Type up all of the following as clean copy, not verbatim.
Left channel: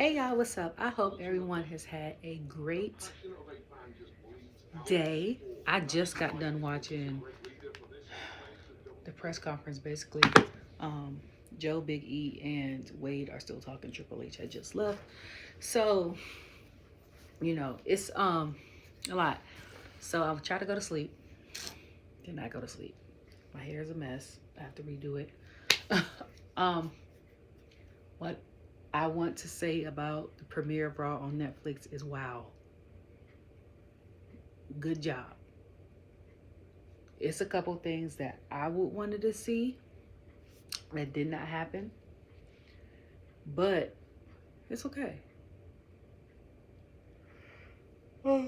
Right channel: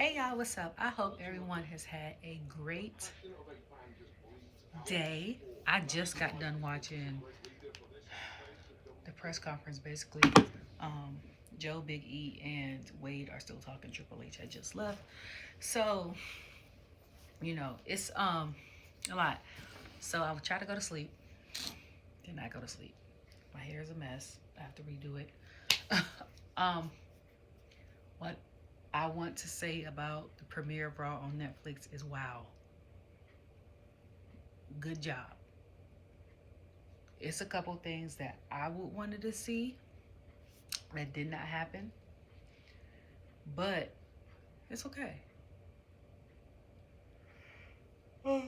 Hey y'all, what's up? I hope everyone has had a great day. I just got done watching the press conference basically. Um, Joe, Big E, and Wade are still talking. Triple H had just left. So, it's a lot. So I'll try to go to sleep. Did not go to sleep. My hair is a mess. I have to redo it. um, what I want to say about the premiere of Raw on Netflix is wow. Good job. It's a couple things that I would wanted to see that did not happen, but it's okay. Excuse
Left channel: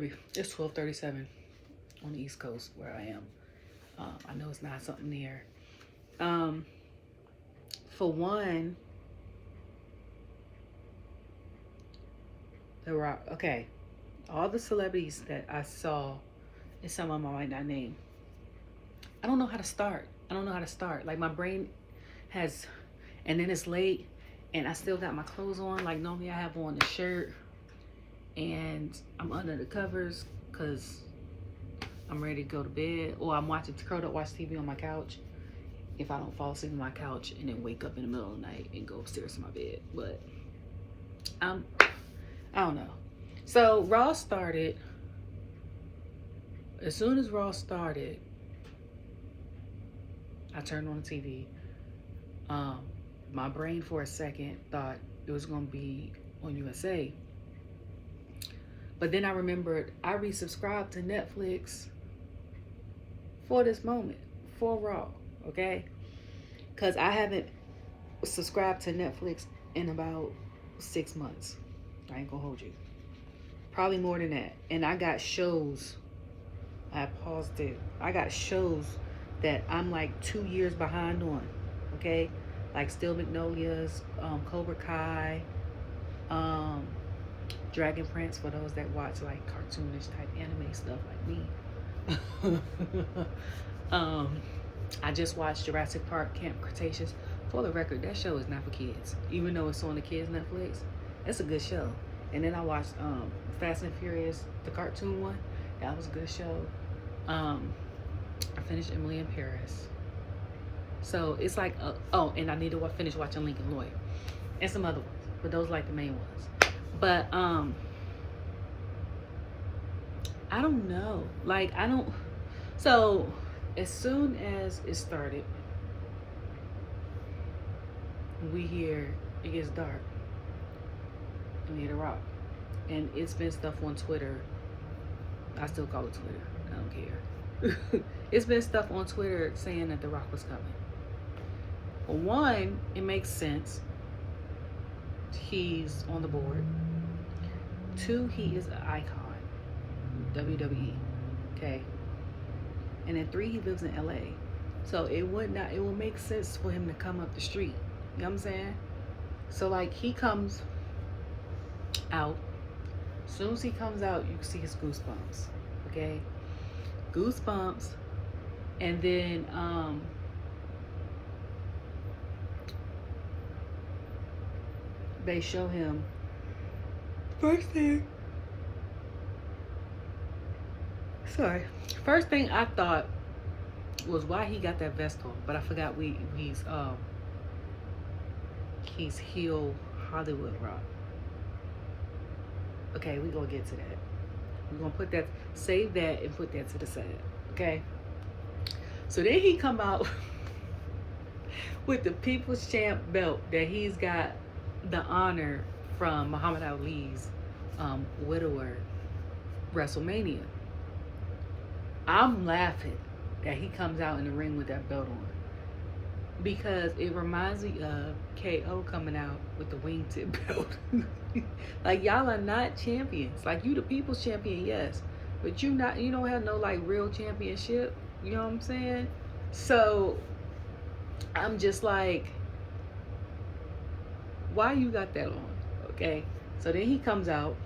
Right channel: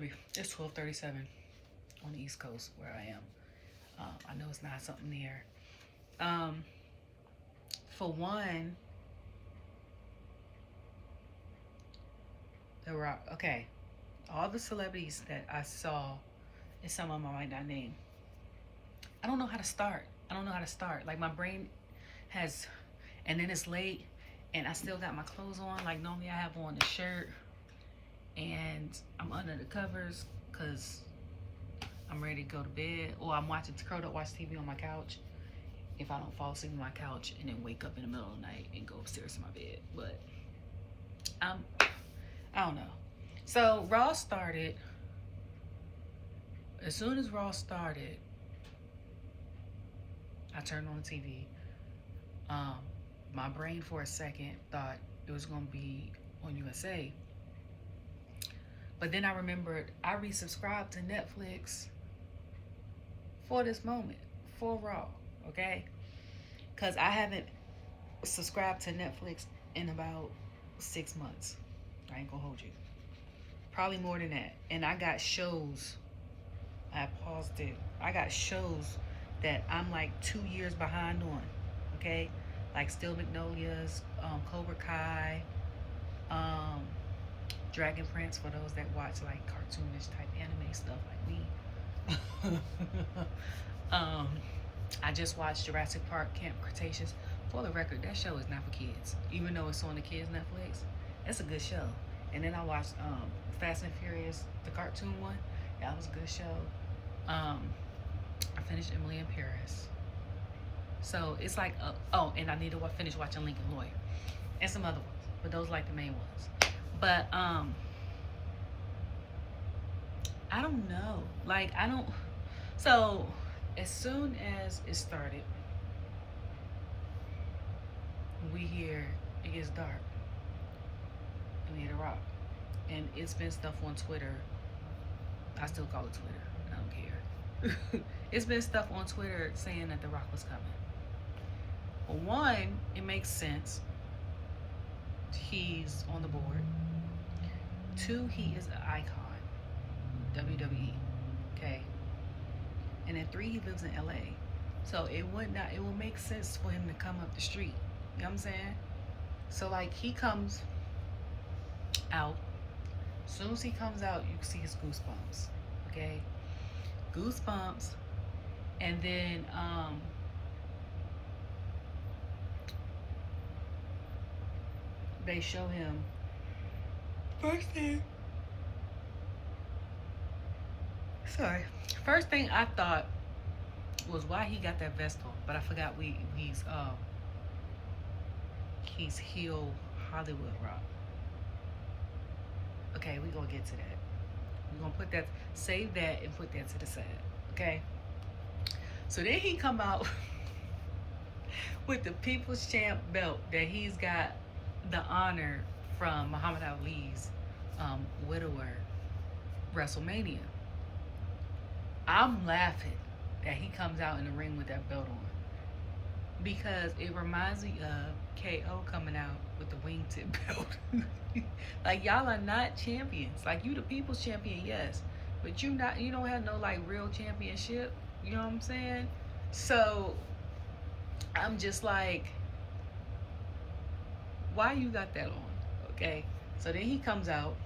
me. It's 12:37 on the East Coast where I am. I know it's not something there. For one, The Rock. Okay, all the celebrities that I saw, and some of them I might not name. I don't know how to start. Like my brain has, and then it's late, and I still got my clothes on. Like normally I have on the shirt, and I'm under the covers because I'm ready to go to bed, or I'm curled up, watch TV on my couch. If I don't fall asleep on my couch and then wake up in the middle of the night and go upstairs to my bed, but I don't know. So Raw started. As soon as Raw started, I turned on the TV. My brain for a second thought it was gonna be on USA. But then I remembered I resubscribed to Netflix for this moment, for Raw, okay? Because I haven't subscribed to Netflix in about 6 months. I ain't gonna hold you. Probably more than that. And I got shows. I paused it. I got shows that I'm like 2 years behind on, okay? Like Steel Magnolias, Cobra Kai, Dragon Prince for those that watch like cartoonish type anime stuff like me. I just watched Jurassic Park Camp Cretaceous. For the record, that show is not for kids. Even though it's on the kids Netflix, it's a good show. And then I watched Fast and Furious, the cartoon one. That was a good show. I finished Emily in Paris. So it's like, and I need to finish watching Lincoln Lawyer and some other ones, but those are like the main ones. But I don't know. So as soon as it started, we hear it gets dark and we hear The Rock. And it's been stuff on Twitter. I still call it Twitter. I don't care. It's been stuff on Twitter saying that The Rock was coming. Well, one, it makes sense. He's on the board. Two, he is an icon. WWE. Okay. And then three, he lives in LA. So it will make sense for him to come up the street. You know what I'm saying? So like he comes out. As soon as he comes out, you can see his goosebumps. Okay? Goosebumps. And then they show him first thing I thought was why he got that vest on, but I forgot he's heel Hollywood Rock. Okay, we're gonna get to that. We're gonna save that and put that to the side. Okay. So then he come out with the People's Champ belt that he's got the honor from Muhammad Ali's widower WrestleMania. I'm laughing that he comes out in the ring with that belt on because it reminds me of KO coming out with the wingtip belt. Like y'all are not champions. Like you the people's champion, yes, but you don't have no like real championship. You know what I'm saying? So I'm just like, why you got that on? Okay. So then he comes out.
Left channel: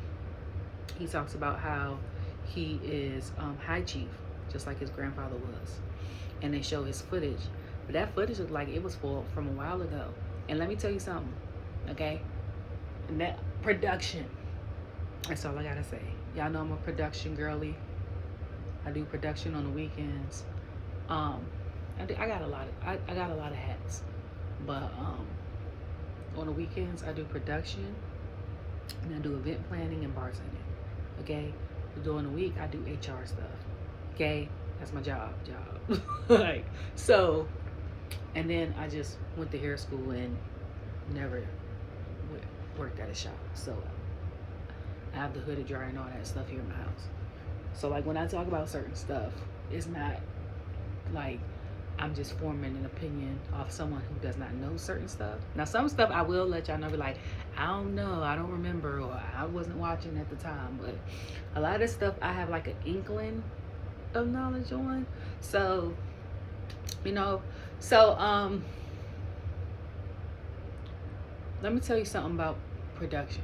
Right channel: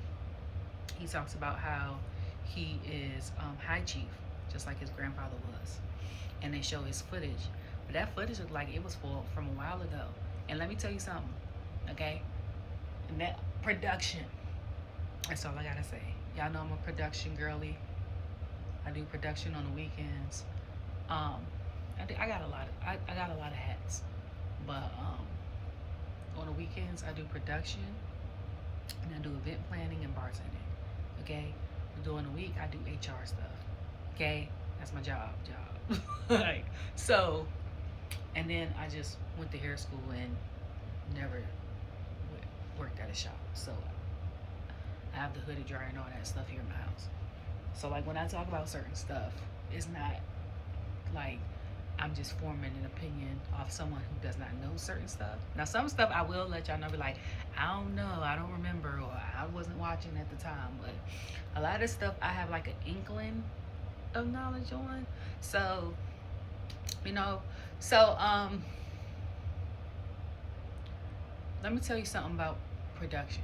He talks about how he is high chief, just like his grandfather was, and they show his footage. But that footage looked like it was from a while ago. And let me tell you something. Okay? And that production. That's all I gotta say. Y'all know I'm a production girly. I do production on the weekends. I got a lot of I got a lot of hats, but on the weekends I do production and I do event planning and bartending. Okay, during the week I do HR stuff. Okay, that's my job. Like so, and then I just went to hair school and never worked at a shop. So I have the hooded dryer and all that stuff here in my house. So like when I talk about certain stuff, it's not like I'm just forming an opinion off someone who does not know certain stuff. Now some stuff I will let y'all know, be like, I don't know, I don't remember, or I wasn't watching at the time. But a lot of stuff I have like an inkling of knowledge on. So, you know, so let me tell you something about production.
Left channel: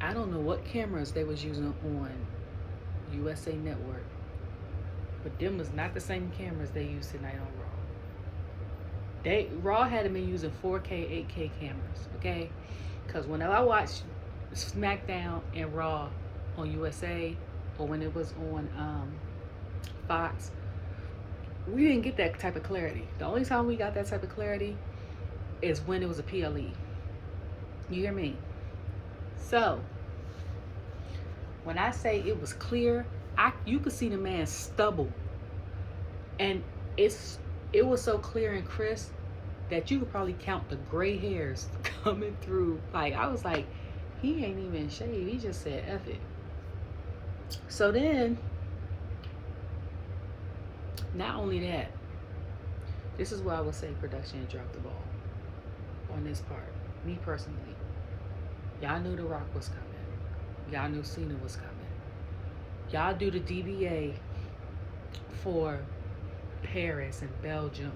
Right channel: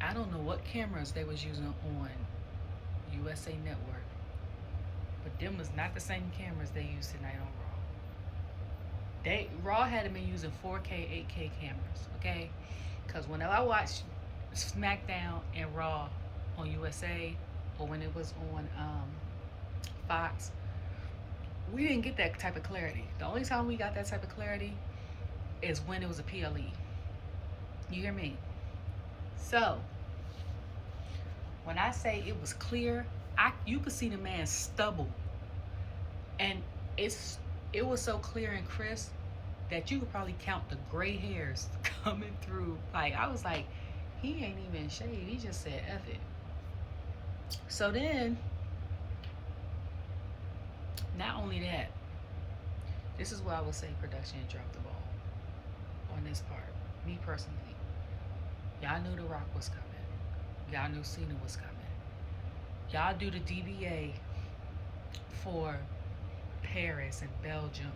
I don't know what cameras they was using on USA Network, but them was not the same cameras they used tonight on Raw. Raw had been using 4K, 8K cameras, okay? Because whenever I watch SmackDown and Raw on USA, or when it was on Fox, we didn't get that type of clarity. The only time we got that type of clarity is when it was a PLE. You hear me? So, when I say it was clear, you could see the man's stubble. And it was so clear and crisp that you could probably count the gray hairs coming through. Like, I was like, he ain't even shaved. He just said, F it. So then, not only that, this is why I would say production dropped the ball on this part. Me personally. Y'all knew The Rock was coming. Y'all knew Cena was coming. Y'all do the DBA for Paris and Belgium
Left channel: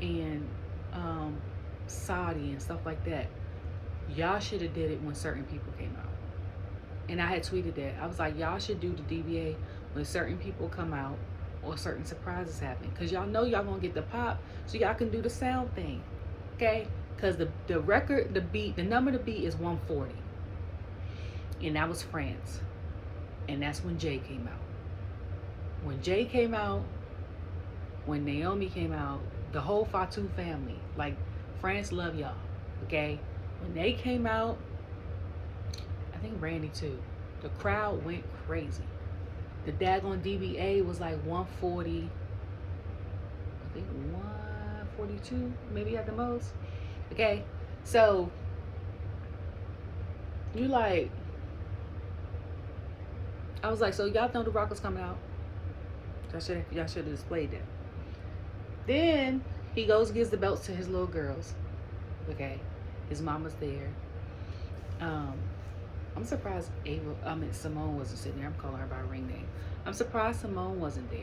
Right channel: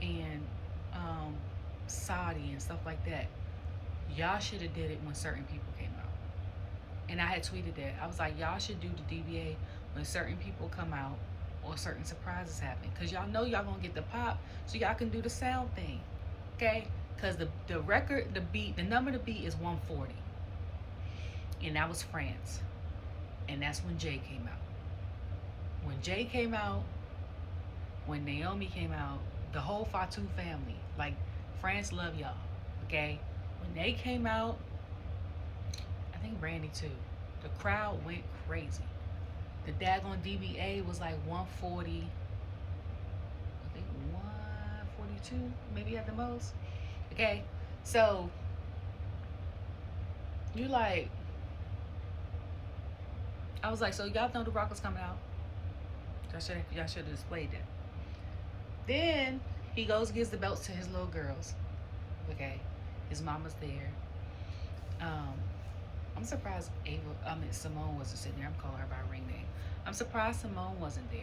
and Saudi and stuff like that. Y'all should have did it when certain people came out. And I had tweeted that. I was like, y'all should do the DBA when certain people come out or certain surprises happen. Because y'all know y'all gonna get the pop, so y'all can do the sound thing. Okay? Because the record, the number to beat is 140. And that was France. And that's when Jey came out. When Jey came out, when Naomi came out, the whole Fatu family, like, France love y'all, okay? When they came out, I think Randy too, the crowd went crazy. The daggone DBA was like 140, I think 142, maybe at the most. Okay, so you like, I was like, so y'all know The Rock was coming out. Y'all should have displayed that. Then he goes and gives the belts to his little girls. Okay, his mama's there. I'm surprised Simone wasn't sitting there. I'm calling her by her ring name. I'm surprised Simone wasn't there.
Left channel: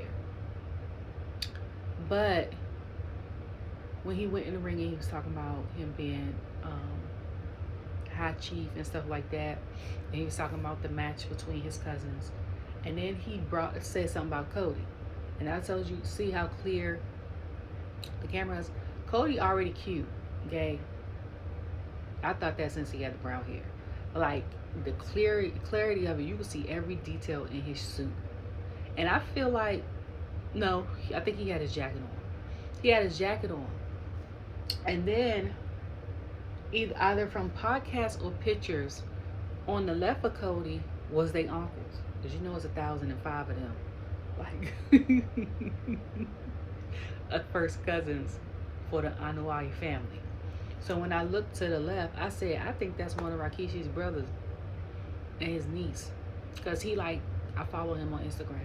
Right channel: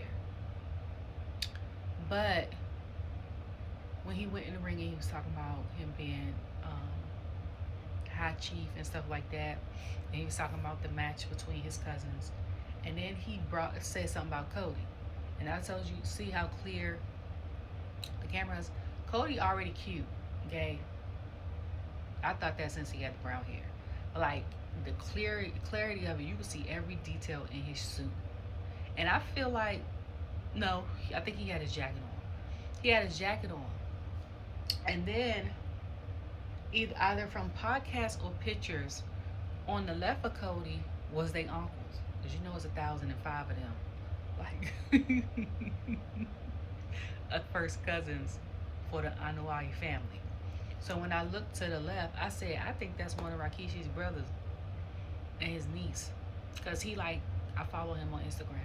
But when he went in the ring and he was talking about him being high chief and stuff like that, and he was talking about the match between his cousins, and then he said something about Cody, and I told you, see how clear the camera is. Cody already cute, okay? I thought that since he had the brown hair, but like the clarity of it, you can see every detail in his suit. And I feel like, no, I think he had his jacket on. He had his jacket on. And then, either from podcasts or pictures, on the left of Cody was their uncles. Because you know it's 1,005 of them. Like, first cousins for the Anuai family. So when I looked to the left, I said, I think that's one of Rikishi's brothers and his niece. Because I follow him on Instagram.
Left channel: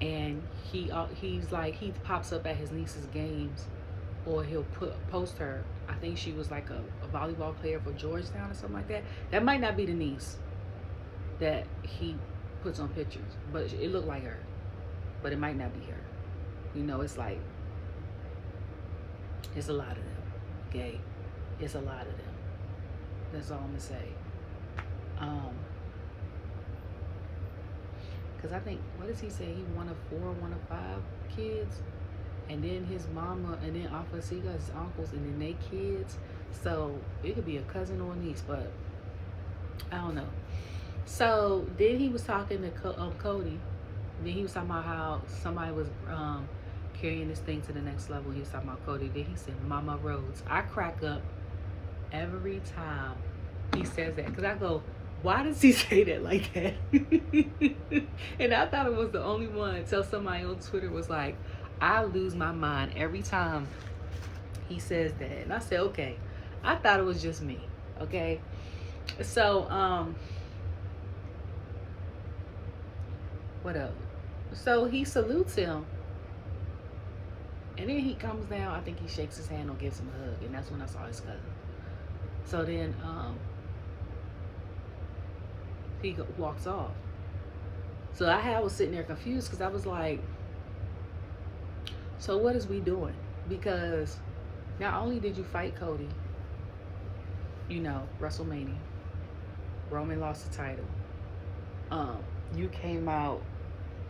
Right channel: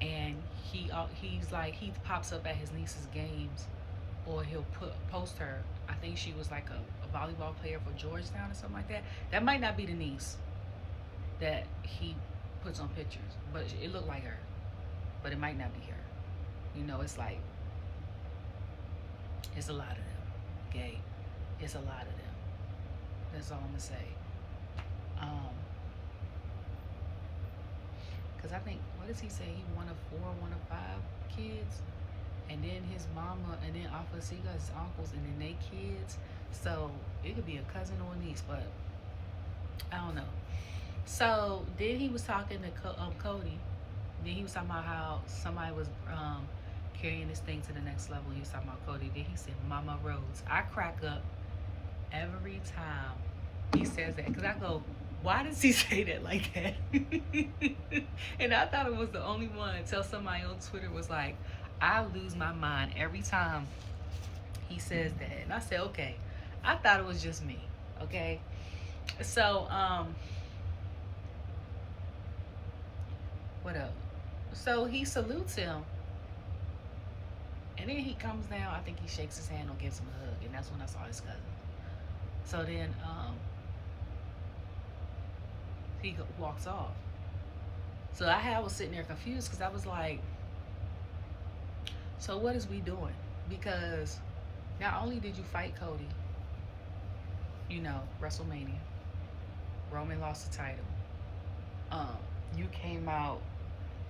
And he's like, he pops up at his niece's games, or he'll post her. I think she was like a volleyball player for Georgetown or something like that. That might not be the niece that he puts on pictures, but it looked like her. But it might not be her. You know, it's like, it's a lot of them. Okay, it's a lot of them. That's all I'm gonna say. Because I think, what does he say? He one of 5 kids, and then then his mama, and then off of so he got his uncles, and then they kids. So it could be a cousin or a niece, but I don't know. So then he was talking to Cody. Then he was talking about how somebody was carrying this thing to the next level. He was talking about Cody. Then he said Mama Rhodes. I crack up every time he says that, because I go, why does he say that like that? And I thought it was the only one until somebody on Twitter was like, I lose my mind every time he says that. And I said, okay. I thought it was just me. Okay. So what else? So he salutes him, and then he comes down. I think he shakes his hand or gives him a hug, and that's when I saw his cousin. So then he walks off. So I was sitting there confused, because I was like, so what is we doing? Because not only did you fight Cody, you know, WrestleMania, Roman lost the title. You came out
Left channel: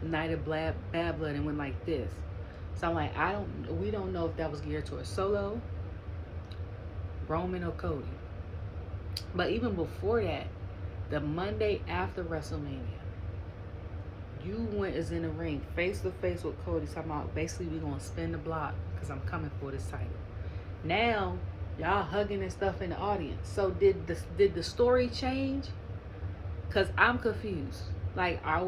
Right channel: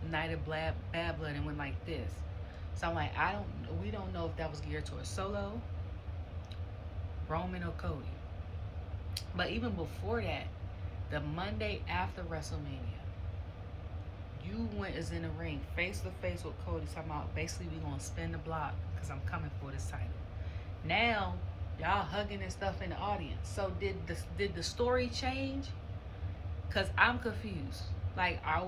night of bad blood and went like this. So I'm like, we don't know if that was geared towards Solo, Roman, or Cody. But even before that, the Monday after WrestleMania, you went as in the ring face to face with Cody, talking about basically we gonna spin the block because I'm coming for this title. Now y'all hugging and stuff in the audience. So did the story change? Cause I'm confused. Like, are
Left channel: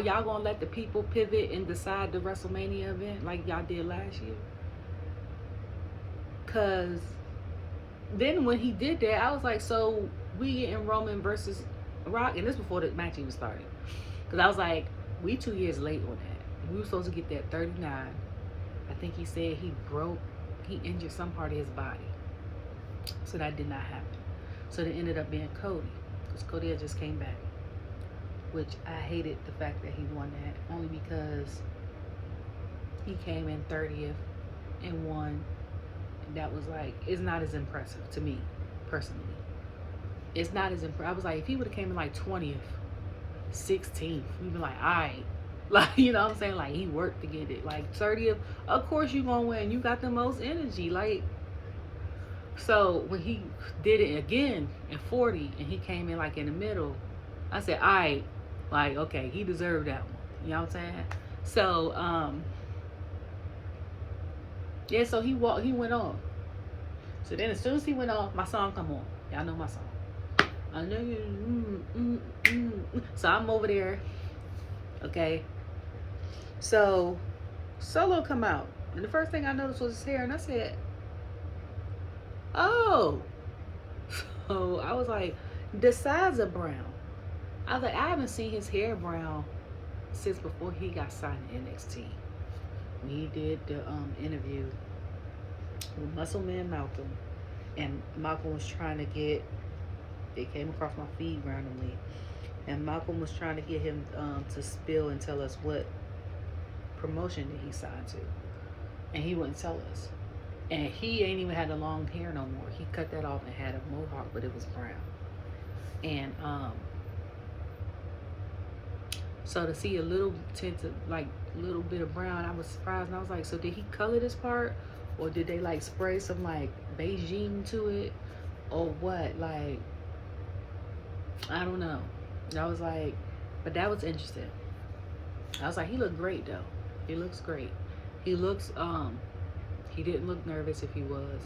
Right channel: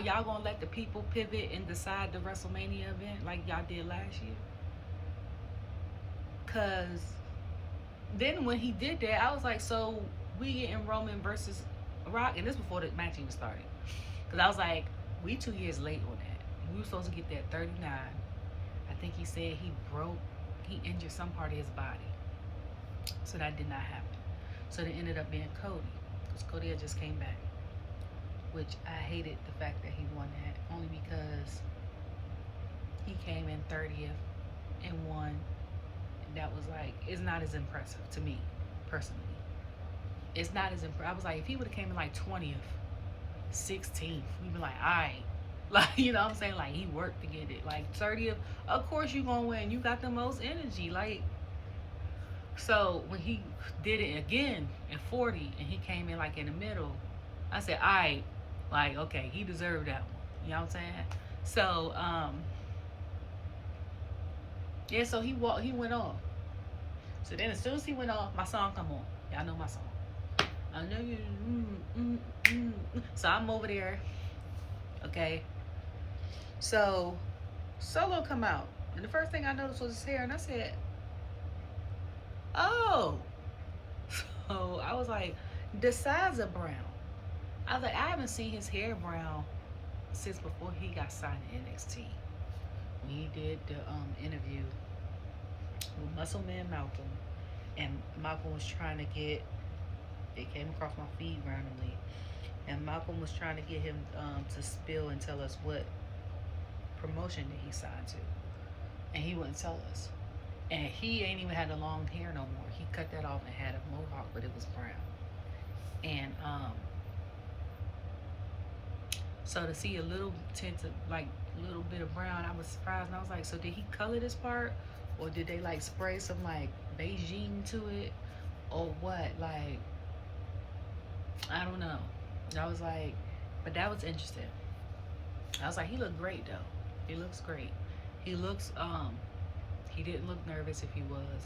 y'all gonna let the people pivot and decide the WrestleMania event like y'all did last year? Cause then when he did that, I was like, so we getting Roman versus Rock, and this before the match even started. Cause I was like, we 2 years late on that. We were supposed to get that 39. I think he said he injured some part of his body. So that did not happen. So it ended up being Cody, because Cody had just came back, which I hated the fact that he won that, only because he came in 30th and won. That was like, it's not as impressive to me personally. It's not as impressive. I was like, if he would have came in like 20th, 16th, we'd be like, all right. Like, you know what I'm saying? Like, he worked to get it. Like, 30th, of course you gonna win. You got the most energy. Like, so when he did it again in 40 and he came in like in the middle, I said, all right, like, okay, he deserved that one. You know what I'm saying? So, yeah, so he went off. So then as soon as he went off, my song come on. Y'all know my song. I know you. So I'm over there. Okay. So Solo come out, and the first thing I noticed was his hair, and I said, oh. So I was like, the sides are brown. I was like, I haven't seen his hair brown since before he got signed to NXT. When he did the interview with Muscle Man Malcolm, and Malcolm was trying to get, it came across my feed randomly, and Malcolm was trying to get him to spill and tell us what promotion that he signed to, and he wouldn't tell us. And he ain't even had the long hair no more. He cut that off and had a mohawk, but it was brown. And so to see a little tint of, like, little bit of brown, I was surprised. And I was like, so did he color this part, or did they like spray some like Beijing to it, or what? Like, I don't know. And I was like, but that was interesting. I was like, he looked great though. He looks great. He looks he didn't look nervous. If he was,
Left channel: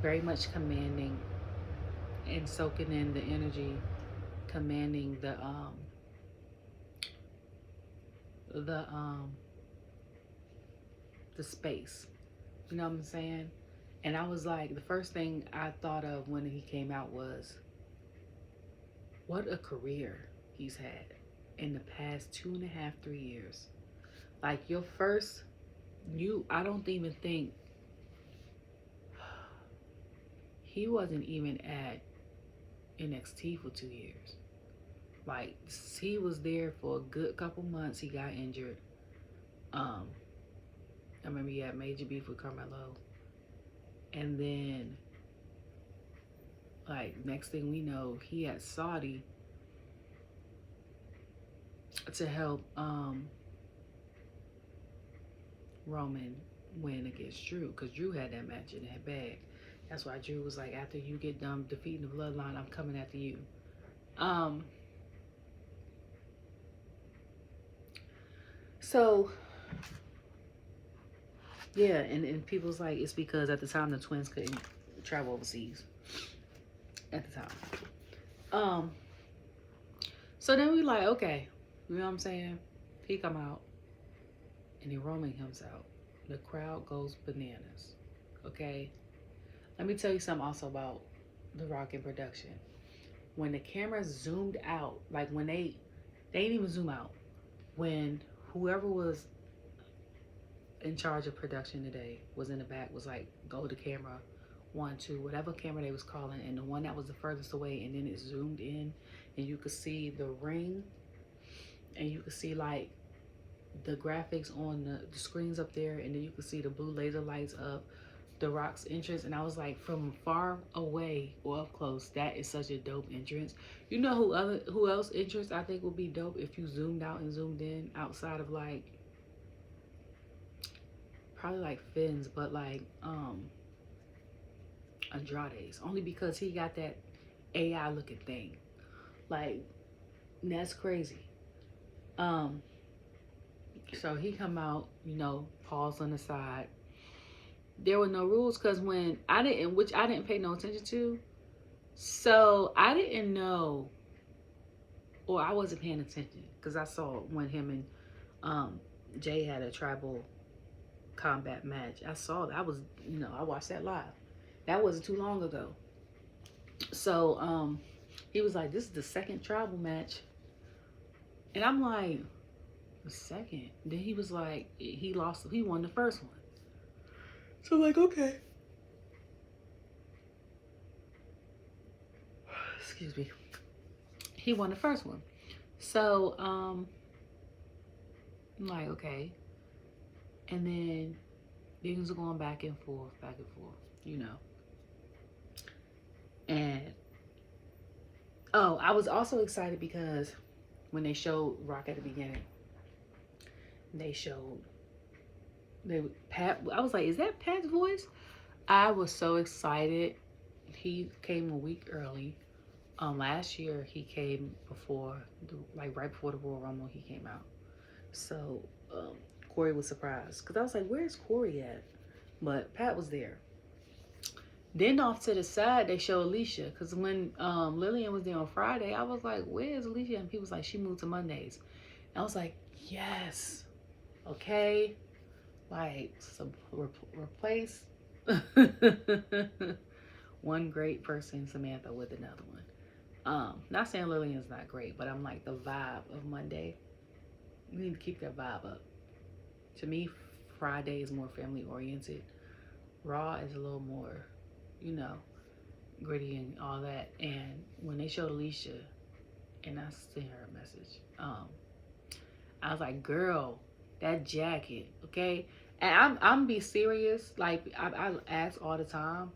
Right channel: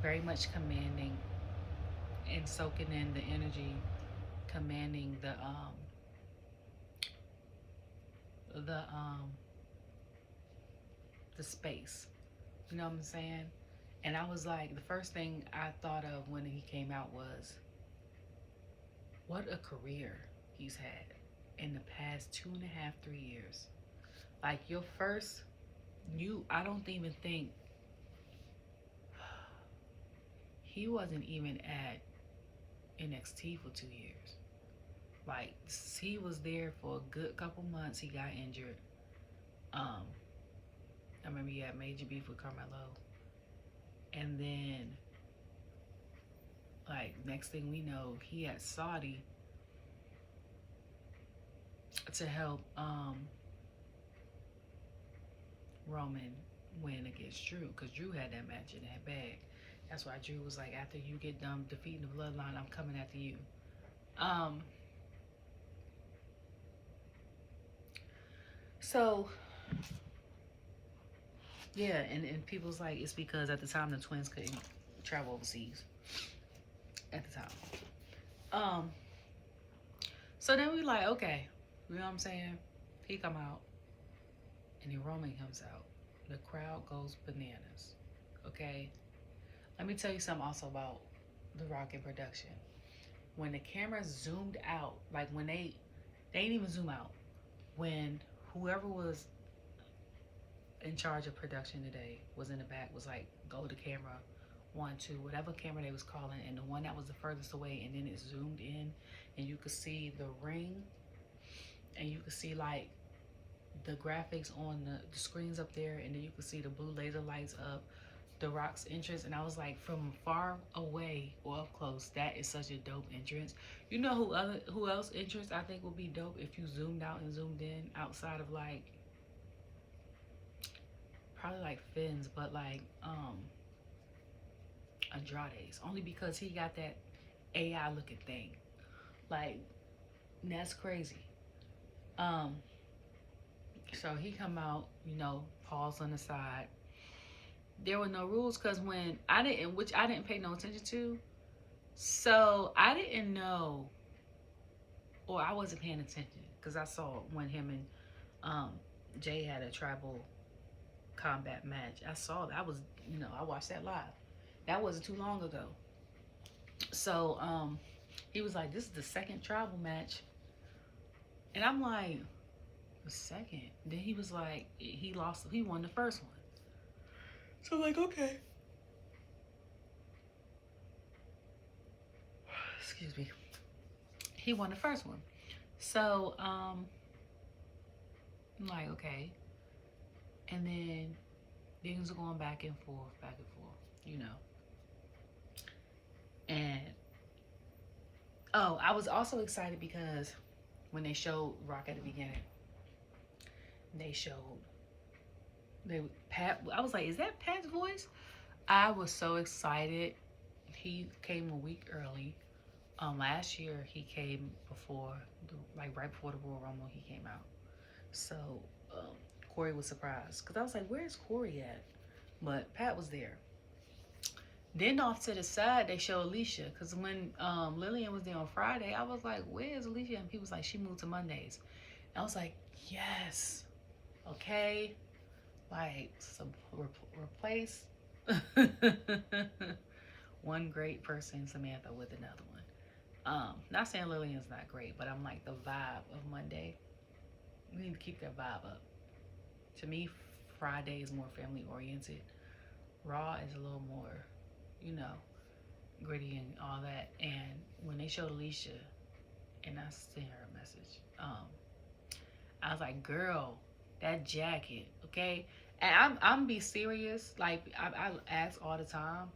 very much commanding and soaking in the energy, commanding the space. You know what I'm saying? And I was like, the first thing I thought of when he came out was, what a career he's had in the past 2.5, 3 years. Like, your first, I don't even think, he wasn't even at NXT for 2 years. Like, he was there for a good couple months. He got injured. I remember he had major beef with Carmelo. And then, like, next thing we know, he had Saudi to help Roman win against Drew, because Drew had that match in that bag. That's why Drew was like, after you get done defeating the Bloodline, I'm coming after you. So yeah, and people's like, it's because at the time the twins couldn't travel overseas at the time. So then we like, okay, you know what I'm saying? He come out, and then Roman comes out. The crowd goes bananas. Okay? Let me tell you something also about The Rock in production. When the camera zoomed out, like when they didn't even zoom out. When whoever was in charge of production today was in the back, was like, go to camera 1, 2, whatever camera they was calling, and the one that was the furthest away, and then it zoomed in, and you could see the ring, and you could see like the graphics on the screens up there, and then you could see the blue laser lights of The Rock's entrance. And I was like, from far away or up close, that is such a dope entrance. You know who else entrance I think would be dope if you zoomed out and zoomed in, outside of like probably like Finn's, but like Andrade's, only because he got that AI looking thing. Like, that's crazy. So he come out, you know, paws on the side. There were no rules, because when which I didn't pay no attention to, so I didn't know, or I wasn't paying attention, because I saw when him and Jey had a tribal combat match. I saw that. I watched that live. That wasn't too long ago. So he was like, this is the second tribal match, and I'm like, the second? Then he was like, he won the first one. So I'm like, okay. Excuse me. He won the first one. So I'm like, okay. And then things are going back and forth, you know. And I was also excited because when they showed Rock at the beginning, Pat, I was like, is that Pat's voice? I was so excited. He came a week early. Last year he came right before the Royal Rumble, he came out. So Corey was surprised, because I was like, where's Corey at? But Pat was there. Then off to the side, they show Alicia, because when Lillian was there on Friday, I was like, where's Alicia? And people was like, she moved to Mondays. And I was like, yes. Okay. Like, replace one great person, Samantha, with another one. Not saying Lillian's not great, but I'm like, the vibe of Monday, you need to keep that vibe up. To me, Friday is more family oriented. Raw is a little more, you know, gritty and all that. And when they showed Alicia, and I sent her a message, I was like, girl, that jacket, okay? And I'm be serious. Like, I ask all the time,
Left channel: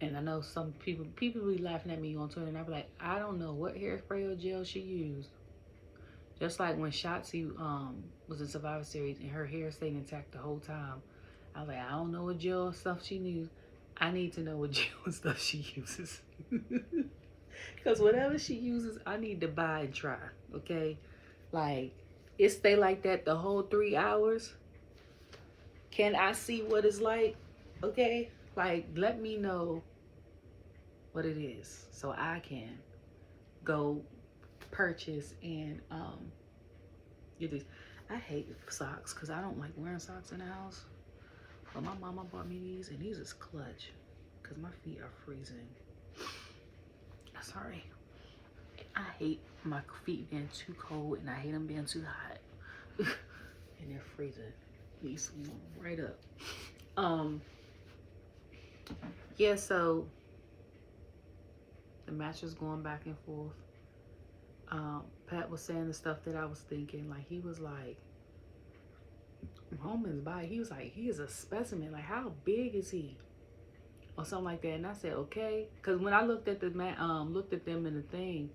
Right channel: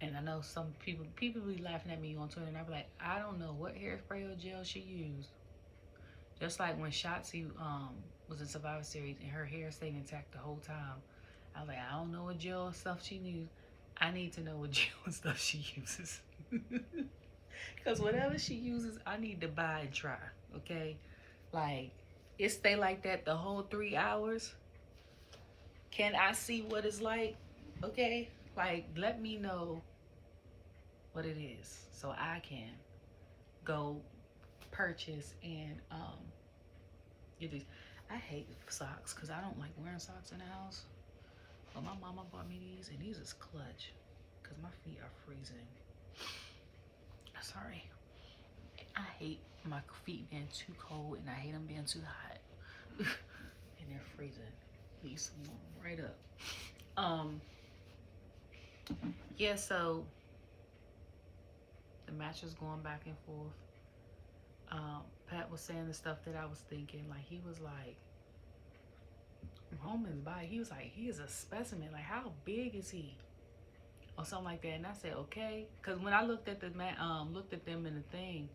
and I know some people be laughing at me on Twitter, and I be like, I don't know what hairspray or gel she used. Just like when Shotzi was in Survivor Series and her hair stayed intact the whole time. I was like, I don't know what gel stuff she used. I need to know what gel stuff she uses. Because whatever she uses, I need to buy and try, okay? Like, it stay like that the whole 3 hours. Can I see what it's like? Okay? Like, let me know what it is so I can go purchase and get these. I hate socks because I don't like wearing socks in the house. But my mama bought me these, and these is clutch because my feet are freezing. Sorry. I hate my feet being too cold, and I hate them being too hot. And they're freezing. These right up. Yeah, so the match was going back and forth. Pat was saying the stuff that I was thinking. Like, he was like, Roman's body, he was like, he is a specimen. Like, how big is he? Or something like that. And I said, okay. Because when I looked at looked at them in the thing,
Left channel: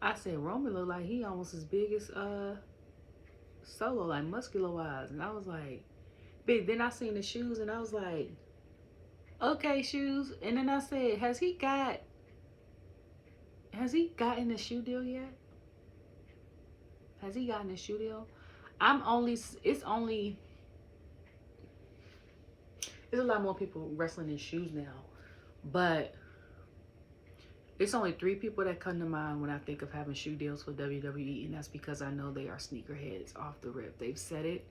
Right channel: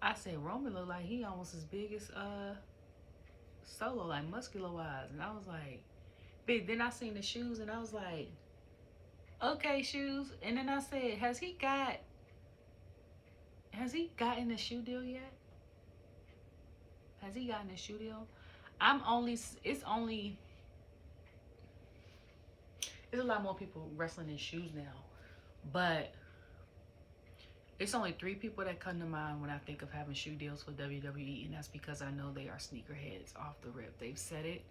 I said, Roman looked like he almost as big as Solo, like muscular wise. And I was like, big. Then I seen the shoes and I was like, okay, shoes. And then I said, has he gotten a shoe deal yet? Has he gotten a shoe deal? It's a lot more people wrestling in shoes now. But it's only 3 people that come to mind when I think of having shoe deals for WWE, and that's because I know they are sneakerheads off the rip. They've said it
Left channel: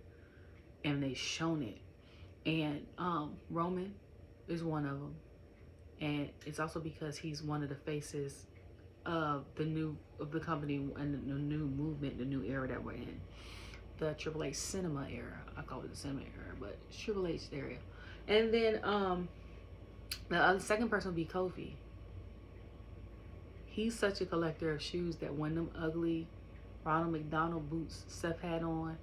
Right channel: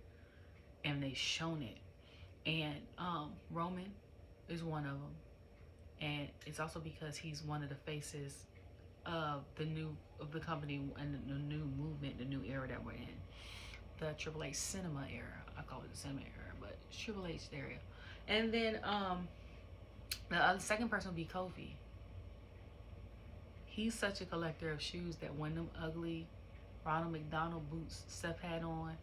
and they've shown it. And Roman is one of them, and it's also because he's one of the faces of the company and the new movement, the new era that we're in, the Triple H cinema era. I call it the cinema era, but it's Triple H area. And then the second person would be Kofi. He's such a collector of shoes that when them ugly Ronald McDonald boots Seth had on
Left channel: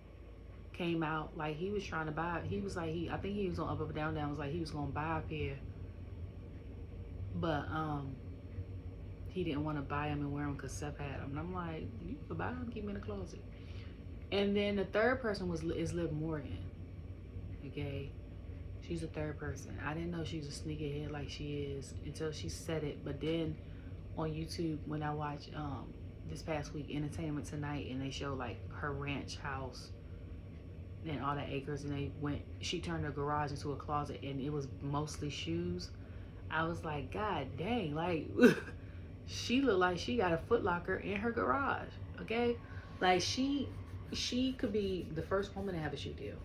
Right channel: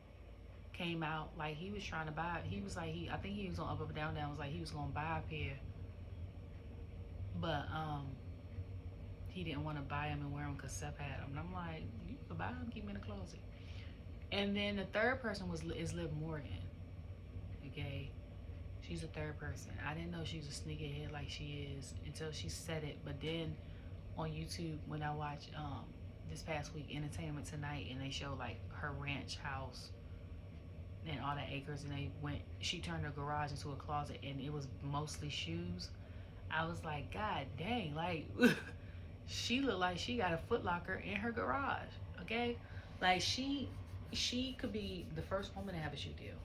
came out, like he was trying to buy it. He was like, I think he was on Up Down was like he was gonna buy a pair, but he didn't want to buy them and wear them because Seth had them. And I'm like, you can buy them, keep them in the closet. And then the third person is Liv Morgan. Okay, she's the third person. I didn't know she was a sneakerhead like she is until she said it. But then on YouTube, when I watched this past week Entertainment Tonight, and they show like her ranch house and all the acres, and she turned her garage into a closet and it was mostly shoes. I was like, God dang, like she looked like she got a Foot Locker in her garage. Okay, like she could be the first woman to have a shoe deal,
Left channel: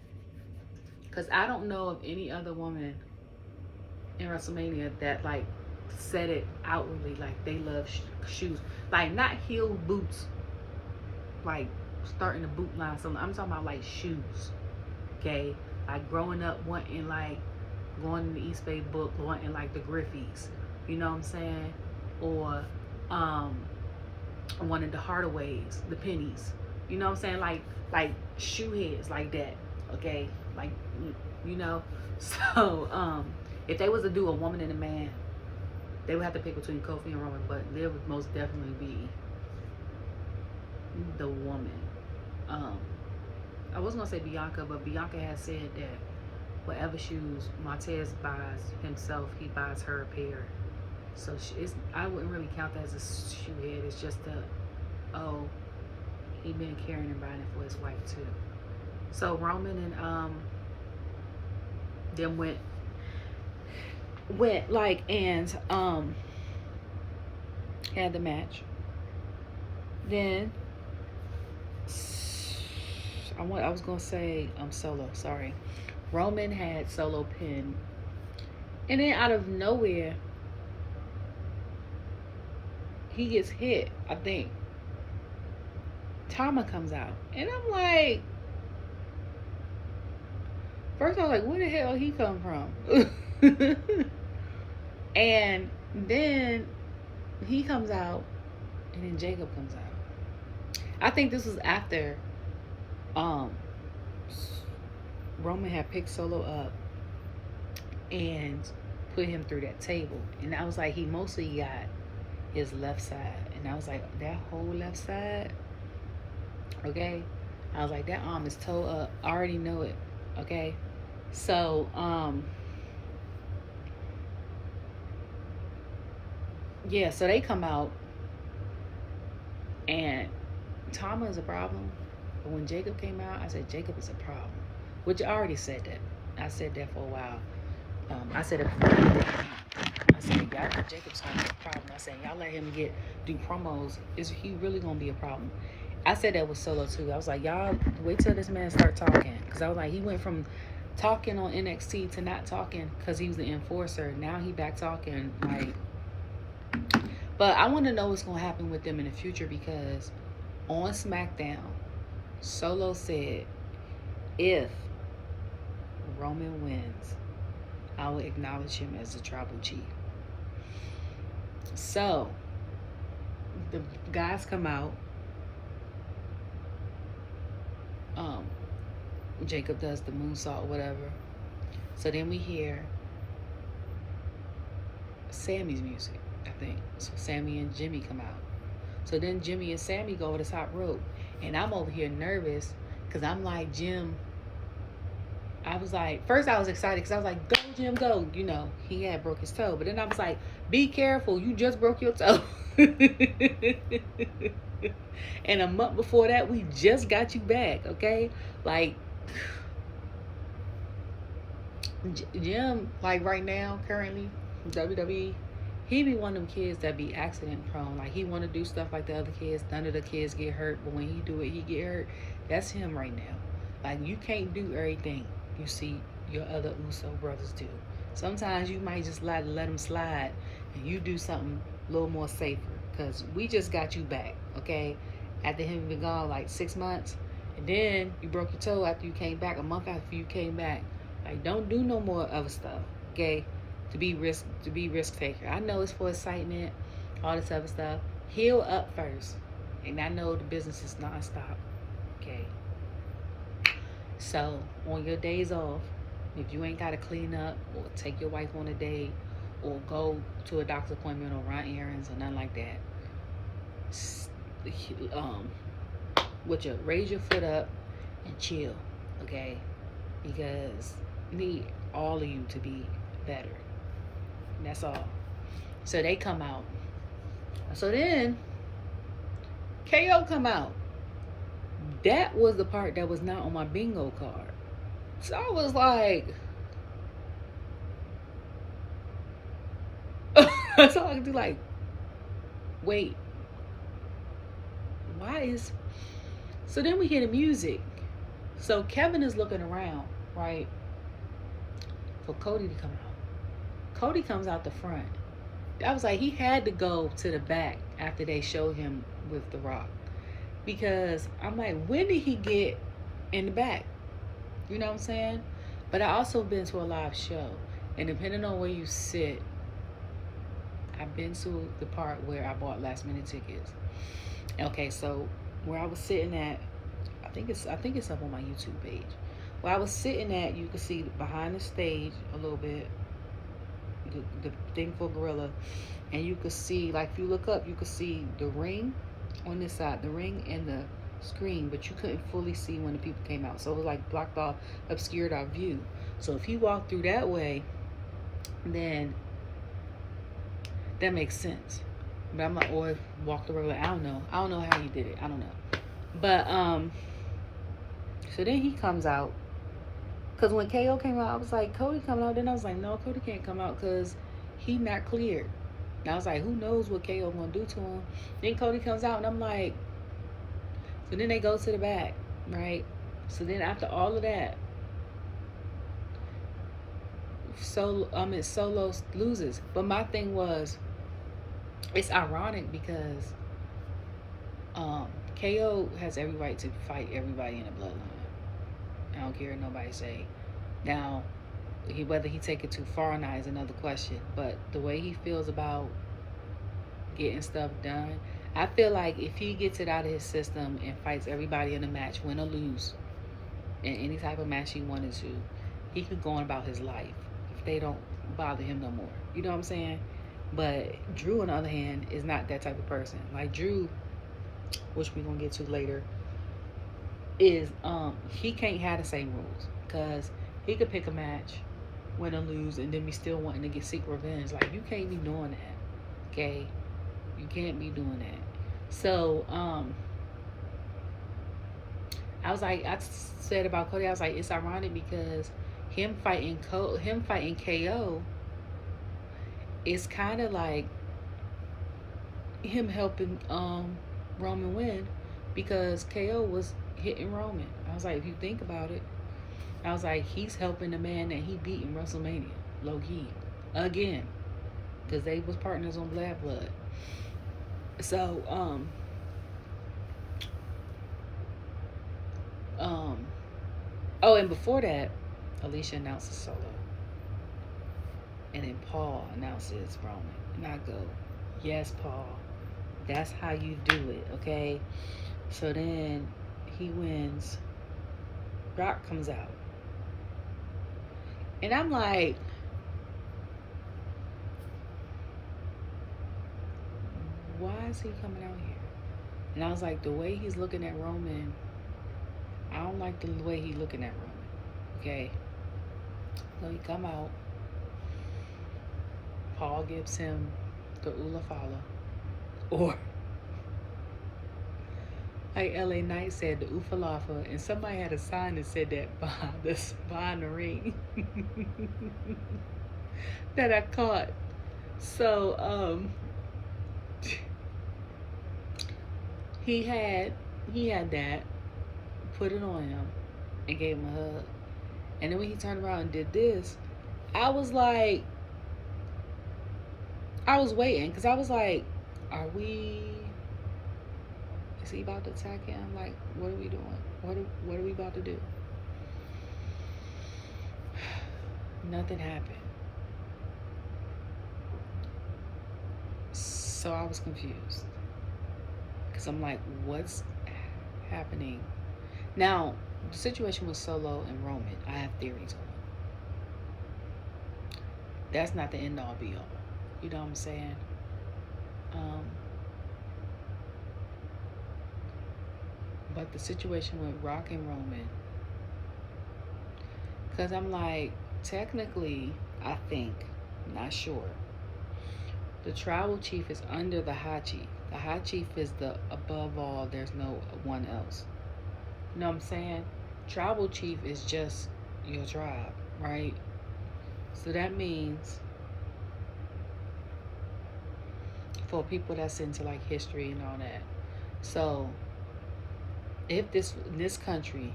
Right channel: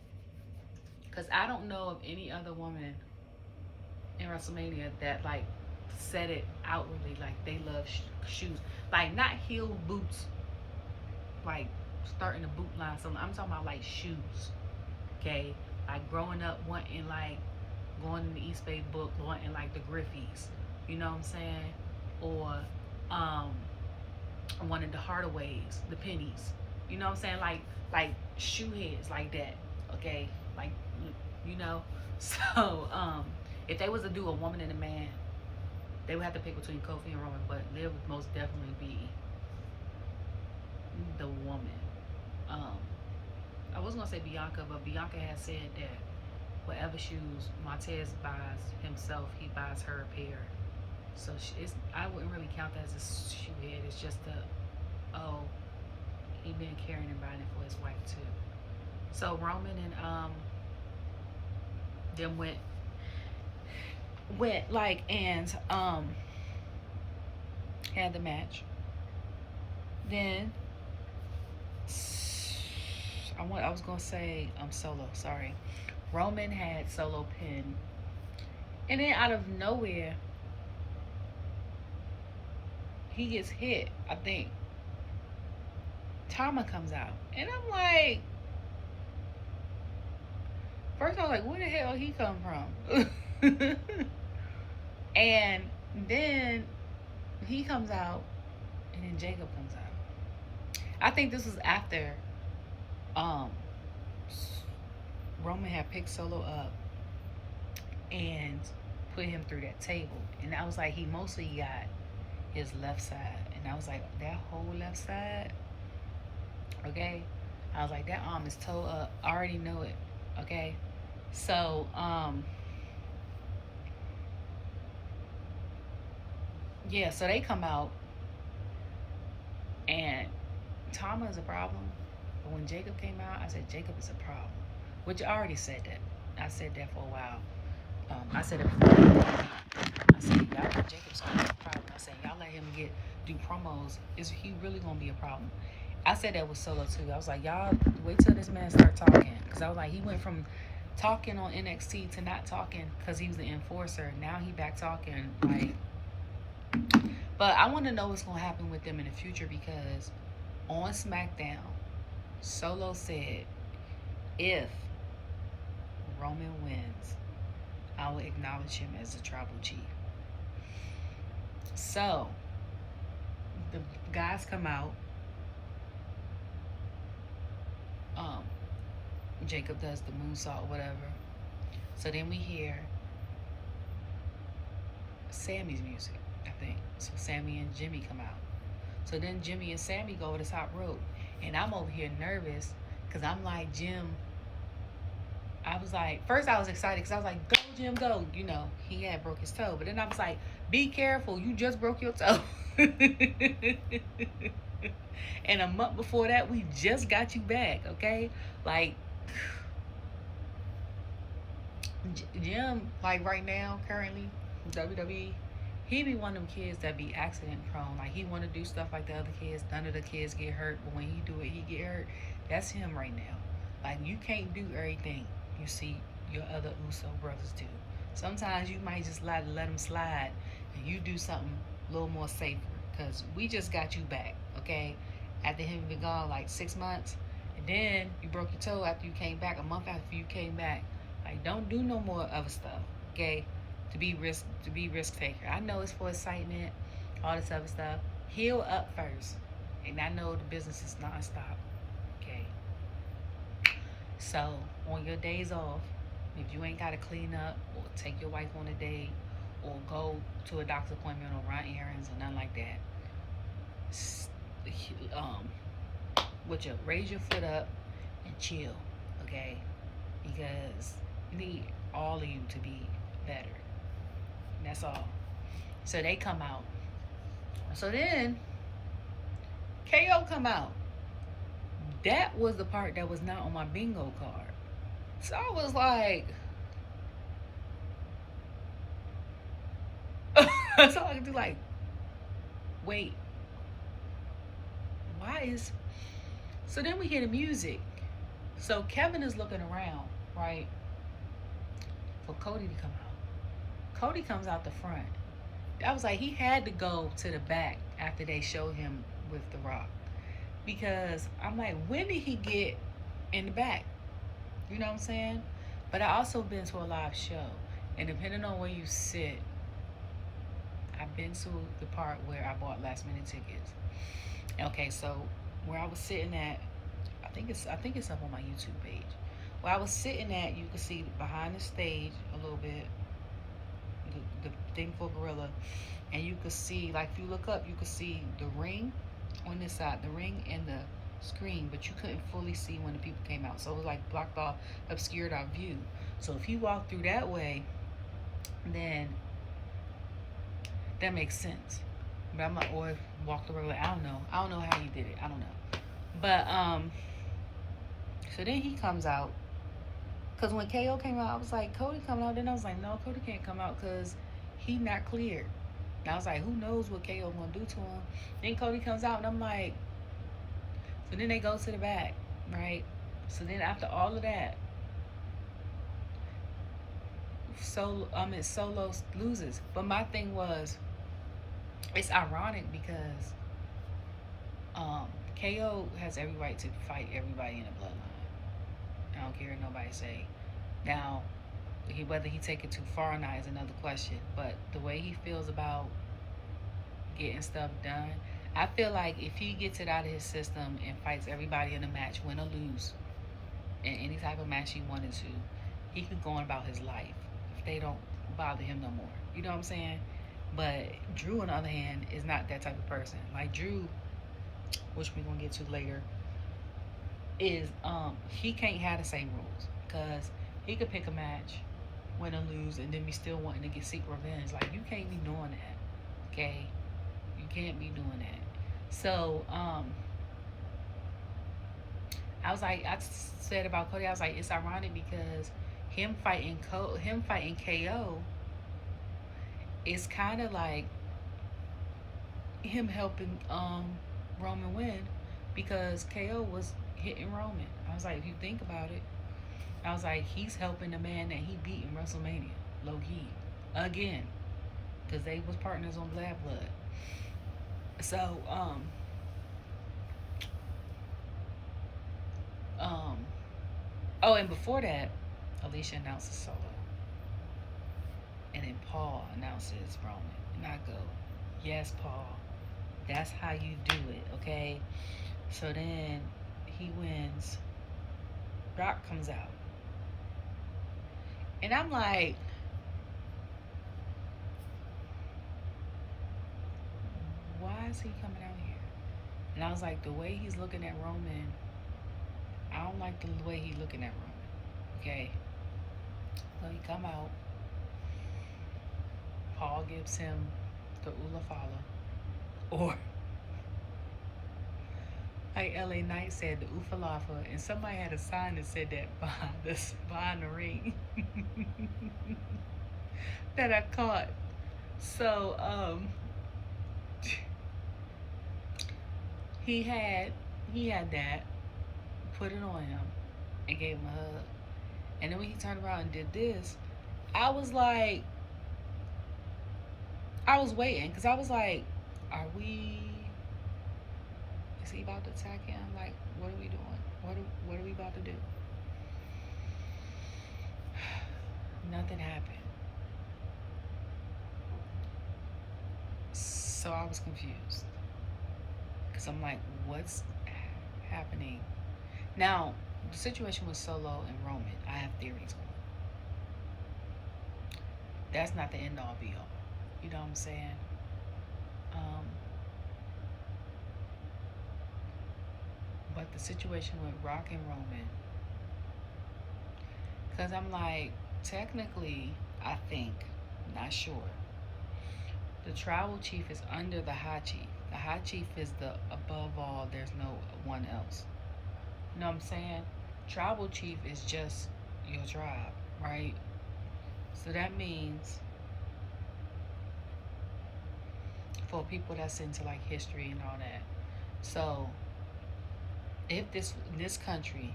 because I don't know of any other woman in WrestleMania that like said it outwardly, like they love shoes, like not heel boots, like starting the boot line. So I'm talking about like shoes. Okay, like growing up wanting like going in the East Bay book, wanting like the Griffies, you know what I'm saying, or wanted the Hardaways, the Pennies, you know what I'm saying, like shoe heads like that. Okay, like, you know. So if they was to do a woman and a man, they would have to pick between Kofi and Roman, but Liv would most definitely be the woman. I was gonna say Bianca, but Bianca has said that whatever shoes Montez buys himself, he buys her a pair. So I wouldn't really count that as a shoe head. It's just he been carrying and buying it for his wife too. So Roman and them went like and had the match. Then I was gonna say Solo, sorry. Roman had Solo pinned, and then out of nowhere he gets hit. I think Tama comes out, and I'm like, first I was like, where the hell he come from? And then he comes out, and then Jacob comes out. I think this was after Roman had picked Solo up and put him through that table, and I was like, he mostly got his left side, and I was like, that whole left side, okay, I was like, that arm is toe up. I already know it. Okay, so yeah, so they come out, and Tama is a problem. But when Jacob came out, I said Jacob is a problem, which I already said that. I said that for a while. I said it before. I said, y'all know Jacob's gonna be a problem. I said, y'all let him do promos. Is he really gonna be a problem? I said that with Solo too. I was like, y'all wait till this man start talking, because I was like, he went from talking on NXT to not talking because he was the enforcer. Now he back talking, like. But I want to know what's gonna happen with them in the future, because on SmackDown, Solo said, if Roman wins, I will acknowledge him as the tribal chief. So the guys come out. Jacob does the moonsault, whatever. So then we hear Sammy's music, I think. So Sammy and Jimmy come out. So then Jimmy and Sammy go over the top rope, and I'm over here nervous Because I'm like, Jim, I was like, first I was excited because I was like, go, Jim, go. You know, he had broke his toe. But then I was like, be careful. You just broke your toe. And a month before that, we just got you back, okay? Like, Jim, like right now, currently, WWE, he be one of them kids that be accident prone. Like, he want to do stuff like the other kids. None of the kids get hurt. But when he do it, he get hurt. That's him right now. Like, you can't do everything you see your other Uso brothers do. Sometimes you might just let them slide and you do something a little more safer. Because we just got you back, okay? After him being gone like 6 months. And then you broke your toe after you came back, a month after you came back. Like, don't do no more other stuff, okay? To be risk taker. I know it's for excitement, all this other stuff. Heal up first. And I know the business is nonstop, okay? So, on your days off, if you ain't got to clean up or take your wife on a date or go to a doctor's appointment or run errands or nothing like that, raise your foot up and chill, okay? Because you need all of you to be better. And that's all. So they come out. So then KO come out. That was the part that was not on my bingo card. So I was like, that's all I could do. Like, wait, why is? So then we hear the music. So Kevin is looking around, right, for Cody to come out. Cody comes out the front. I was like, he had to go to the back after they showed him with The Rock. Because I'm like, when did he get in the back? You know what I'm saying? But I also been to a live show. And depending on where you sit, I've been to the part where I bought last minute tickets. Okay, so where I was sitting at, I think it's up on my YouTube page. Where I was sitting at, you can see behind the stage a little bit, the thing for Gorilla, and you could see, like, if you look up, you could see the ring on this side, the ring and the screen, but you couldn't fully see when the people came out, so it was like blocked off, obscured our view. So if you walk through that way, then that makes sense. But I'm like, or walk the road, I don't know how you did it, I don't know. But so then he comes out, because when KO came out, I was like, Cody coming out. Then I was like, no, Cody can't come out because he not cleared. And I was like, who knows what KO gonna do to him? Then Cody comes out, and I'm like, so then they go to the back, right? So then after all of that, Solo loses. But my thing was, it's ironic because KO has every right to fight everybody in the bloodline. I don't care what nobody say. Now, whether he take it too far or not is another question. But the way he feels about getting stuff done, I feel like if he gets it out of his system and fights everybody in a match, win or lose, in any type of match he wanted to, he could go on about his life if they don't bother him no more. You know what I'm saying? But Drew, on the other hand, is not that type of person. Like Drew, which we're gonna get to later, is he can't have the same rules, because he could pick a match, win or lose, and then be still wanting to seek revenge. Like, you can't be doing that, okay? You can't be doing that. So I was like, I said about Cody, I was like, it's ironic because him fighting KO is kind of like him helping Roman win, because KO was hitting Roman. I was like, if you think about it, I was like, he's helping the man that he beat in WrestleMania, low key, again, because they was partners on Bad Blood. So oh, and before that, Alicia announces Solo, and then Paul announces Roman, and I go, yes, Paul, that's how you do it, okay? So then he wins. Rock comes out, and I'm like, why is he coming out here? And I was like, the way he's looking at Roman, I don't like the way he looking at Roman. Okay. So he come out. Paul gives him the Ula Fala. Or like LA Knight said, the Ufalafa, and somebody had a sign that said that behind the ring. That I caught. So he had that, put it on him, and gave him a hug. And then when he turned around and did this, I was like, I was waiting, because I was like, is he about to attack him? Like, what are we doing? What are we about to do? Nothing happened. So I was confused. Because I'm like, what's happening? Now, the situation with Solo and Roman, I have theories on. That's not the end all be all. You know what I'm saying? But the situation with Rock and Roman, because I'm like, technically, I think, not sure, the tribal chief is under the high chief. The high chief is the above all, there's no one else. You know what I'm saying? Tribal chief is just your tribe, right? So that means, for people that's into like history and all that, so if in this country,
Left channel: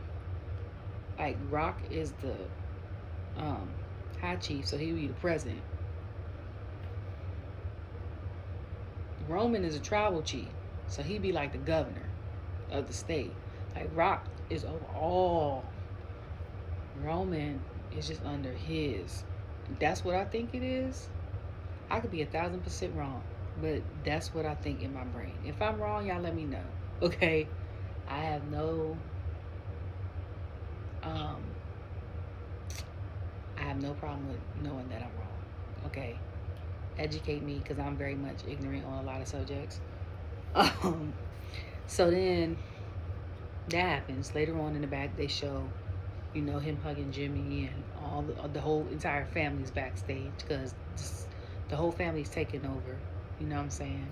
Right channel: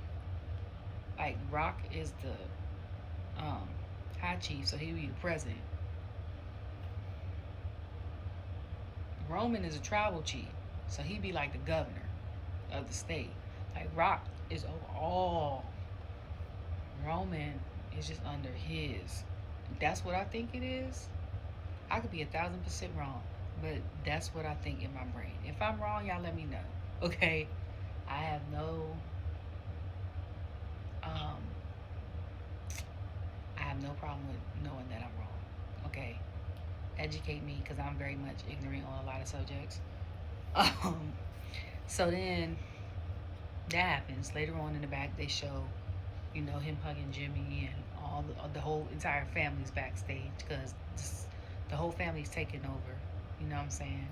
like Rock is the high chief, so he would be the president. Roman is a tribal chief, so he'd be like the governor of the state. Like Rock is over all. Roman is just under his. That's what I think it is. I could be 1,000% wrong, but that's what I think in my brain. If I'm wrong, y'all let me know. Okay, I have no problem with knowing that I'm wrong. Okay, educate me, because I'm very much ignorant on a lot of subjects. So then that happens. Later on in the back, they show, him hugging Jimmy, and all the whole entire family's backstage, because the whole family's taking over. You know what I'm saying?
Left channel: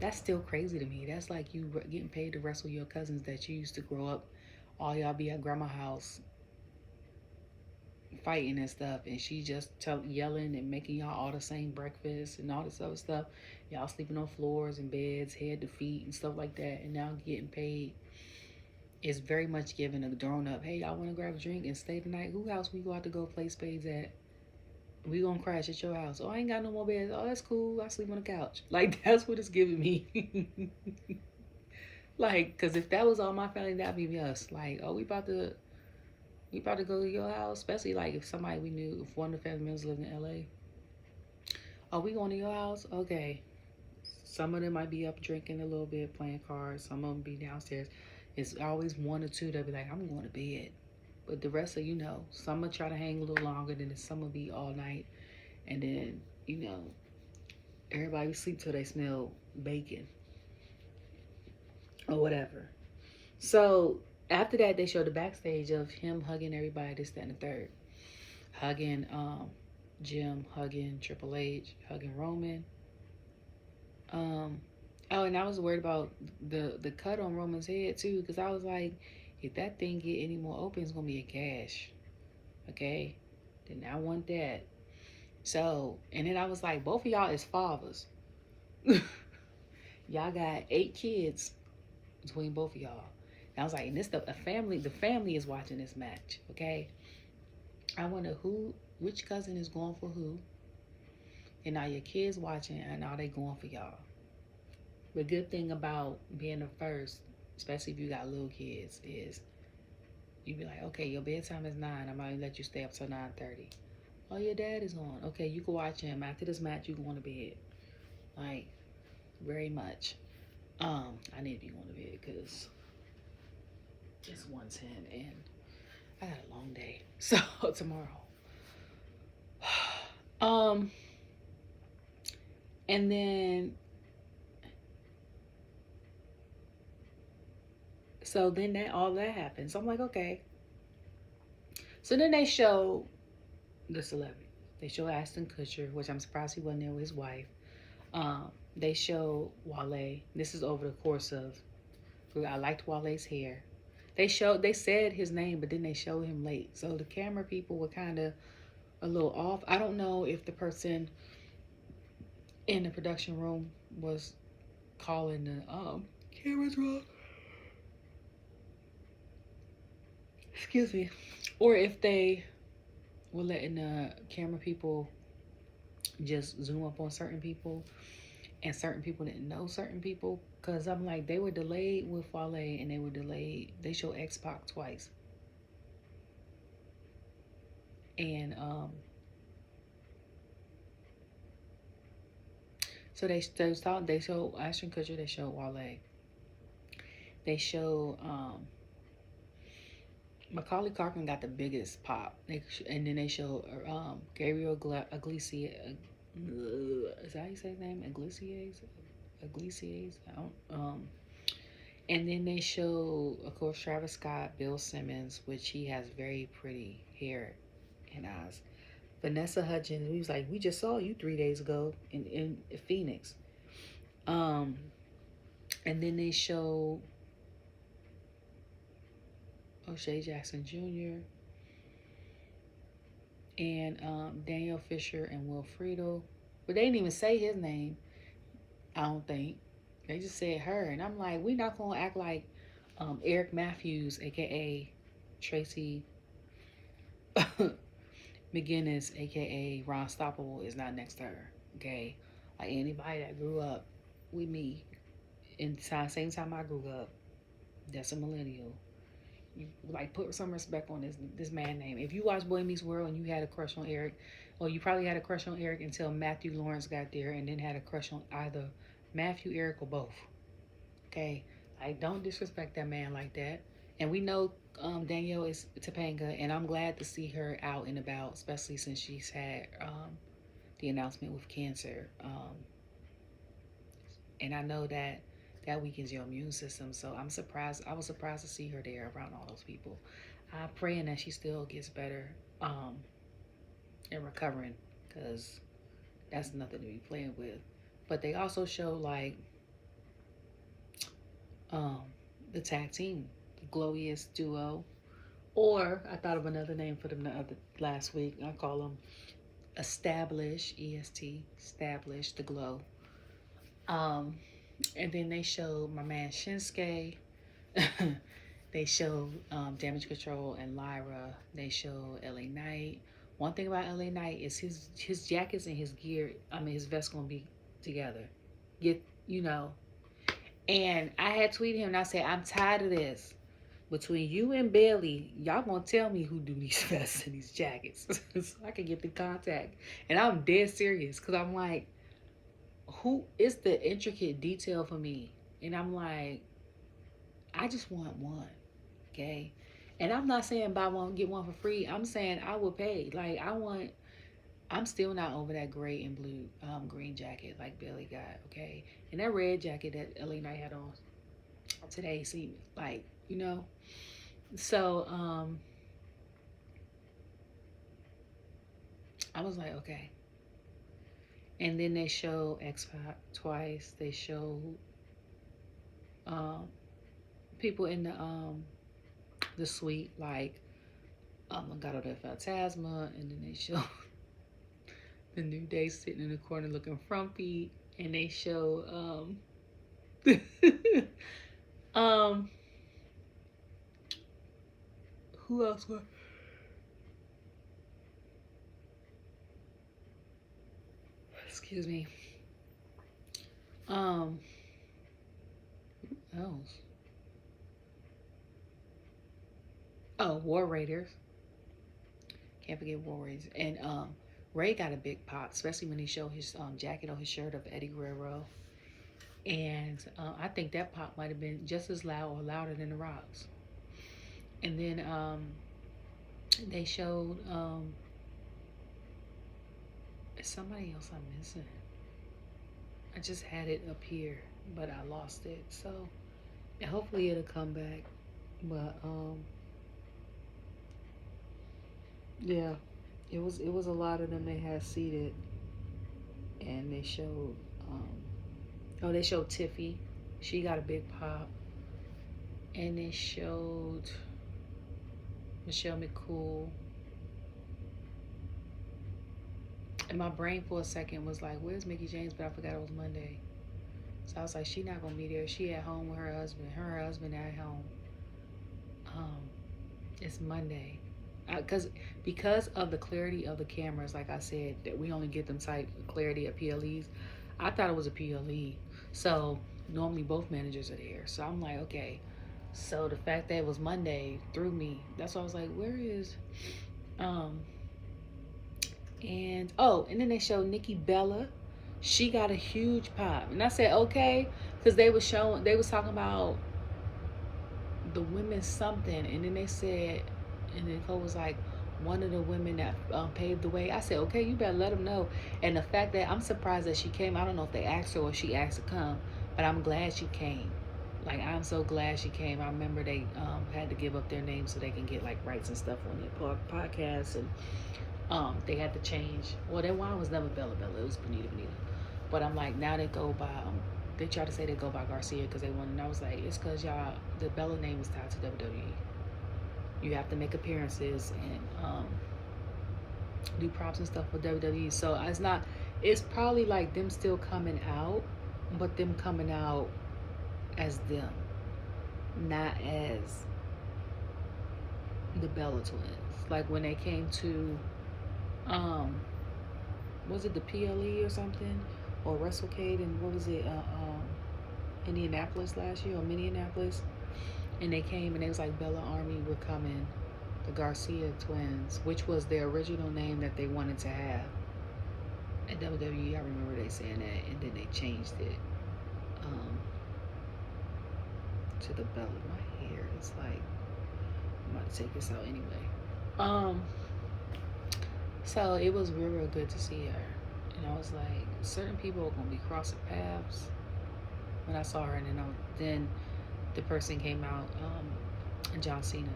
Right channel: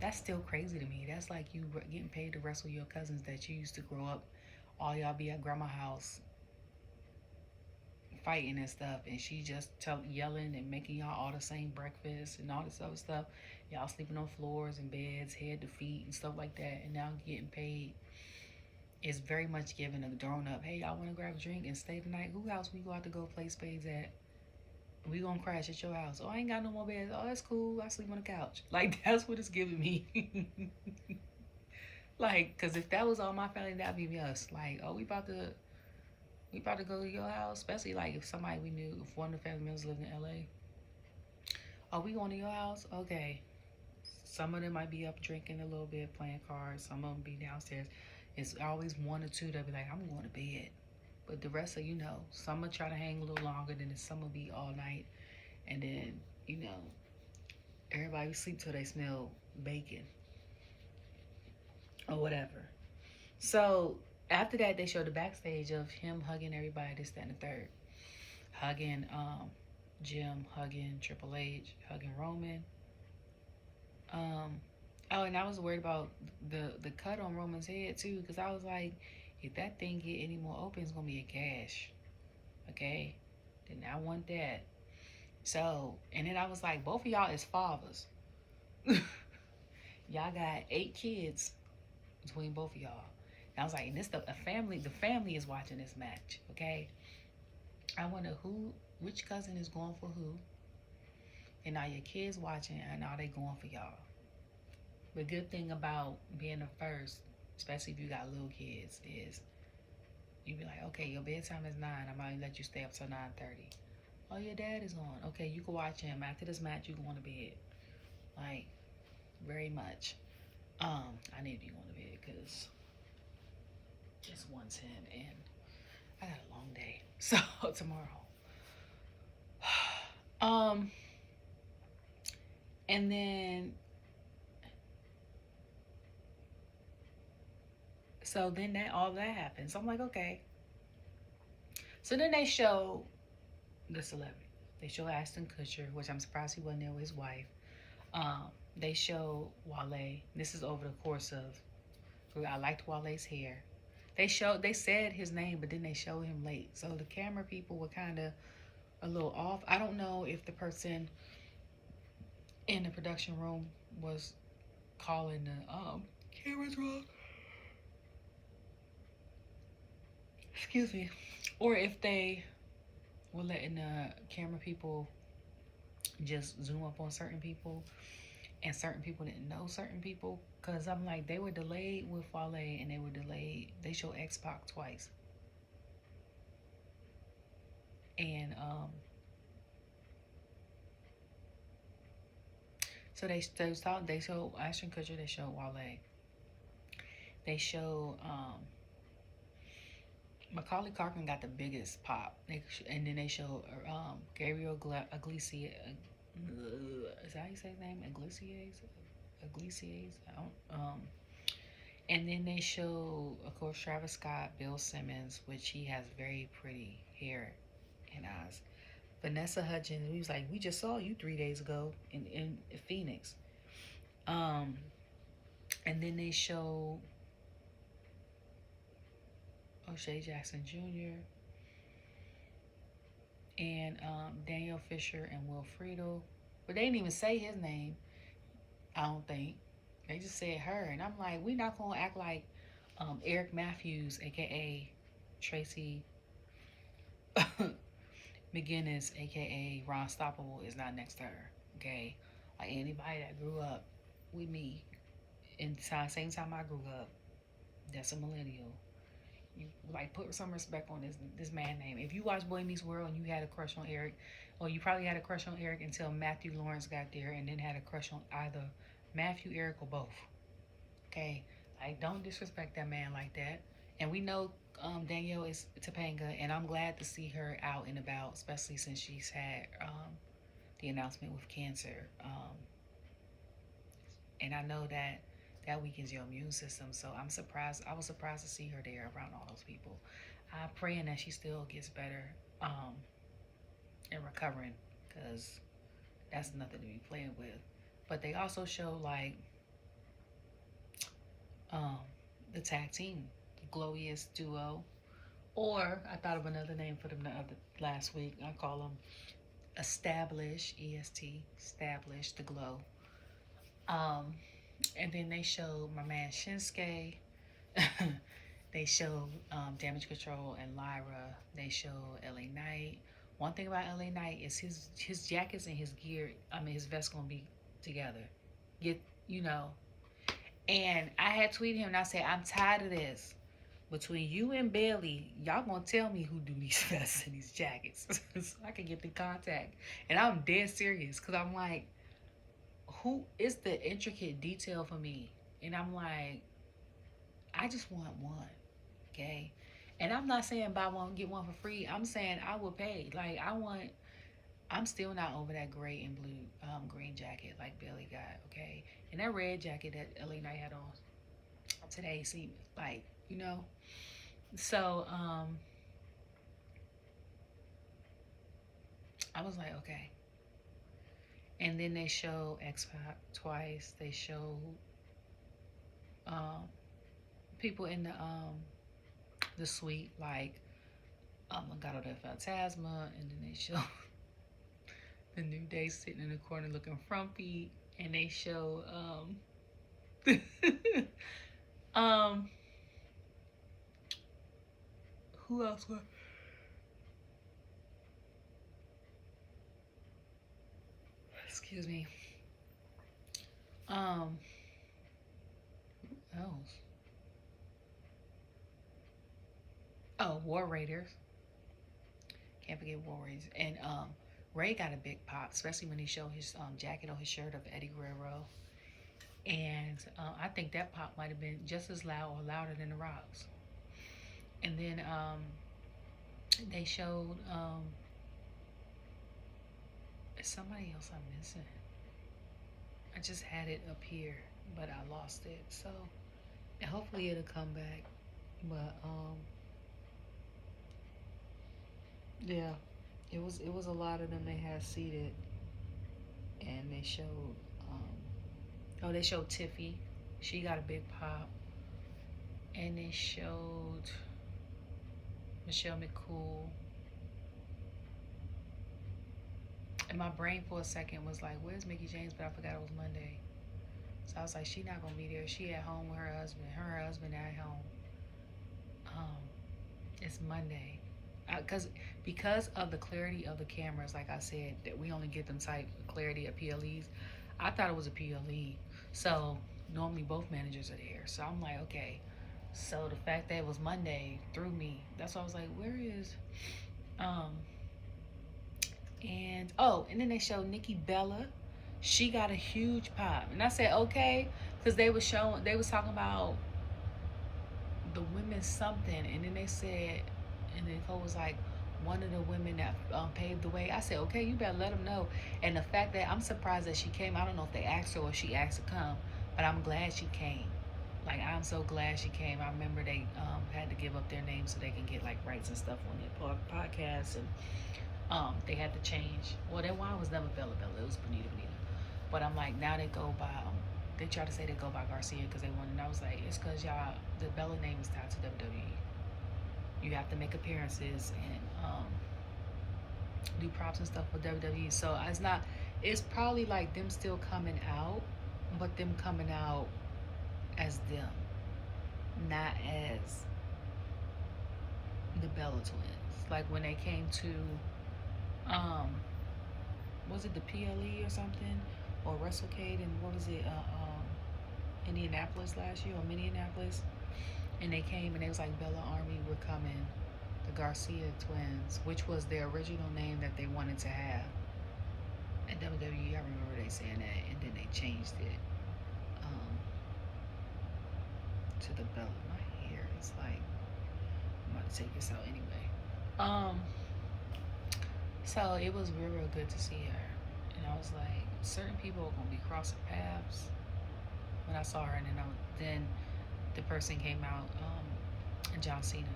That's still crazy to me. That's like you getting paid to wrestle your cousins that you used to grow up. All y'all be at grandma's house fighting and stuff, and she just yelling and making y'all all the same breakfast and all this other stuff. Y'all sleeping on floors and beds, head to feet and stuff like that, and now getting paid. Is very much giving a grown up, hey, y'all want to grab a drink and stay tonight? Who house we go out to go play spades at? We gonna crash at your house. Oh, I ain't got no more beds. Oh, that's cool. I sleep on the couch. Like, that's what it's giving me. Like, because if that was all my family, that'd be us. Like, oh, we about to go to your house, especially like if somebody we knew, if one of the family members lived in LA. Oh, we going to your house? Okay. Some of them might be up drinking a little bit, playing cards. Some of them be downstairs. It's always one or two that be like, I'm going to bed. But the rest of, some will try to hang a little longer, then some will be all night. And then, everybody will sleep till they smell bacon or whatever. So after that, they show the backstage of him hugging everybody, this, that, and the third. Hugging Jim, hugging Triple H, hugging Roman. Oh, and I was worried about the cut on Roman's head too, because I was like, if that thing get any more open, it's gonna be a gash. Okay, did not want that. So, and then I was like, both of y'all is fathers. Y'all got 8 kids between both of y'all. And I was like, and this the family is watching this match. Okay, I wonder which cousin is going for who, and are your kids watching, and are they going for y'all? The good thing about being the first, especially if you got little kids, is you be like, okay, your bedtime is 9. I'm gonna let you stay up till 9:30. Oh, your dad is on. Okay, you can watch him. After this match, you going to bed. Like, very much. I need to be going to bed because it's 1:10 and I got a long day. So tomorrow. And then So then all that happened. So I'm like, okay. So then they show the celebrity. They show Ashton Kutcher, which I'm surprised he wasn't there with his wife. They show Wale. This is over the course of. I liked Wale's hair. They said his name, but then they showed him late. So the camera people were kind of a little off. I don't know if the person in the production room was calling the cameras wrong. Excuse me. Or if they were letting the camera people just zoom up on certain people and certain people didn't know certain people. Because I'm like, they were delayed with Wale and they were delayed. They showed X-Pac twice. And so they showed Ashton Kutcher, they showed Wale. They showed Macaulay Culkin got the biggest pop. And then they showed Gabriel Iglesias. Is that how you say his name? Iglesias. And then they show, of course, Travis Scott, Bill Simmons, which he has very pretty hair and eyes. Vanessa Hudgens, we was like, we just saw you 3 days ago in Phoenix. And then they show O'Shea Jackson Jr. and Daniel Fisher and Wilfredo. But they didn't even say his name, I don't think. They just said her. And I'm like, we not going to act like Eric Matthews, a.k.a. Tracy McGinnis, a.k.a. Ron Stoppable, is not next to her, okay? Like anybody that grew up with me in the same time I grew up, that's a millennial. You, like, put some respect on this man name. If you watch Boy Meets World and you had a crush on Eric, or you probably had a crush on Eric until Matthew Lawrence got there and then had a crush on either Matthew, Eric, or both. Okay? Like, don't disrespect that man like that. And we know Danielle is Topanga, and I'm glad to see her out and about, especially since she's had the announcement with cancer. And I know that weakens your immune system, so I'm surprised. I was surprised to see her there around all those people. I'm praying that she still gets better and recovering, because that's nothing to be playing with. But they also show like the tag team, the Glorious Duo, or I thought of another name for them last week. I call them Establish, EST, Establish the Glow. And then they showed my man Shinsuke. They showed Damage Control and Lyra. They showed LA Knight. One thing about LA Knight is his jackets and his gear, his vest gonna be together. And I had tweeted him and I said, I'm tired of this. Between you and Bailey, y'all gonna tell me who do these vests and these jackets so I can get the contact. And I'm dead serious, because I'm like, who is the intricate detail for me? And I'm like, I just want one, okay? And I'm not saying buy one, get one for free. I'm saying I will pay. Like, I'm still not over that gray and blue green jacket like Bailey got, okay? And that red jacket that LA Knight had on today seemed like, So, I was like, okay. And then they show X-Pac twice. They show people in the suite, like Legado del Fantasma, and then they show the New Day sitting in the corner looking frumpy, and they show who else was? Excuse me. Who else? Oh, War Raiders. Can't forget War Raiders. And Ray got a big pop, especially when he showed his jacket on his shirt of Eddie Guerrero. And I think that pop might have been just as loud or louder than The Rock's. And then they showed somebody else I'm missing. I just had it up here, but I lost it. So hopefully it'll come back. But yeah, it was a lot of them they had seated, and they showed they showed Tiffy, she got a big pop, and they showed Michelle McCool. And my brain for a second was like, where's Mickey James? But I forgot it was Monday. So I was like, she not gonna be there. She at home with her husband. Her husband at home. Um, it's Monday. Because of the clarity of the cameras, like I said, that we only get them type clarity of PLEs. I thought it was a PLE. So normally both managers are there. So I'm like, okay. So the fact that it was Monday threw me. That's why I was like, where is um and then they showed Nikki Bella. She got a huge pop. And I said, okay, because they was talking about the women something, and then they said, and then Cole was like, one of the women that paved the way. I said, okay, you better let them know. And the fact that I'm surprised that she came, I don't know if they asked her or she asked to come, but I'm glad she came. Like, I'm so glad she came. I remember they had to give up their names so they can get like rights and stuff on their podcasts, and they had to change. Well, their wine was never Bella Bella. It was Bonita Bonita. But I'm like, now they go by. They try to say they go by Garcia because they won, and I was like, it's because y'all, the Bella name is tied to WWE. You have to make appearances and do props and stuff for WWE. So it's not. It's probably like them still coming out, but them coming out as them, not as the Bella twins. Like when they came to, was it the PLE or something, or WrestleCade, and what was it, Indianapolis last year, or Minneapolis, and they came and they was like, Bella Army, we're coming, the Garcia twins, which was their original name that they wanted to have at WWE. I remember they saying that, and then they changed it to the Bella. My hair is like, I'm about to take this out anyway. So it was real, real good to see her, and I was like, certain people are gonna be crossing paths. When I saw her, and then the person came out, John Cena.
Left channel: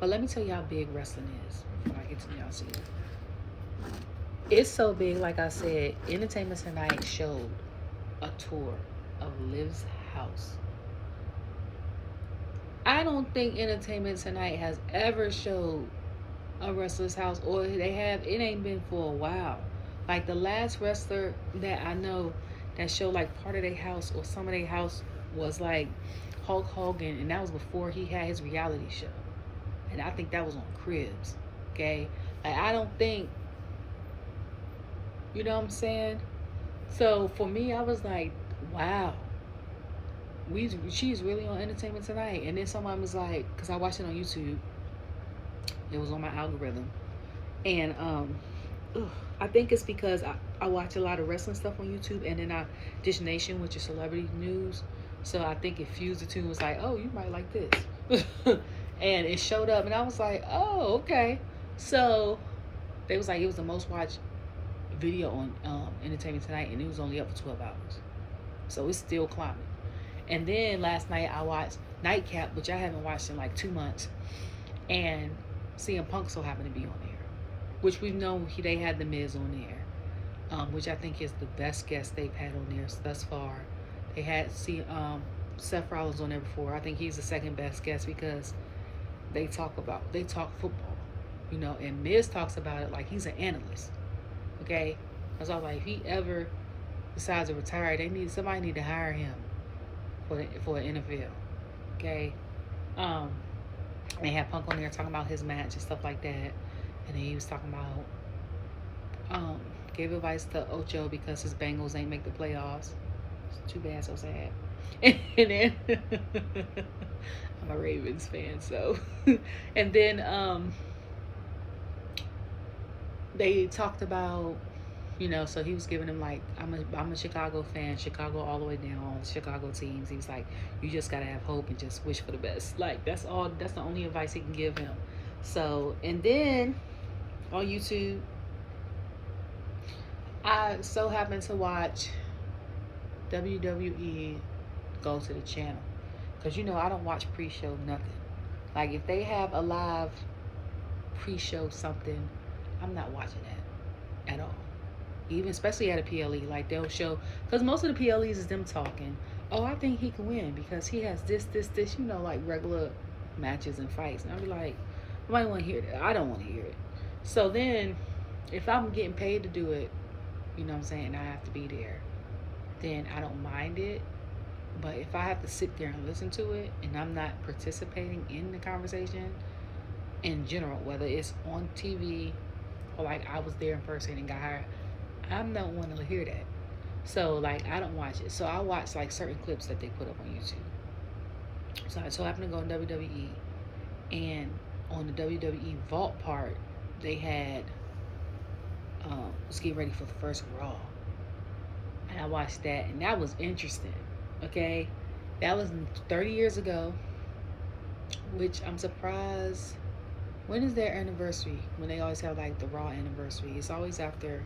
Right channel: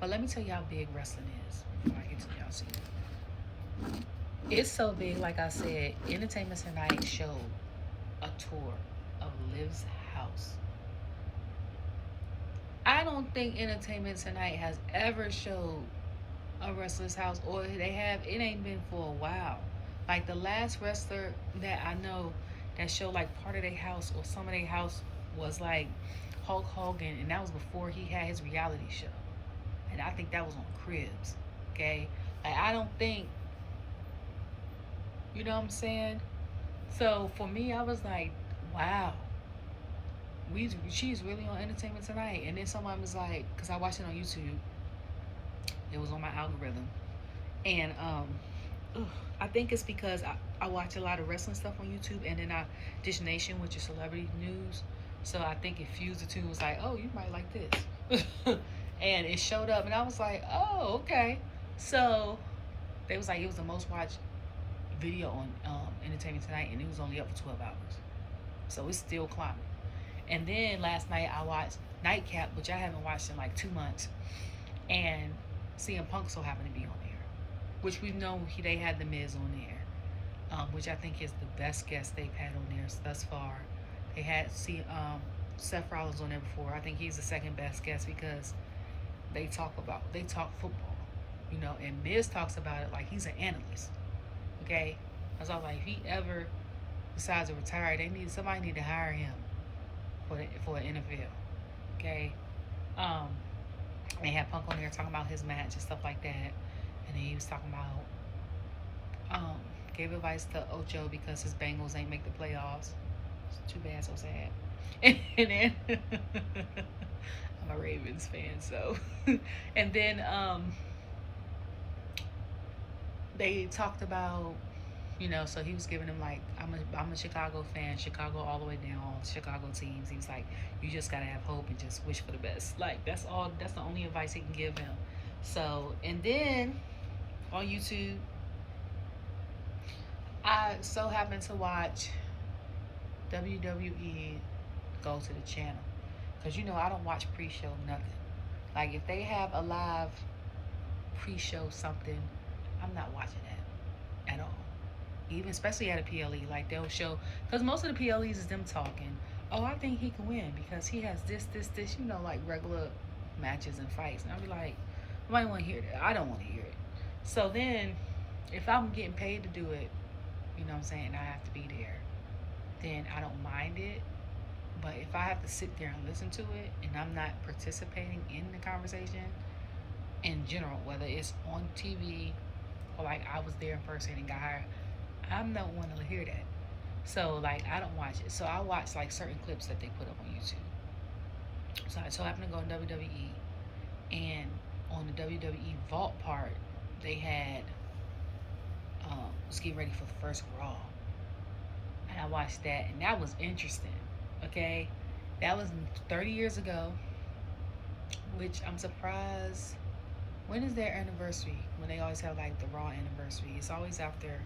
But let me tell you how big wrestling is before I get to John Cena. It's so big, like I said, Entertainment Tonight showed a tour of Liv's house. I don't think Entertainment Tonight has ever showed a wrestler's house, or they have, it ain't been for a while. Like the last wrestler that I know that showed like part of their house or some of their house was like Hulk Hogan, and that was before he had his reality show. And I think that was on Cribs. Okay? Like, I don't think, you know what I'm saying? So for me, I was like, wow. She's really on Entertainment Tonight. And then somebody was like, because I watched it on YouTube. It was on my algorithm. And I think it's because I watch a lot of wrestling stuff on YouTube, and then Dish Nation, which is celebrity news. So I think it fused the two and was like, oh, you might like this. And it showed up, and I was like, oh, okay. So they was like, it was the most watched video on Entertainment Tonight, and it was only up for 12 hours. So it's still climbing. And then last night I watched Nightcap, which I haven't watched in like 2 months. And CM Punk so happened to be on there, which we've known they had The Miz on there, which I think is the best guest they've had on there thus far. They had Seth Rollins on there before. I think he's the second best guest because they talk football, you know, and Miz talks about it like he's an analyst. Okay, I was like, if he ever decides to retire, somebody need to hire him for the NFL. Okay, they had Punk on there talking about his match and stuff like that, and then he was talking about gave advice to Ocho because his Bengals ain't make the playoffs. It's too bad, so sad. And then I'm a Ravens fan, so and then they talked about, you know, so he was giving him like, I'm a Chicago fan, Chicago all the way down, all the Chicago teams. He was like, you just gotta have hope and just wish for the best. Like that's the only advice he can give him. So, and then on YouTube, I so happened to watch WWE Go to the Channel, Because, you know, I don't watch pre-show nothing. Like, if they have a live pre-show something, I'm not watching that at all. Even especially at a PLE, like they'll show, because most of the PLEs is them talking. Oh, I think he can win because he has this, you know, like regular matches and fights. And I'll be like, nobody want to hear that. I don't want to hear it. So then, if I'm getting paid to do it, you know what I'm saying, and I have to be there, then I don't mind it. But if I have to sit there and listen to it and I'm not participating in the conversation in general, whether it's on TV or like I was there in person and got hired, I'm not wanting to hear that. So like I don't watch it. So I watch like certain clips that they put up on YouTube. So I so happened to go on WWE, and on the WWE Vault part, they had was getting ready for the first Raw. And I watched that, and that was interesting. Okay, that was 30 years ago, which I'm surprised. When is their anniversary? When they always have like the Raw anniversary, it's always after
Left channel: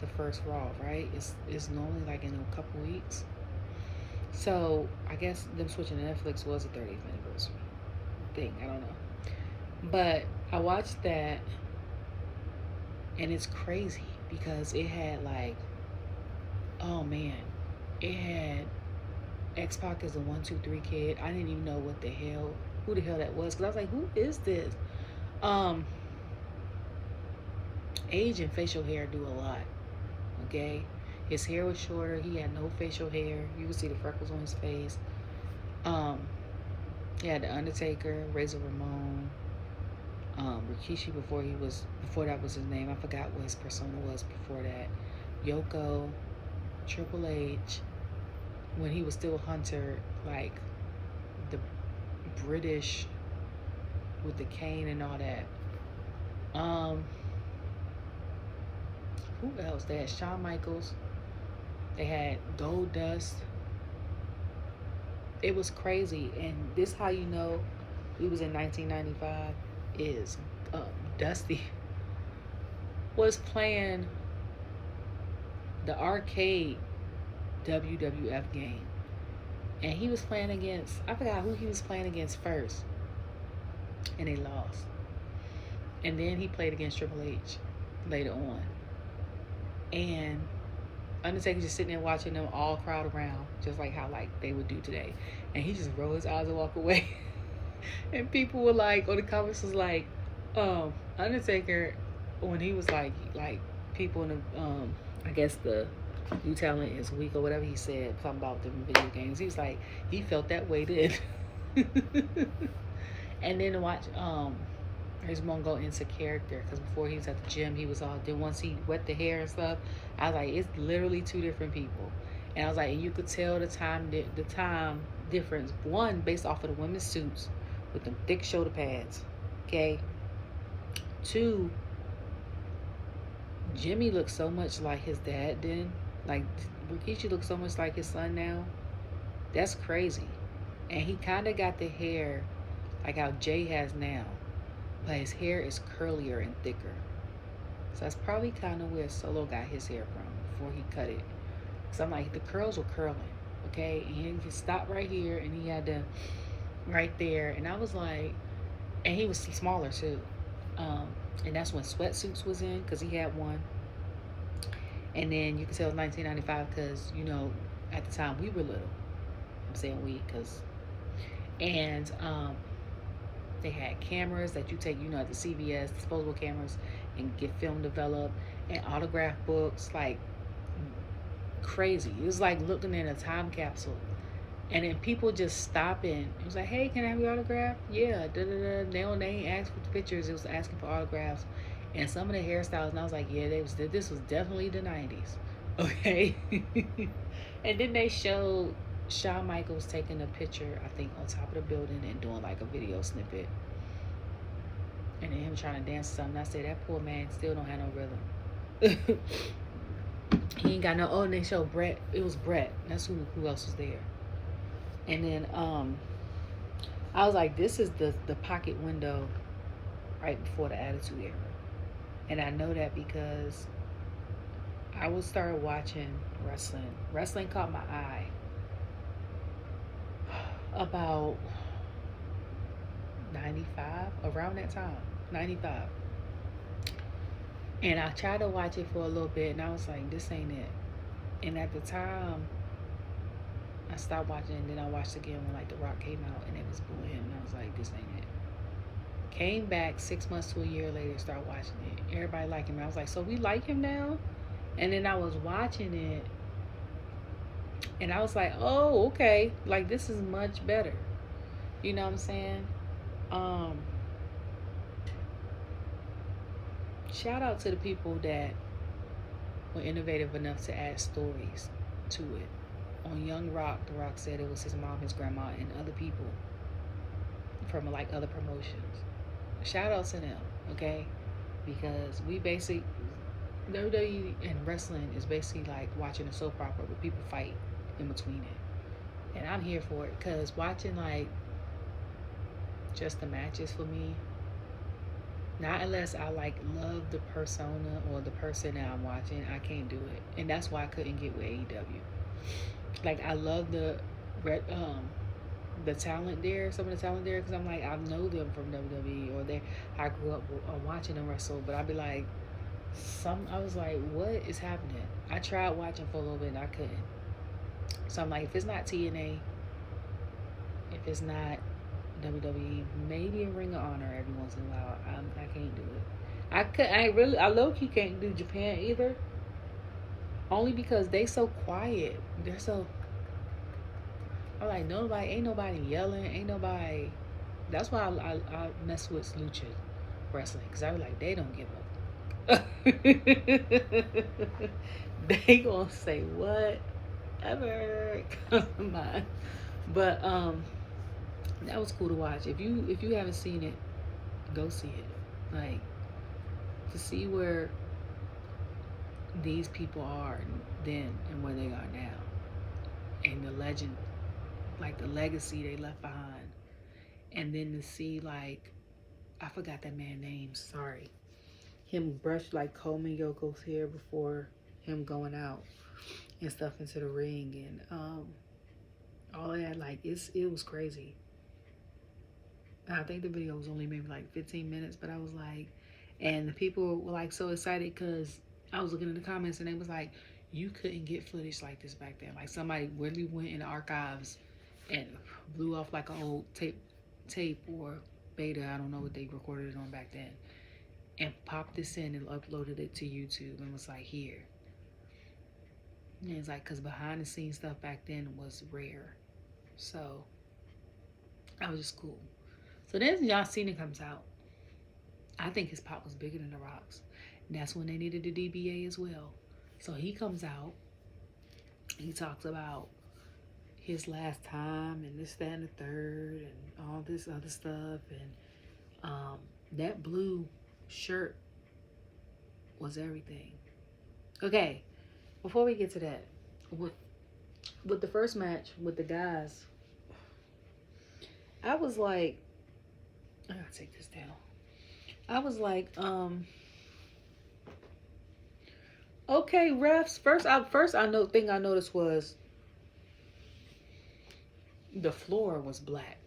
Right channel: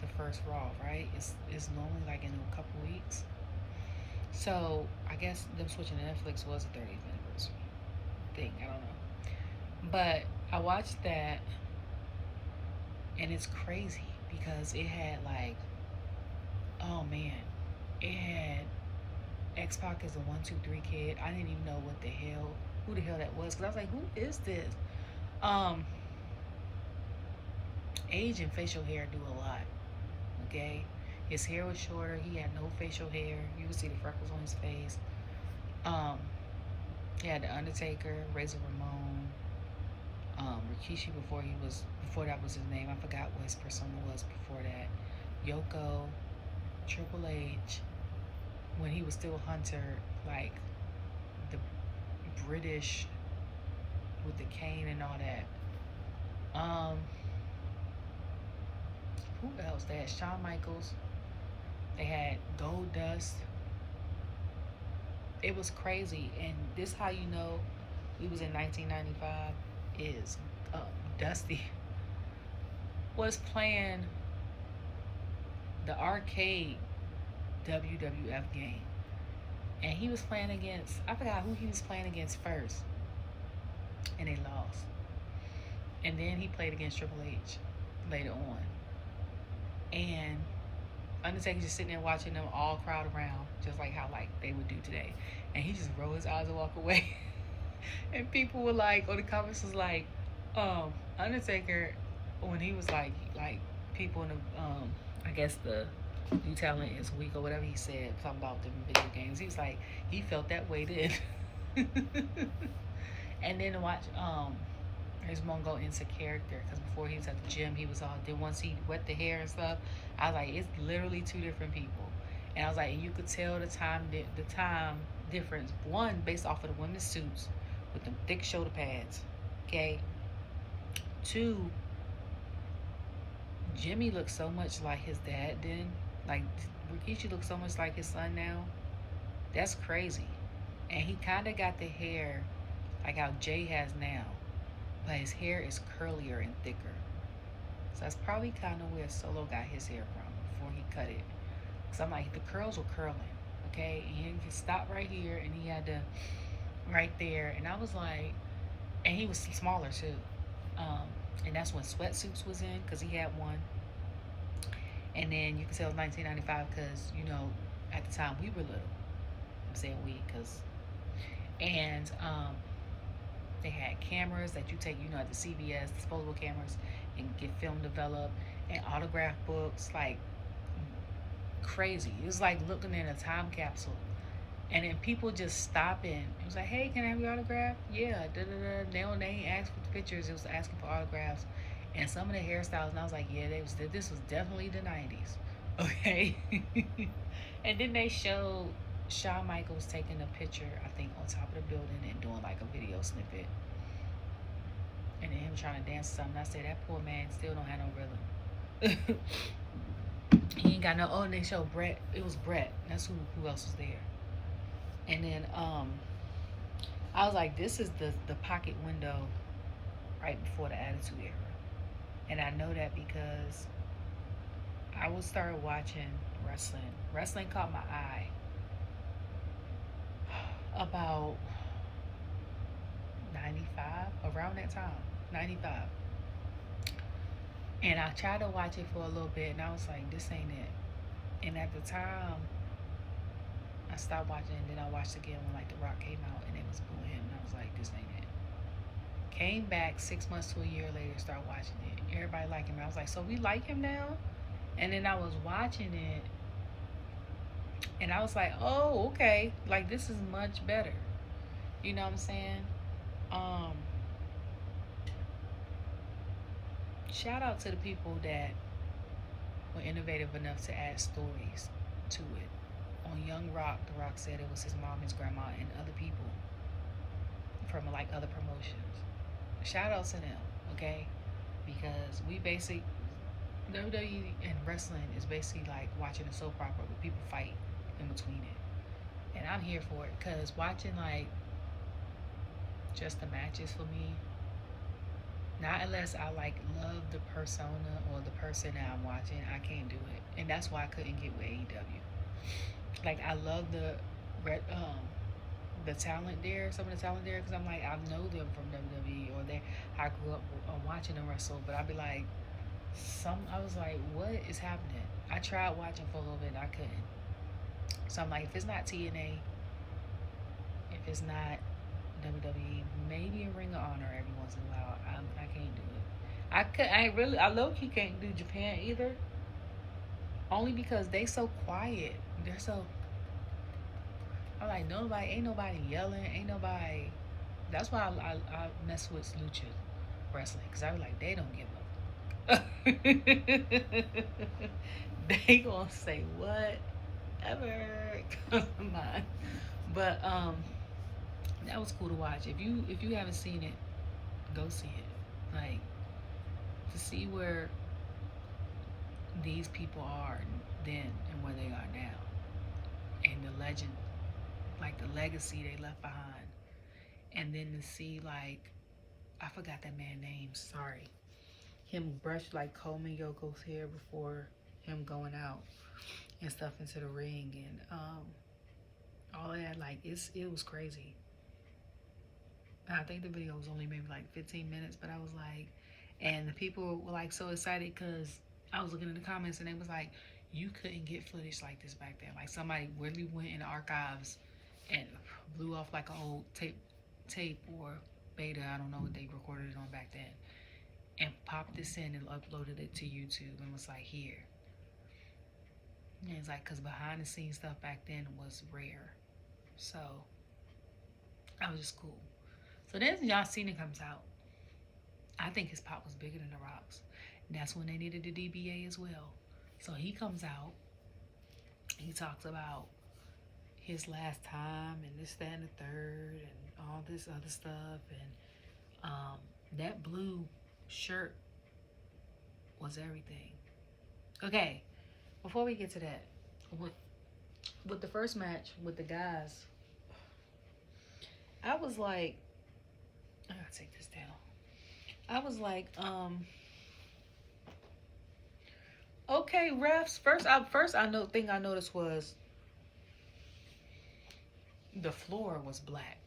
the first Raw, right? It's normally like in a couple weeks. So I guess them switching to Netflix was a 30th anniversary thing. I don't know, but I watched that, and it's crazy because it had like, oh man, it had X-Pac as a 1-2-3 kid. I didn't even know who the hell that was, because I was like, who is this? Age and facial hair do a lot. Okay, his hair was shorter. He had no facial hair. You could see the freckles on his face. He had the Undertaker, Razor Ramon, Rikishi before that was his name. I forgot what his persona was before that. Yoko, Triple H, when he was still Hunter, like the British with the cane and all that. Who else? They had Shawn Michaels. They had Gold Dust. It was crazy. And this how you know we was in 1995 is Dusty was playing the arcade WWF game. And he was playing against, I forgot who he was playing against first. And they lost. And then he played against Triple H later on. And Undertaker just sitting there watching them all crowd around, just like how like they would do today. And he just rolled his eyes and walk away. And people were like, or the comments was like, Undertaker, when he was like people in the I guess the new talent is weak or whatever he said, something about the video games. He was like, he felt that way then. And then to watch he's gonna go into character, because before he was at the gym, he was all, then once he wet the hair and stuff, I was like, it's literally two different people. And I was like, and you could tell the time difference, one based off of the women's suits with them thick shoulder pads, okay? Two, Jimmy looks so much like his dad then. Like Rikishi looks so much like his son now. That's crazy. And he kind of got the hair like how Jey has now, but his hair is curlier and thicker. So that's probably kind of where Solo got his hair from before he cut it. So I'm like, the curls were curling, okay? And he just stopped right here, and he had to right there. And I was like, and he was smaller too. And that's when Sweatsuits was in, because he had one. And then you can tell it was 1995 because, you know, at the time we were little. I'm saying we, because, and they had cameras that you take, you know, at the CVS, disposable cameras, and get film developed, and autograph books, like crazy. It was like looking in a time capsule. And then people just stopping. It was like, hey, can I have your autograph? Yeah, da-da-da. They ain't asked for the pictures. It was asking for autographs. And some of the hairstyles, and I was like, yeah, this was definitely the 90s. Okay? And then they showed Shawn Michaels taking a picture, I think, on top of the building and doing like a video snippet. And then him trying to dance to something. I said, that poor man still don't have no rhythm. He ain't got no, oh, and they showed Brett. It was Brett. That's who else was there. And then I was like, this is the pocket window right before the Attitude Era. And I know that because I would start watching wrestling. Wrestling caught my eye about 95, around that time, 95. And I tried to watch it for a little bit, and I was like, this ain't it. And at the time, I stopped watching, and then I watched again when like The Rock came out, and it was booing him, and I was like, this ain't it. Came back 6 months to a year later, started watching it. Everybody liked him. I was like, so we like him now? And then I was watching it, and I was like, oh, okay, like this is much better. You know what I'm saying? Um, Shout out to the people that were innovative enough to add stories to it. On Young Rock, The Rock said it was his mom, his grandma, and other people from like other promotions. Shout out to them, okay? Because we basically WWE and wrestling is basically like watching a soap opera where people fight in between it, and I'm here for it because watching like just the matches for me, not unless I like love the persona or the person that I'm watching, I can't do it, and that's why I couldn't get with AEW. Like I love the talent there, some of the talent there, because I'm like I know them from WWE or they I grew up watching them wrestle, but I'd be like I was like, what is happening? I tried watching for a little bit and I couldn't. So I'm like, if it's not TNA, if it's not WWE, maybe a Ring of Honor every once in a while. I can't do it. I low key can't do Japan either. Only because they so quiet. They're so. I'm like ain't nobody yelling, ain't nobody. That's why I mess with lucha wrestling because I was like they don't give up. They gonna say whatever. Come on, but that was cool to watch. If you haven't seen it, go see it. Like to see where these people are then and where they are now, and the legend, like the legacy they left behind, and then to see like I forgot that man's name. Sorry, him brush like Coleman Yoko's hair before him going out and stuff into the ring and all that. Like it was crazy. I think the video was only maybe like 15 minutes, but I was like, and the people were like so excited because I was looking in the comments and they was like, you couldn't get footage like this back then. Like somebody really went in the archives and blew off like an old tape or beta. I don't know what they recorded it on back then, and popped this in and uploaded it to YouTube and was like, here. And it's like, because behind the scenes stuff back then was rare. So that was just cool. So then John Cena comes out. I think his pop was bigger than The Rock's. And that's when they needed the DBA as well. So he comes out. He talks about his last time and this, that, and the third and all this other stuff. And that blue shirt was everything. Okay, before we get to that, with the first match with the guys, I was like, I gotta take this down. I was like, okay, refs. First I noticed was the floor was black,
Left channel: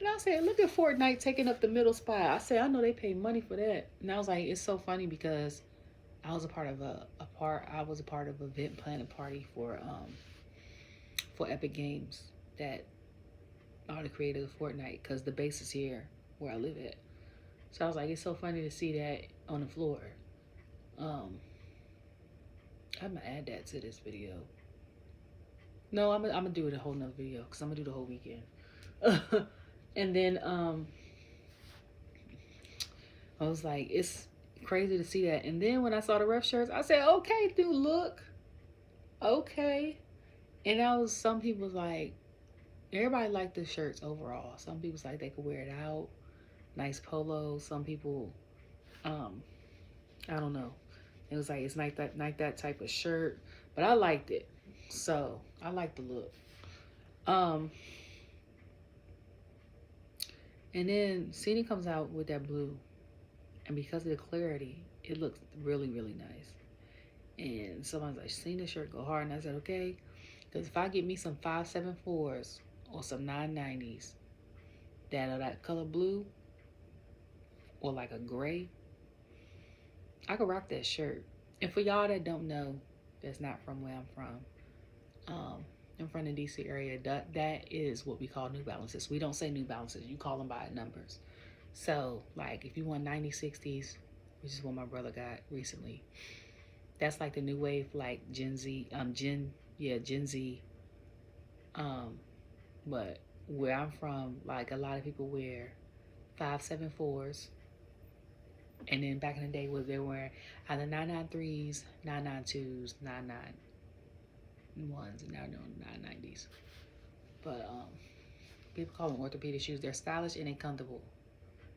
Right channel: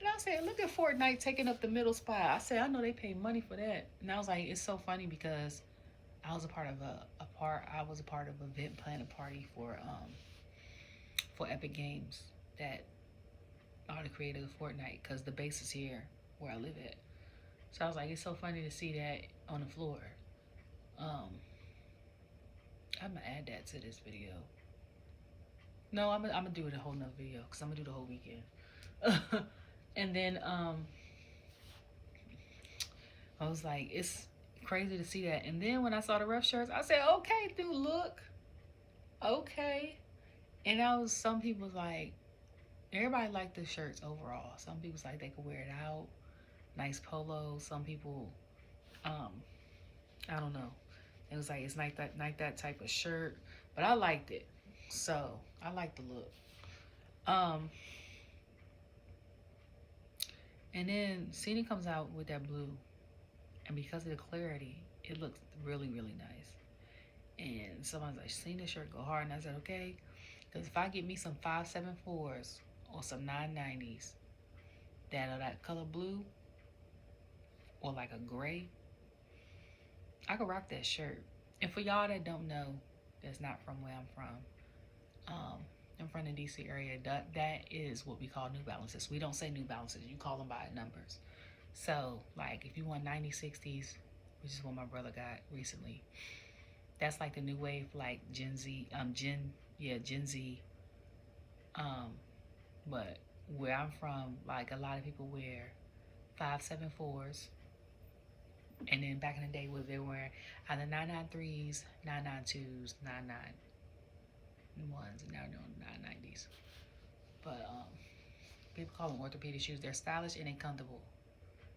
and I said, look at Fortnite taking up the middle spot. I said, I know they pay money for that, and I was like, it's so funny because I was a part of event planning party for Epic Games that are the creators of Fortnite because the base is here where I live at. So I was like, it's so funny to see that on the floor. I'm gonna add that to this video. No, I'm gonna do it a whole nother video because I'm gonna do the whole weekend. And then I was like, it's crazy to see that. And then when I saw the ref shirts, I said, okay, dude, look, okay. And some people was like, everybody liked the shirts overall. Some people was like they could wear it out, nice polo. Some people, I don't know. It was like it's like that type of shirt, but I liked it, so I liked the look. And then Cena comes out with that blue, and because of the clarity, it looks really, really nice. And someone's like, Cena shirt go hard, and I said, okay, because if I get me some 574s or some 990s that are that color blue or like a gray, I could rock that shirt. And for y'all that don't know, that's not from where I'm from, I'm from the DC area, that is what we call New Balances. We don't say New Balances, you call them by numbers. So like if you want 9060s, which is what my brother got recently, that's like the new wave, like Gen Z, Gen Z. But where I'm from, like a lot of people wear 574s, and then back in the day, they were either 993s, 992s, 991s, and now they're on 990s. But people call them orthopedic shoes. They're stylish and they're comfortable.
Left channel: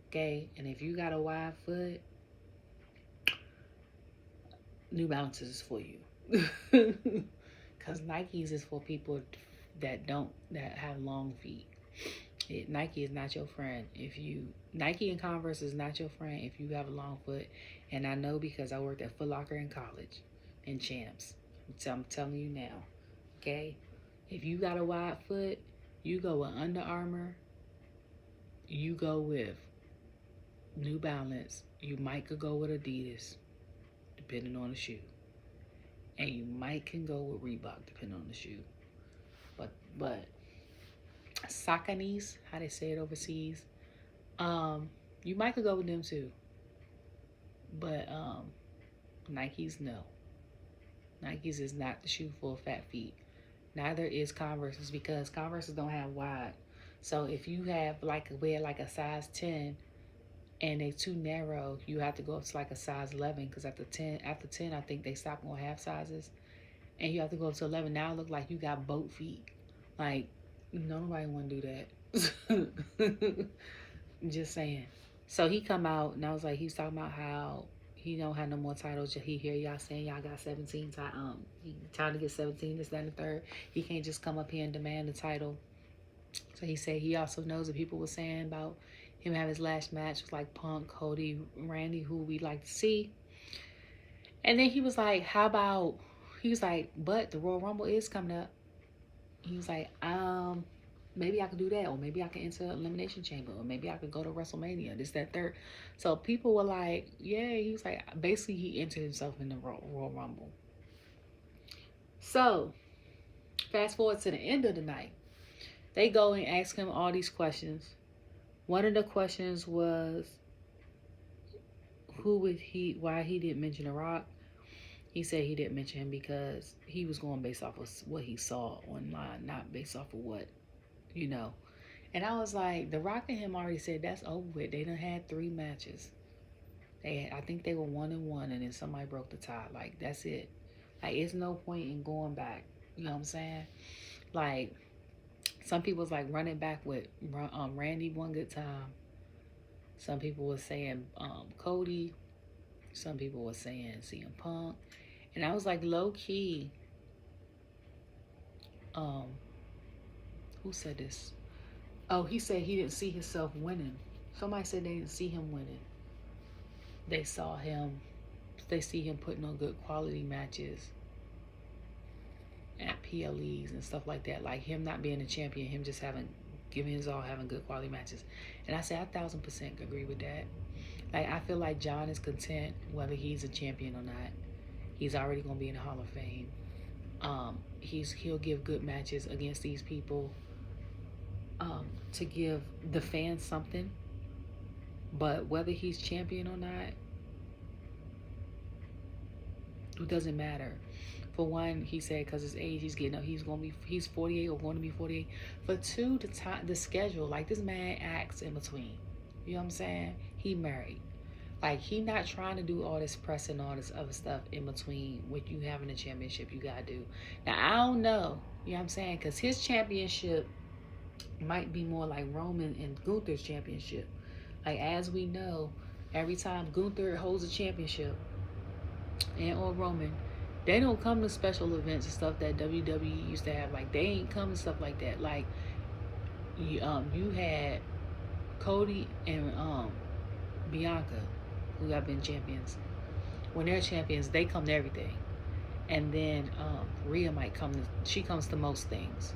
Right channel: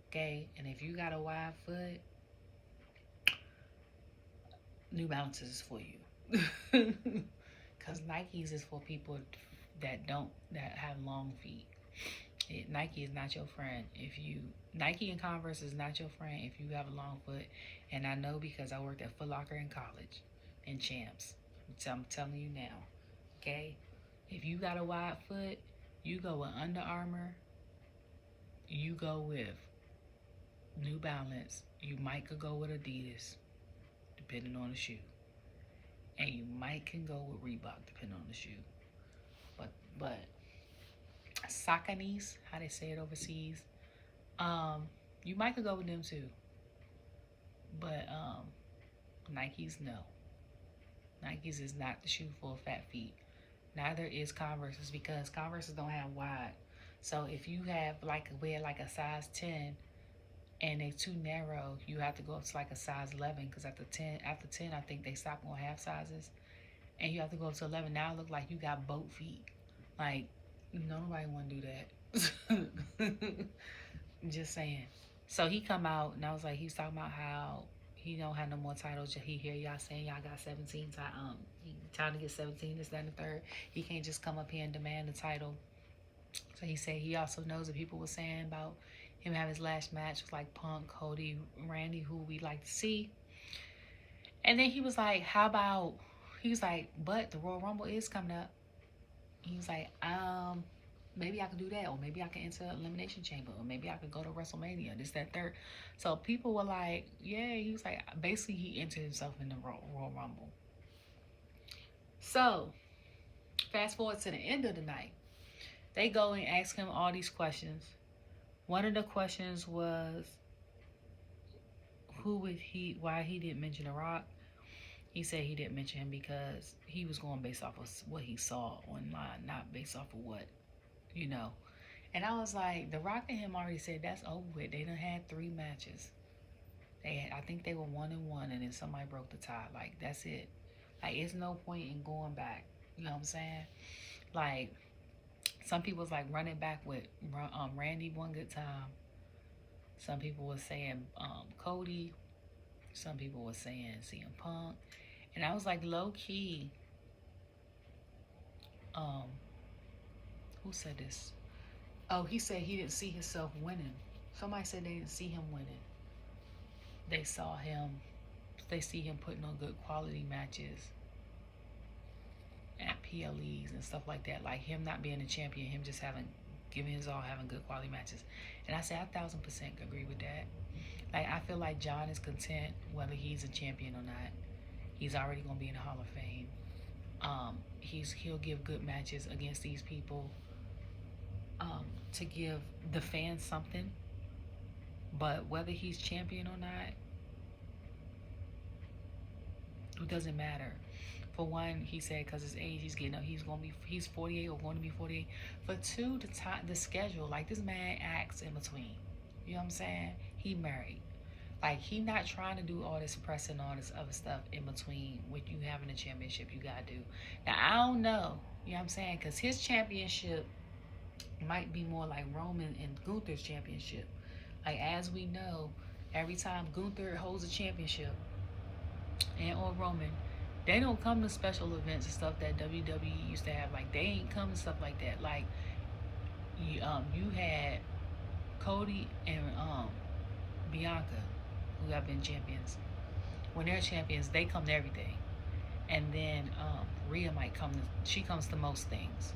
Okay, and if you got a wide foot, New Balances is for you. Because Nikes is for people that have long feet. Nike is not your friend. Nike and Converse is not your friend if you have a long foot. And I know because I worked at Foot Locker in college and Champs. So I'm telling you now, okay? If you got a wide foot, you go with Under Armour, you go with New Balance, you might could go with Adidas, depending on the shoe. And you might can go with Reebok, depending on the shoe. But Sauconys, how they say it overseas, you might could go with them too. But Nikes, no. Nikes is not the shoe for fat feet. Neither is Converse's, because Converse's don't have wide. So if you have wear like a size 10 and they too narrow, you have to go up to like a size 11, because after 10 I think they stop on half sizes, and you have to go up to 11. Now it look like you got boat feet. Like, nobody want to do that. Just saying. So he come out and I was like, he was talking about how he don't have no more titles. He hear y'all saying y'all got 17 he trying to get 17, this, that, and the third. He can't just come up here and demand the title. So he said he also knows that people were saying about him having his last match was like Punk, Cody, Randy, who we like to see. And then he was like, but the Royal Rumble is coming up. He was like, maybe I could do that, or maybe I could enter Elimination Chamber, or maybe I could go to WrestleMania, this, that, third. So people were like, yeah, he was like, basically he entered himself in the Royal Rumble. So fast forward to the end of the night, they go and ask him all these questions. One of the questions was, why he didn't mention The Rock. He said he didn't mention him because he was going based off of what he saw online, not based off of what, And I was like, The Rock and him already said that's over with. They done had 3 matches. I think they were 1-1, and then somebody broke the tie. Like, that's it. Like, it's no point in going back. You know what I'm saying? Like, some people was like running back with Randy one good time. Some people were saying Cody. Some people were saying CM Punk. And I was like, low key, who said this? Oh, he said he didn't see himself winning. Somebody said they didn't see him winning. They see him putting on good quality matches at PLEs and stuff like that. Like him not being a champion, him just giving his all, having good quality matches. And I said, 1,000% agree with that. Like, I feel like John is content whether he's a champion or not. He's already going to be in the Hall of Fame. He'll give good matches against these people to give the fans something. But whether he's champion or not, it doesn't matter. For one, he said because his age, he's 48 or going to be 48. For two, the schedule, like this man acts in between. You know what I'm saying? He married. Like, he not trying to do all this press and all this other stuff in between what you having a championship you gotta do. Now, I don't know, you know what I'm saying? Because his championship might be more like Roman and Gunther's championship. Like, as we know, every time Gunther holds a championship, or Roman, they don't come to special events and stuff that WWE used to have. Like, they ain't come to stuff like that. Like, you had Cody and Bianca, who have been champions. When they're champions, they come to everything. And then Rhea might come she comes to most things.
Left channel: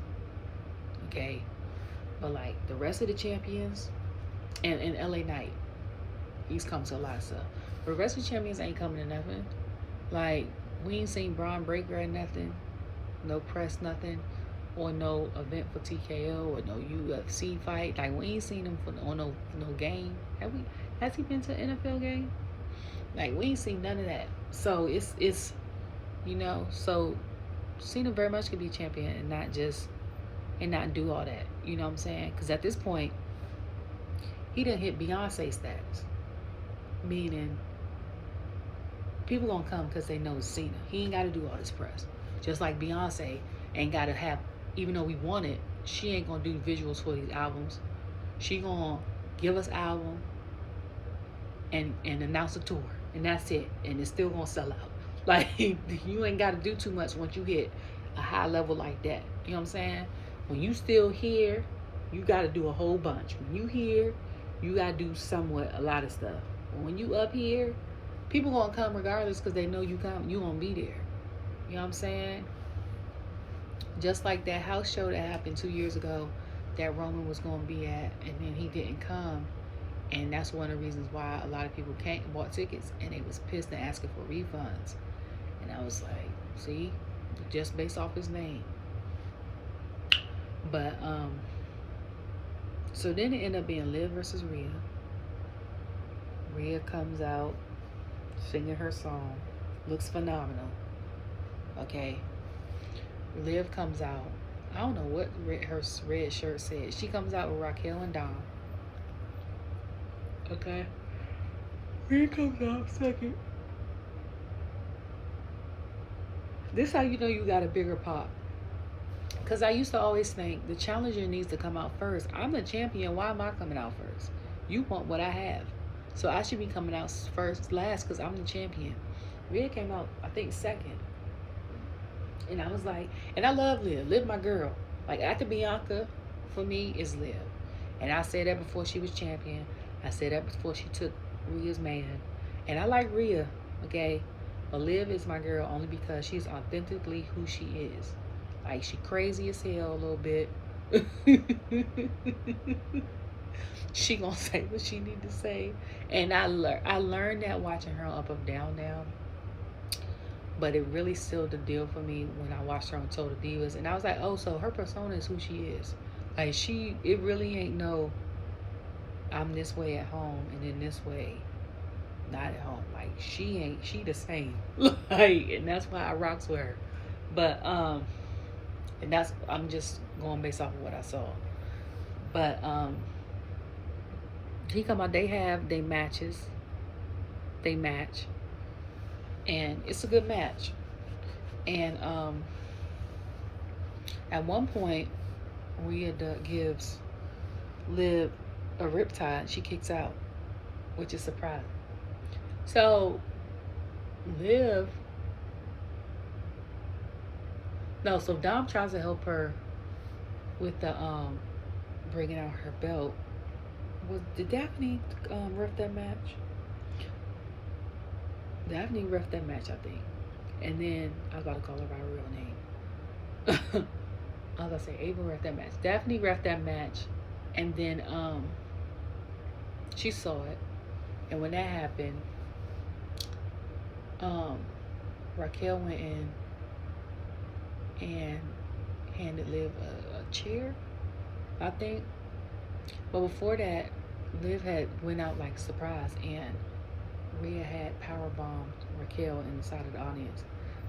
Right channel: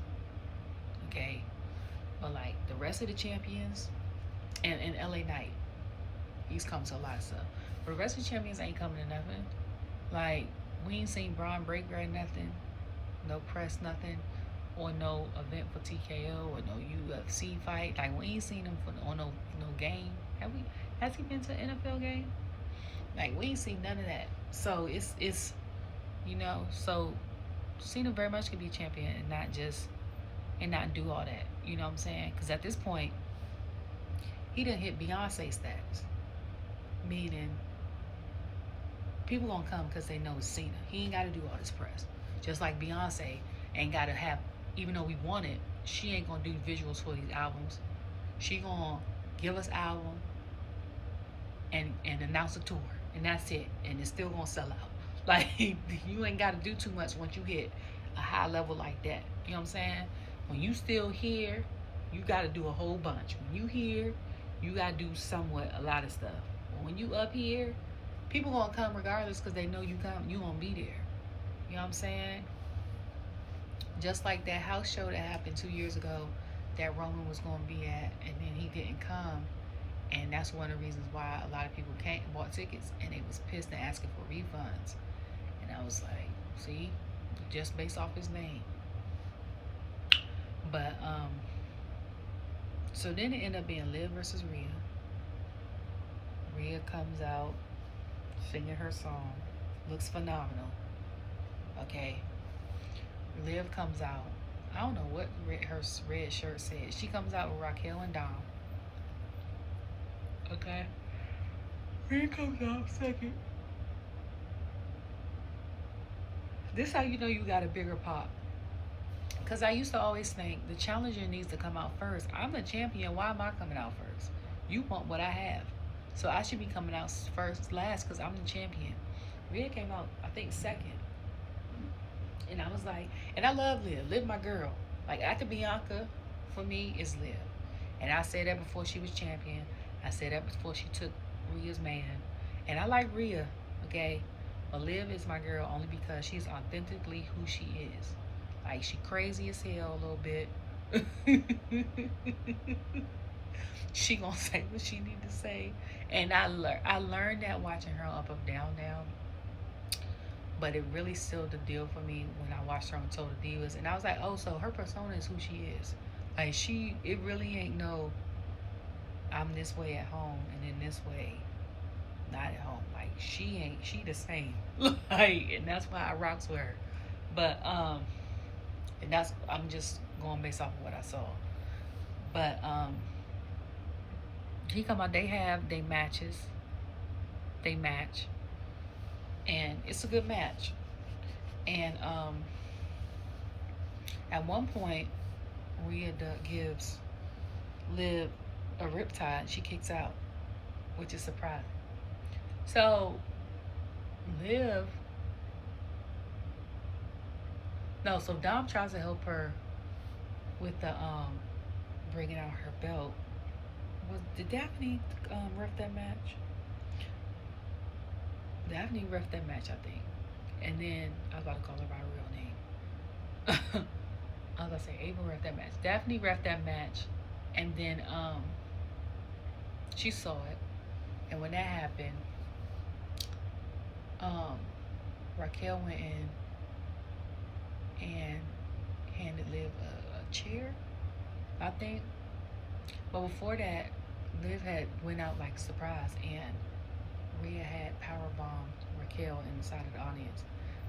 Okay? But like the rest of the champions, and LA Knight, he's come to a lot of stuff. But the rest of the champions ain't coming to nothing. Like, we ain't seen Braun Breaker or nothing. No press, nothing. Or no event for TKO or no UFC fight. Like, we ain't seen him on no game. Have we? Has he been to an NFL game? Like, we ain't seen none of that. So it's you know, so Cena very much could be champion and not do all that. You know what I'm saying? Because at this point, he done hit Beyonce status. Meaning, people gonna come because they know it's Cena. He ain't got to do all this press. Just like Beyonce ain't got to have, even though we want it, she ain't gonna do visuals for these albums. She gonna give us album and announce a tour, and that's it. And it's still gonna sell out. Like, you ain't got to do too much once you hit a high level like that. You know what I'm saying? When you still here, you got to do a whole bunch. When you here, you got to do a lot of stuff. But when you up here, people gonna come regardless because they know you gonna be there. You know what I'm saying? Just like that house show that happened 2 years ago that Roman was gonna be at, and then he didn't come. And that's one of the reasons why a lot of people bought tickets, and they was pissed and asking for refunds. And I was like, see, just based off his name. But so then it ended up being Liv versus Rhea. Rhea comes out singing her song, looks phenomenal. Okay, Liv comes out. I don't know what her red shirt said. She comes out with Raquel and Dom. Okay, Rhea comes out second. This how you know you got a bigger pop. Because I used to always think the challenger needs to come out first. I'm the champion. Why am I coming out first? You want what I have. So I should be coming out last because I'm the champion. Rhea came out, I think, second. And I was like, and I love Liv. Liv, my girl. Like, after Bianca, for me, is Liv. And I said that before she was champion. I said that before she took Rhea's man. And I like Rhea, okay? But Liv is my girl only because she's authentically who she is. Like, she crazy as hell a little bit. She gonna say what she need to say. And I learned that watching her on Up Up Down Down. But it really sealed the deal for me when I watched her on Total Divas. And I was like, oh, so her persona is who she is. Like, it really ain't no, I'm this way at home and then this way not at home. Like, she the same. Like, and that's why I rocks with her. But and I'm just going based off of what I saw. But he come out, they have their matches. They match. And it's a good match. And at one point, Rhea gives Liv a riptide. She kicks out, which is surprising. So so Dom tries to help her with the bringing out her belt. Did Daphne ref that match? Daphne ref that match, I think. And then I was about to call her by her real name. I was gonna say Ava ref that match. Daphne ref that match, and then she saw it. And when that happened, Raquel went in and handed Liv a chair, I think. But before that, Liv had went out like surprise, and Rhea had powerbombed Raquel in the side of the audience.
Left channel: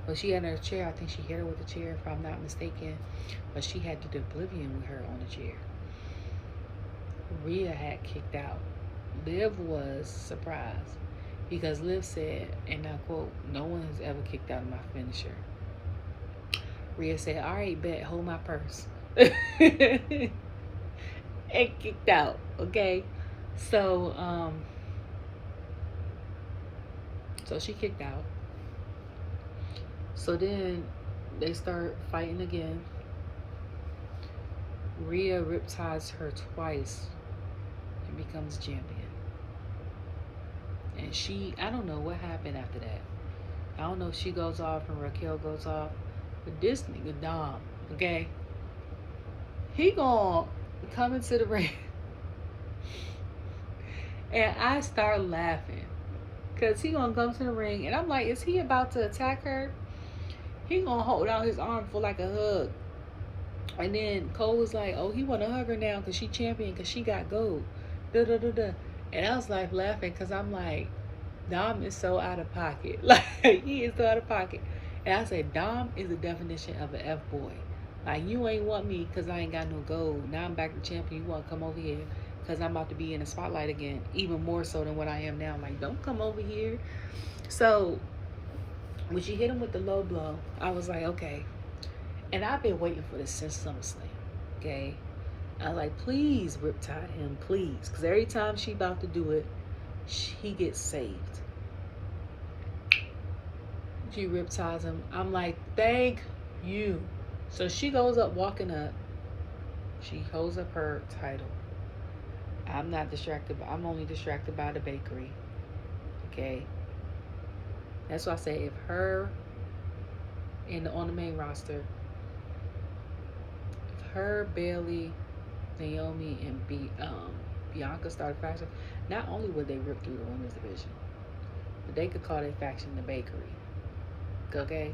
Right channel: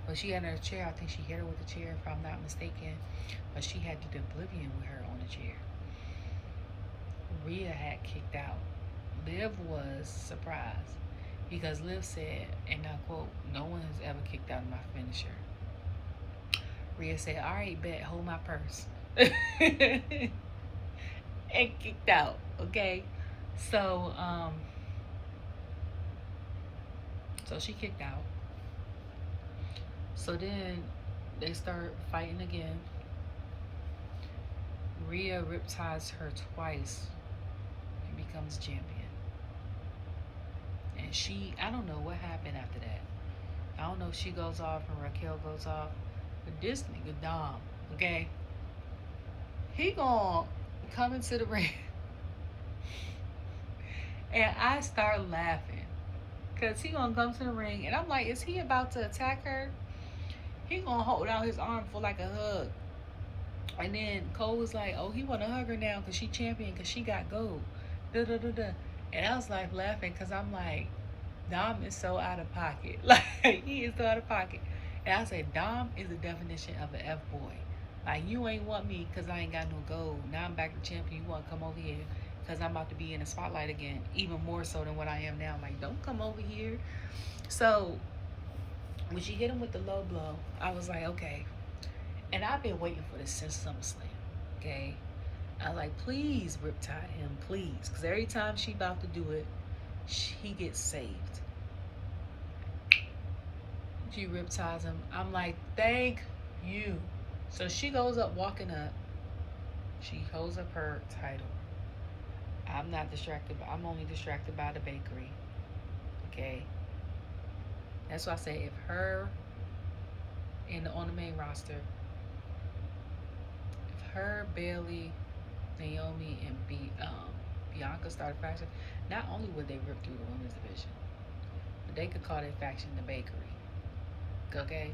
But she had her chair. I think she hit her with a chair, if I'm not mistaken. But she had did oblivion with her on the chair. Rhea had kicked out. Liv was surprised because Liv said, and I quote, "No one has ever kicked out of my finisher." Rhea said, "All right, bet, hold my purse." And kicked out, okay? So, so she kicked out. So then they start fighting again. Rhea riptides her twice and becomes champion. And I don't know what happened after that. I don't know if she goes off and Raquel goes off. But this nigga Dom, okay? He gon' coming to the ring. And I start laughing. Because he gonna come to the ring. And I'm like, is he about to attack her? He gonna hold out his arm for like a hug. And then Cole was like, oh, he wanna hug her now because she champion, because she got gold. Da da da da. And I was like laughing because I'm like, Dom is so out of pocket. Like, he is so out of pocket. And I said, Dom is the definition of an F-boy. Like, you ain't want me because I ain't got no gold. Now I'm back to champion. You want to come over here because I'm about to be in the spotlight again, even more so than what I am now. Like, don't come over here. So, when she hit him with the low blow, I was like, okay. And I've been waiting for this since SummerSlam, okay? I was like, please riptide him, please. Because every time she about to do it, he gets saved. She riptides him. I'm like, thank you. So she goes up, walking up. She holds up her title. I'm not distracted. I'm only distracted by the bakery. Okay? That's why I say if her on the main roster, if her, Bailey, Naomi, and Bianca started faction, not only would they rip through the women's division, but they could call their faction the bakery. Okay?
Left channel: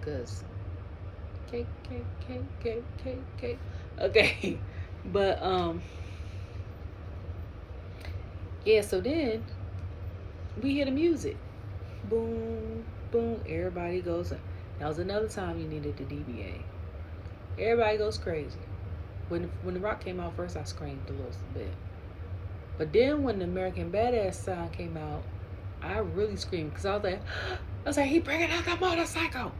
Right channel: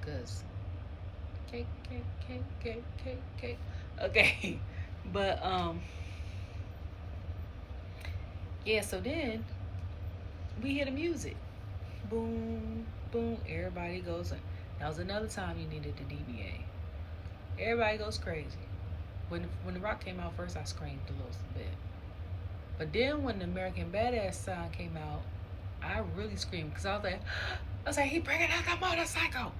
Because cake. Okay. But yeah, so then we hear the music. Boom, boom, everybody goes. That was another time you needed the DBA. Everybody goes crazy. When the Rock came out first, I screamed a little bit. But then when the American Badass sign came out, I really screamed because I was like, he bringing out the motorcycle.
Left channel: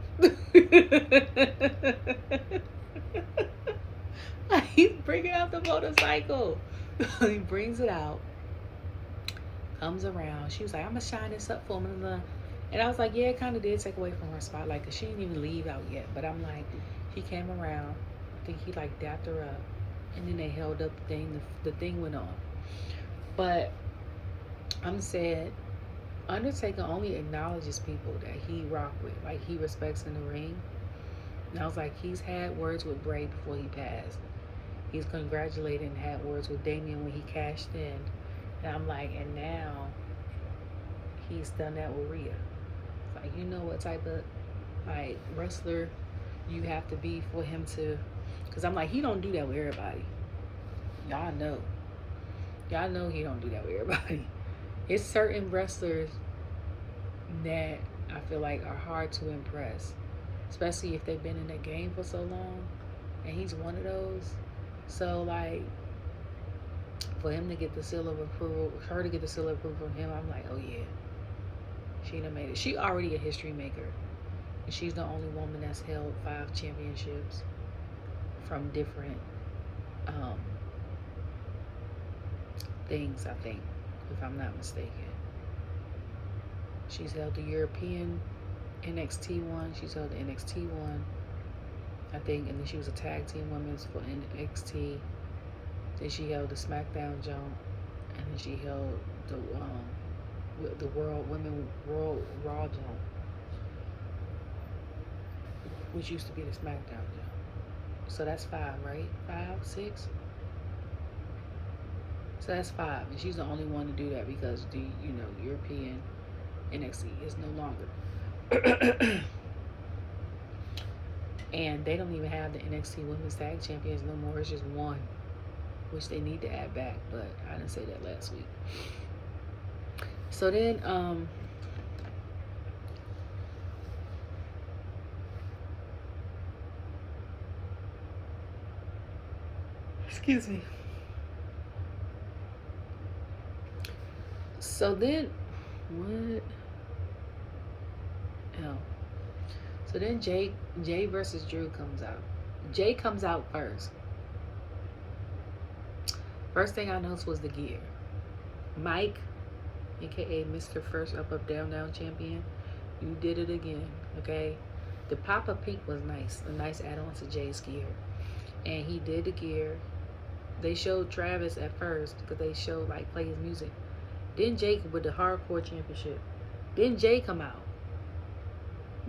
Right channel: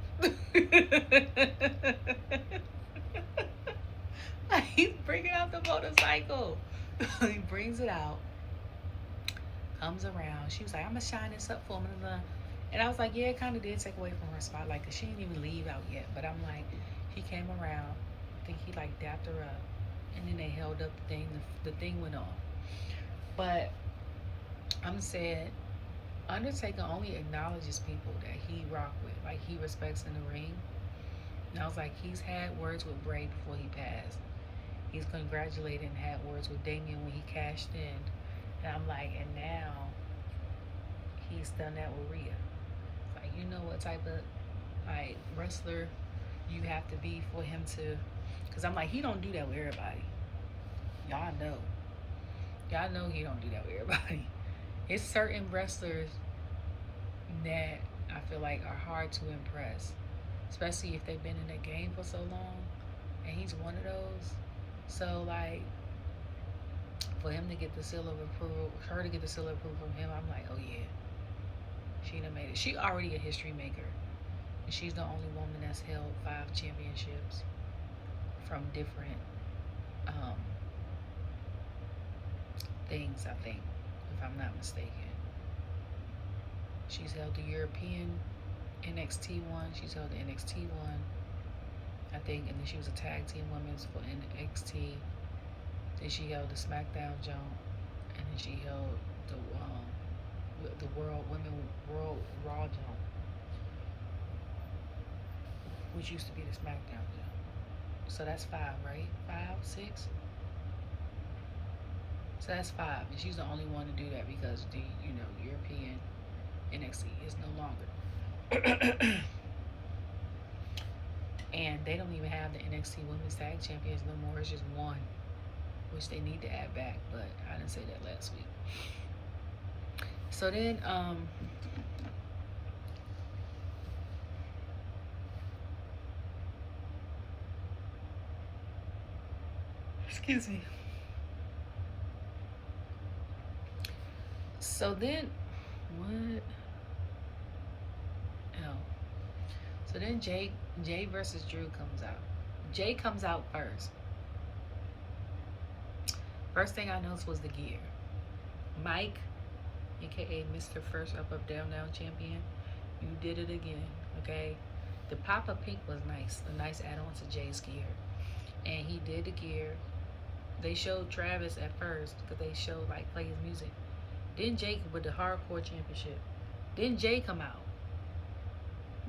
He's bringing out the motorcycle. He brings it out, comes around. She was like, I'm gonna shine this up for him. And I was like, yeah, it kind of did take away from her spotlight because she didn't even leave out yet. But I'm like, he came around. I think he like dapped her up, and then they held up the thing. The thing went on. But I'm said, Undertaker only acknowledges people that he rock with, like he respects in the ring. And I was like, he's had words with Bray before he passed. He's congratulated and had words with Damian when he cashed in. And I'm like, and now he's done that with Rhea. Like, you know what type of like wrestler you have to be for him to, because I'm like, he don't do that with everybody. Y'all know he don't do that with everybody. It's certain wrestlers that I feel like are hard to impress, especially if they've been in the game for so long, and he's one of those. So like, for him to get the seal of approval, her to get the seal of approval from him, I'm like, oh yeah, she done made it. She already a history maker, and she's the only woman that's held 5 championships from different things, I think, if I'm not mistaken. She's held the European NXT one. She's held the NXT one, I think, and then she was a tag team women's for NXT. Then she held the SmackDown jump, and then she held the World Raw jump, which used to be the SmackDown jump. So that's 5, right? 5, 6. So that's 5, and she's the only one to do that because the European NXT is no longer. And they don't even have the NXT Women's Tag Champions no more. It's just one, which they need to add back, but I didn't say that last week. So then, excuse me. So then, what? Oh. So then Jey versus Drew comes out. Jey comes out first. First thing I noticed was the gear. Mike, aka Mr. First Up Down champion, you did it again, okay? The Papa Pink was nice, a nice add-on to Jey's gear. And he did the gear. They showed Travis at first because they showed like play his music. Then Jey with the Hardcore Championship. Then Jey come out.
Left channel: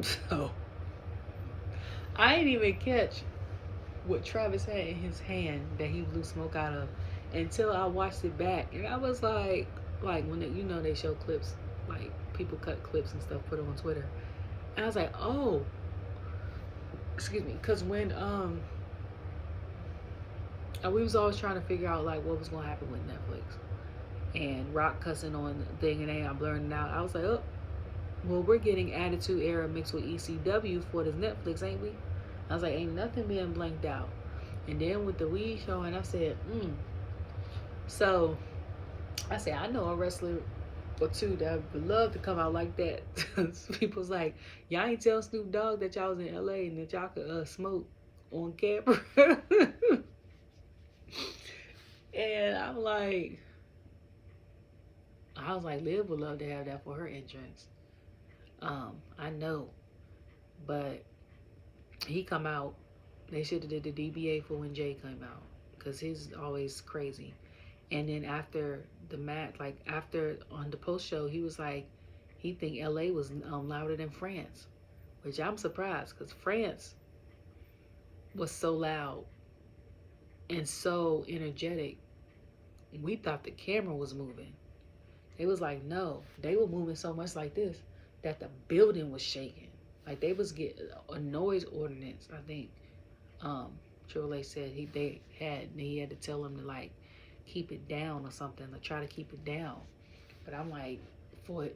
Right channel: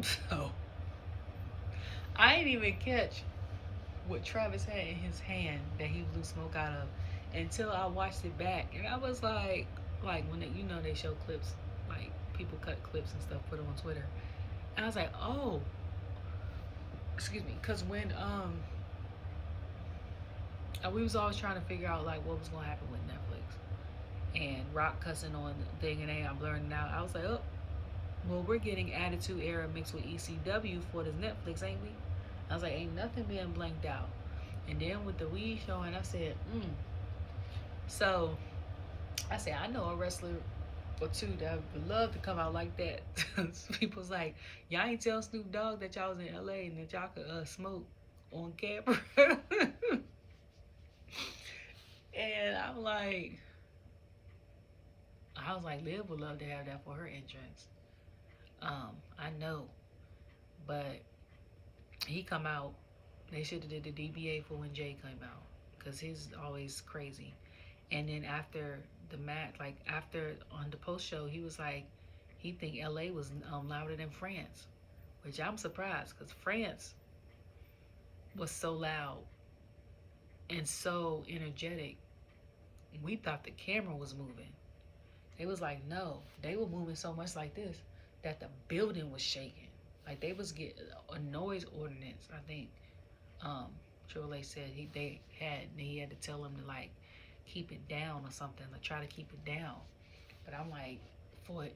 So I didn't even catch what Travis had in his hand that he blew smoke out of until I watched it back, and I was like when they show clips, like people cut clips and stuff, put it on Twitter, and I was like, oh, excuse me, because when we was always trying to figure out like what was gonna happen with Netflix, and Rock cussing on the thing, and I'm blurring it out. I was like, oh, well, we're getting Attitude Era mixed with ECW for this Netflix, ain't we? I was like, ain't nothing being blanked out. And then with the weed showing, I said, So I said, I know a wrestler or two that would love to come out like that. People's like, y'all ain't tell Snoop Dogg that y'all was in LA and that y'all could smoke on camera. And I was like, Liv would love to have that for her entrance. I know, but he come out. They should have did the DBA for when Jey came out, because his always crazy. And then after the match, like after on the post show, he was like, he think LA was louder than France, which I'm surprised, because France was so loud and so energetic. We thought the camera was moving. They was like, no, they were moving so much like this that the building was shaking. Like they was getting a noise ordinance, I think. Triple H said he had to tell them to like keep it down or something, to try to keep it down. But I'm like, for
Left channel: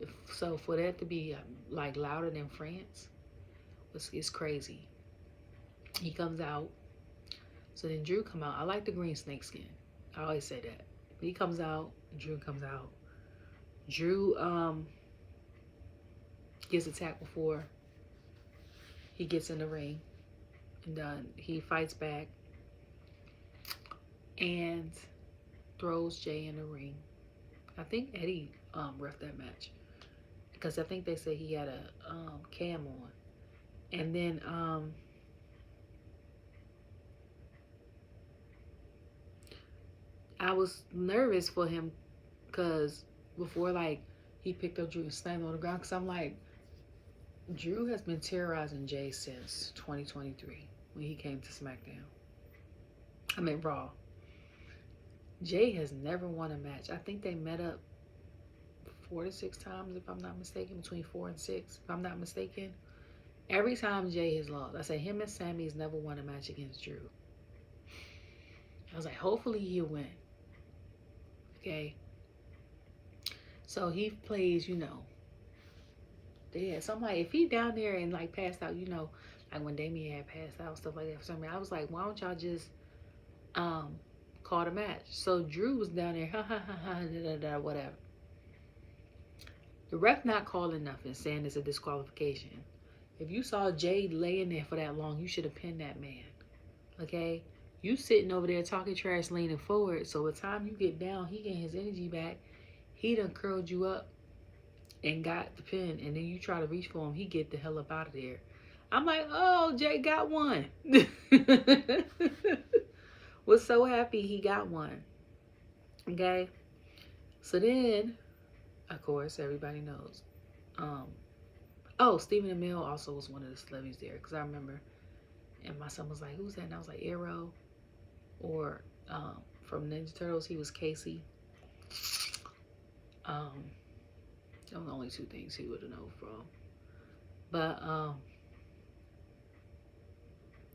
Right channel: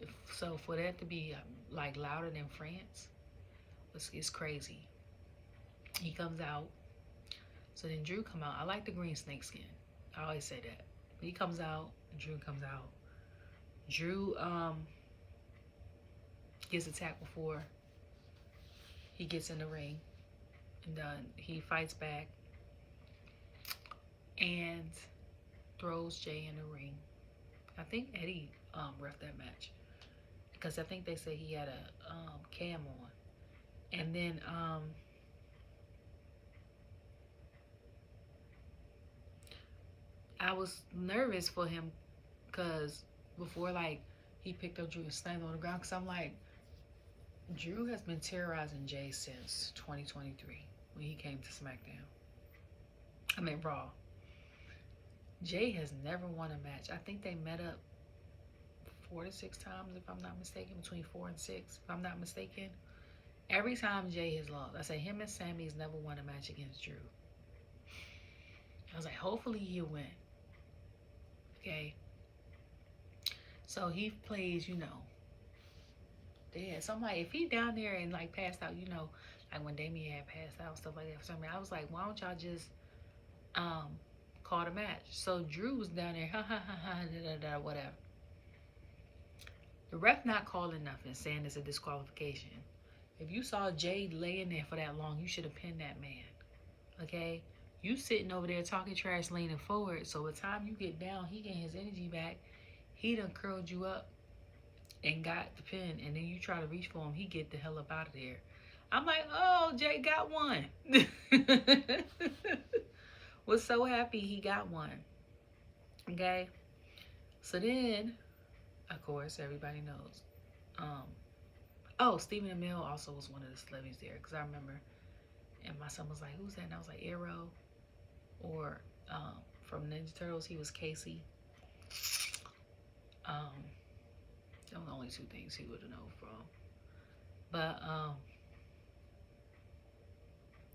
that to be like louder than France, it's crazy. He comes out. So then Drew come out. I like the green snake skin. I always say that. He comes out. Drew comes out. Drew gets attacked before he gets in the ring, and he fights back and throws Jey in the ring. I think Eddie ref that match, because I think they say he had a cam on. And then I was nervous for him, because before like he picked up Drew and slammed him on the ground, because I'm like, Drew has been terrorizing Jey since 2023 when he came to SmackDown. I mean Raw. Jey has never won a match. I think they met up 4 to 6 times, if I'm not mistaken, between 4 and 6, if I'm not mistaken. Every time Jey has lost. I say him and Sammy's never won a match against Drew. I was like, hopefully he'll win. Okay. So he plays, dead. So I'm like, if he down there and like passed out, like when Damien had passed out, stuff like that for some reason, I was like, why don't y'all just call the match? So Drew was down there, whatever. The ref not calling nothing, saying it's a disqualification. If you saw Jey laying there for that long, you should have pinned that man. Okay? You sitting over there talking trash, leaning forward, so by the time you get down, he getting his energy back. He done curled you up and got the pin, and then you try to reach for him, he get the hell up out of there. I'm like, oh, Jey got one. Was so happy he got one. Okay? So then, of course, everybody knows. Stephen Amell also was one of the celebrities there, because I remember, and my son was like, who's that? And I was like, Arrow. Or from Ninja Turtles, he was Casey. Those were the only 2 things he would have known from. But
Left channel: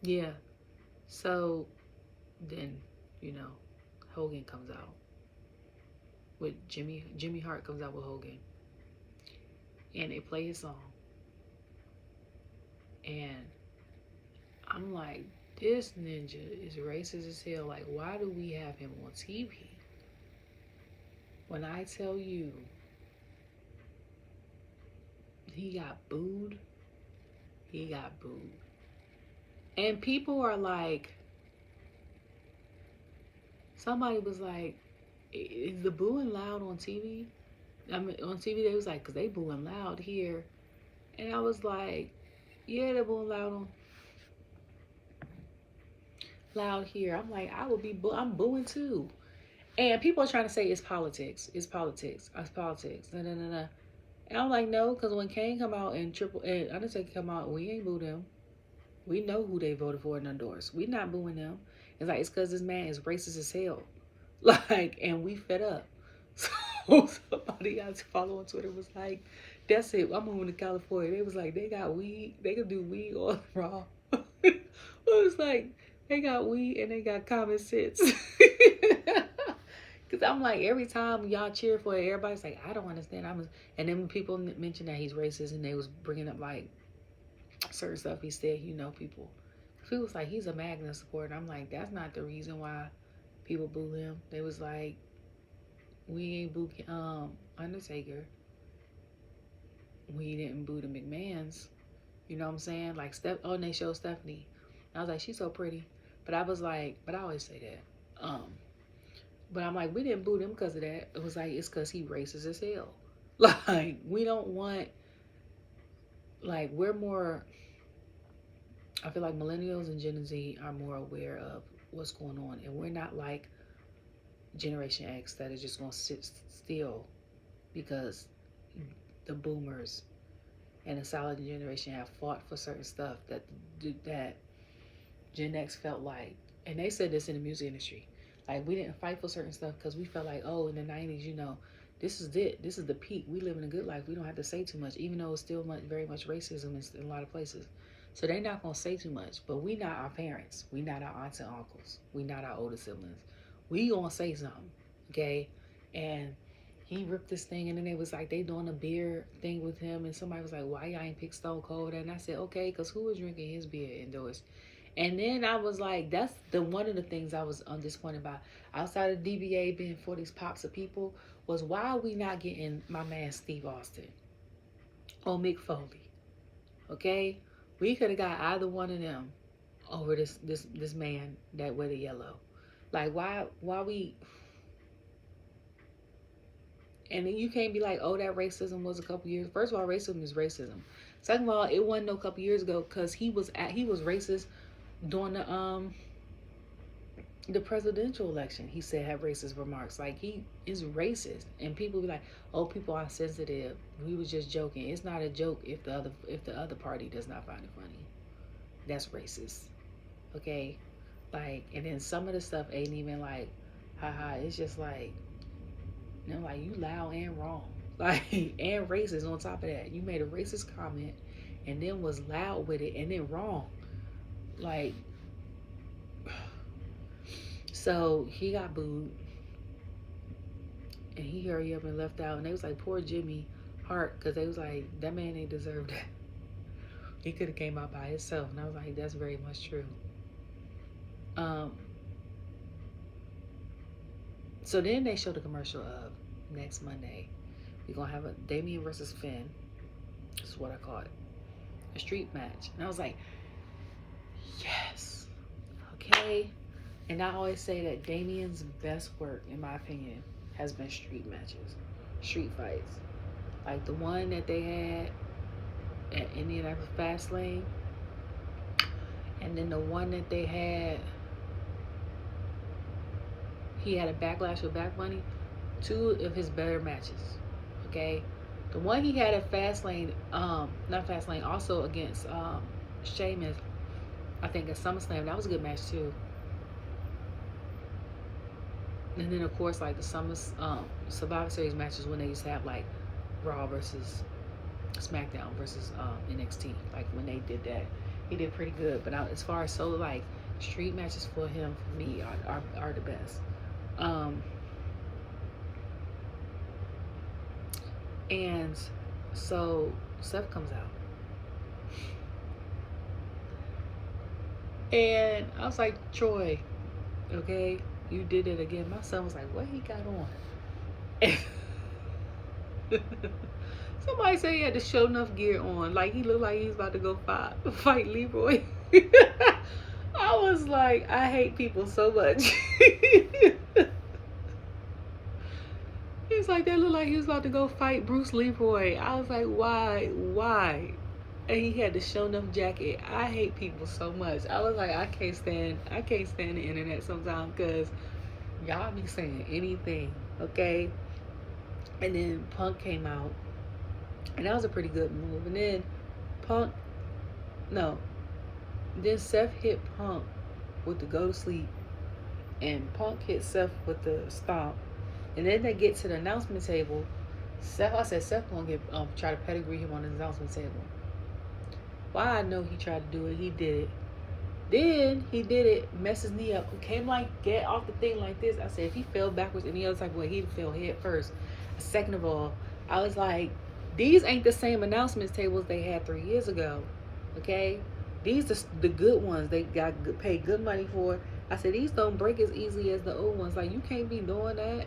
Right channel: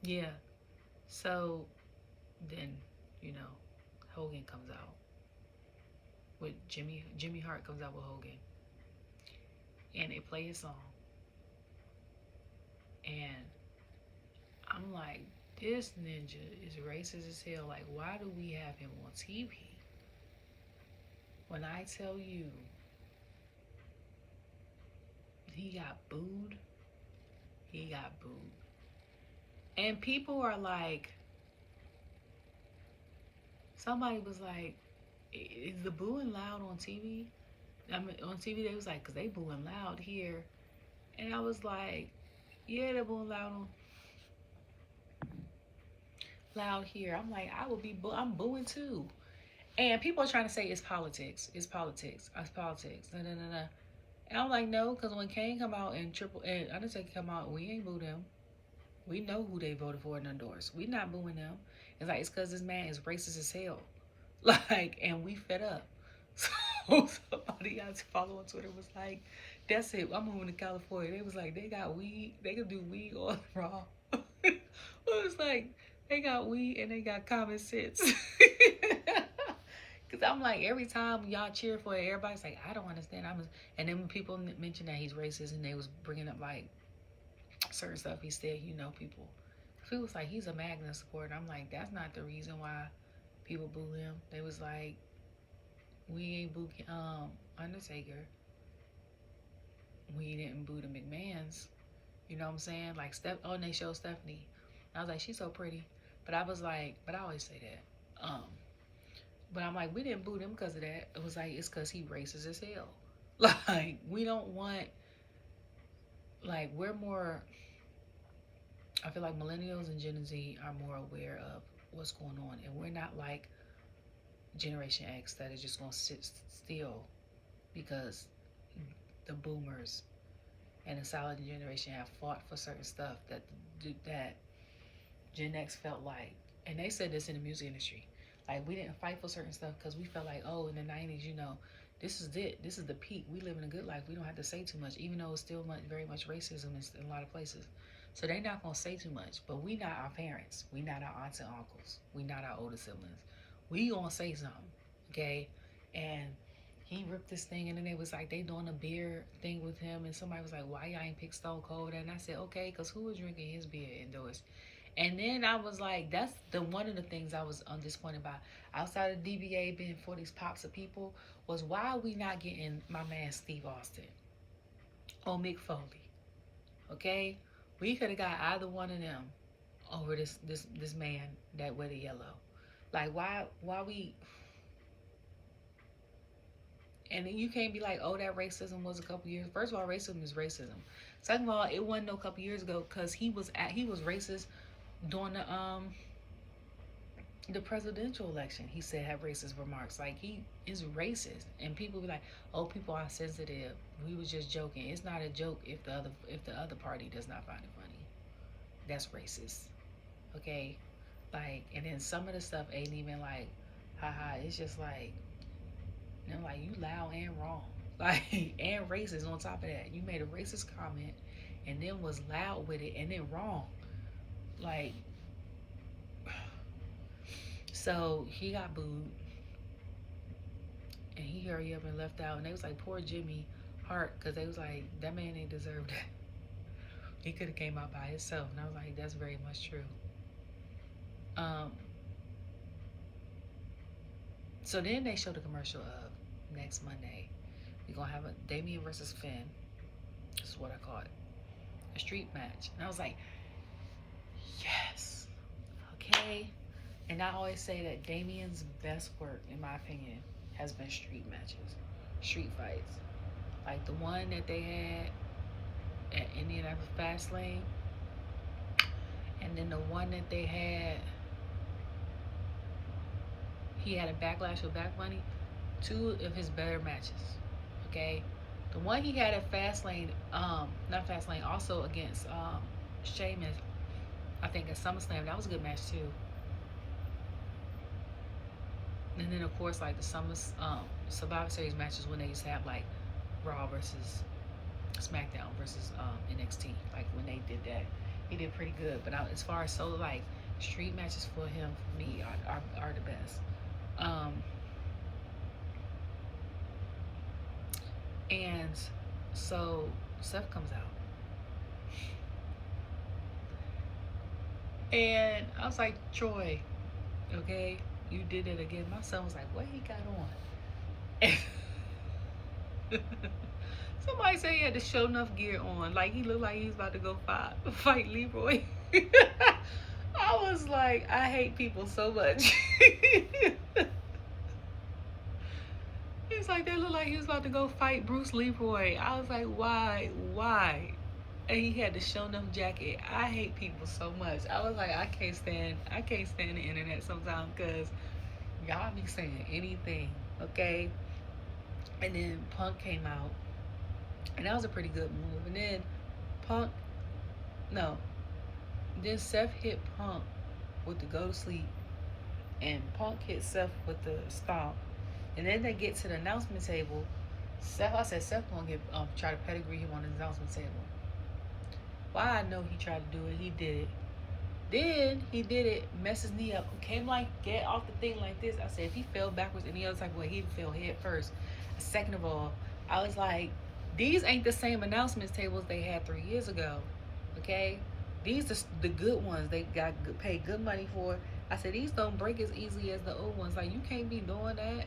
yeah. So then, Hogan comes out with Jimmy Hart comes out with Hogan, and they play his song, and I'm like, this ninja is racist as hell. Like, why do we have him on TV? When I tell you he got booed. And people are like, somebody was like, is the booing loud on TV? I mean, on TV they was like, because they booing loud here. And I was like, yeah, they're booing loud here. I'm like, I'm booing too. And people are trying to say it's politics. It's politics. No. And I'm like, no, because when Kane come out and Undertaker come out, we ain't booed him. We know who they voted for and endorsed. We not booing them. It's like, it's because this man is racist as hell. Like, and we fed up. So somebody I follow on Twitter was like, that's it, I'm moving to California. They was like, they got weed. They can do weed or raw. It was like, they got weed and they got common sense. Because I'm like, every time y'all cheer for it, everybody's like, I don't understand. And then when people mention that he's racist and they was bringing up like certain stuff he said, people was like, he's a Magna supporter. I'm like, that's not the reason why people boo him. They was like, we ain't boo Undertaker. We didn't boo the McMahons. You know what I'm saying? Like, and they showed Stephanie. And I was like, she's so pretty. But I was like, but I always say that. But I'm like, we didn't boo them because of that. It was like, it's because he racist as hell. Like, we don't want, like, we're more, I feel like millennials and Gen Z are more aware of what's going on. And we're not like Generation X that is just going to sit still because the boomers and the solid generation have fought for certain stuff that Gen X felt like. And they said this in the music industry. Like, we didn't fight for certain stuff because we felt like, oh, in the 90s, this is it. This is the peak. We live in a good life. We don't have to say too much, even though it's still very much racism in a lot of places. So they're not going to say too much. But we not our parents. We not our aunts and uncles. We not our older siblings. We going to say something, okay? And he ripped this thing, and then it was like they doing a beer thing with him, and somebody was like, why y'all ain't pick Stone Cold? And I said, okay, because who was drinking his beer indoors? And then I was like, that's one of the things I was disappointed about. Outside of DBA being for these pops of people, was why are we not getting my man Steve Austin or Mick Foley? Okay? We could have got either one of them over this man that wear the yellow. Like, why we... And you can't be like, oh, that racism was a couple years. First of all, racism is racism. Second of all, it wasn't no couple years ago because he was racist during the presidential election. He said had racist remarks. Like, he is racist, and people be like, oh, people are sensitive. We was just joking. It's not a joke if the other party does not find it funny. That's racist. Okay, like, and then some of the stuff ain't even like, haha. It's just like, like, you loud and wrong, like, and racist on top of that. You made a racist comment and then was loud with it and then wrong. Like, so he got booed and he hurried up and left out, and they was like, poor Jimmy Hart, because they was like, that man ain't deserved that. He could have came out by himself. And I was like, that's very much true. So then they showed a commercial of next Monday, we're gonna have a Damien versus Finn. This is what I call it, a street match. And I was like, yes, okay. And I always say that Damien's best work, in my opinion, has been street matches, street fights, like the one that they had at Indianapolis Fastlane, and then the one that they had, he had a Backlash with Back Bunny. Two of his better matches, okay? The one he had at Fastlane, not Fastlane, also against Sheamus, I think at SummerSlam, that was a good match too. And then of course, like the Survivor Series matches when they used to have like Raw versus SmackDown versus NXT, like when they did that, he did pretty good. But as far as solo, like, street matches for him, for me, are the best. And so Seth comes out, and I was like, Troy, okay, you did it again. My son was like, what he got on? Somebody said he had the show enough gear on, like he looked like he was about to go fight Leroy. I was like, I hate people so much. He's like, that looked like he was about to go fight Bruce Leroy. I was like, why? And he had the show enough jacket. I hate people so much. I was like, I can't stand the internet sometimes, because y'all be saying anything, okay? And then Punk came out, and that was a pretty good move. And then Then Seth hit Punk with the go to sleep, and Punk hit Seth with the stomp. And then they get to the announcement table. I said Seth gonna get try to pedigree him on the announcement table. Why I know he tried to do it, he did it. Then he did it, messed his knee up, came like get off the thing like this. I said if he fell backwards any other type of way, he'd fell head first. Second of all, I was like, these ain't the same announcements tables they had 3 years ago. Okay? These are the good ones they got paid good money for. I said these don't break as easily as the old ones. Like, you can't be doing that.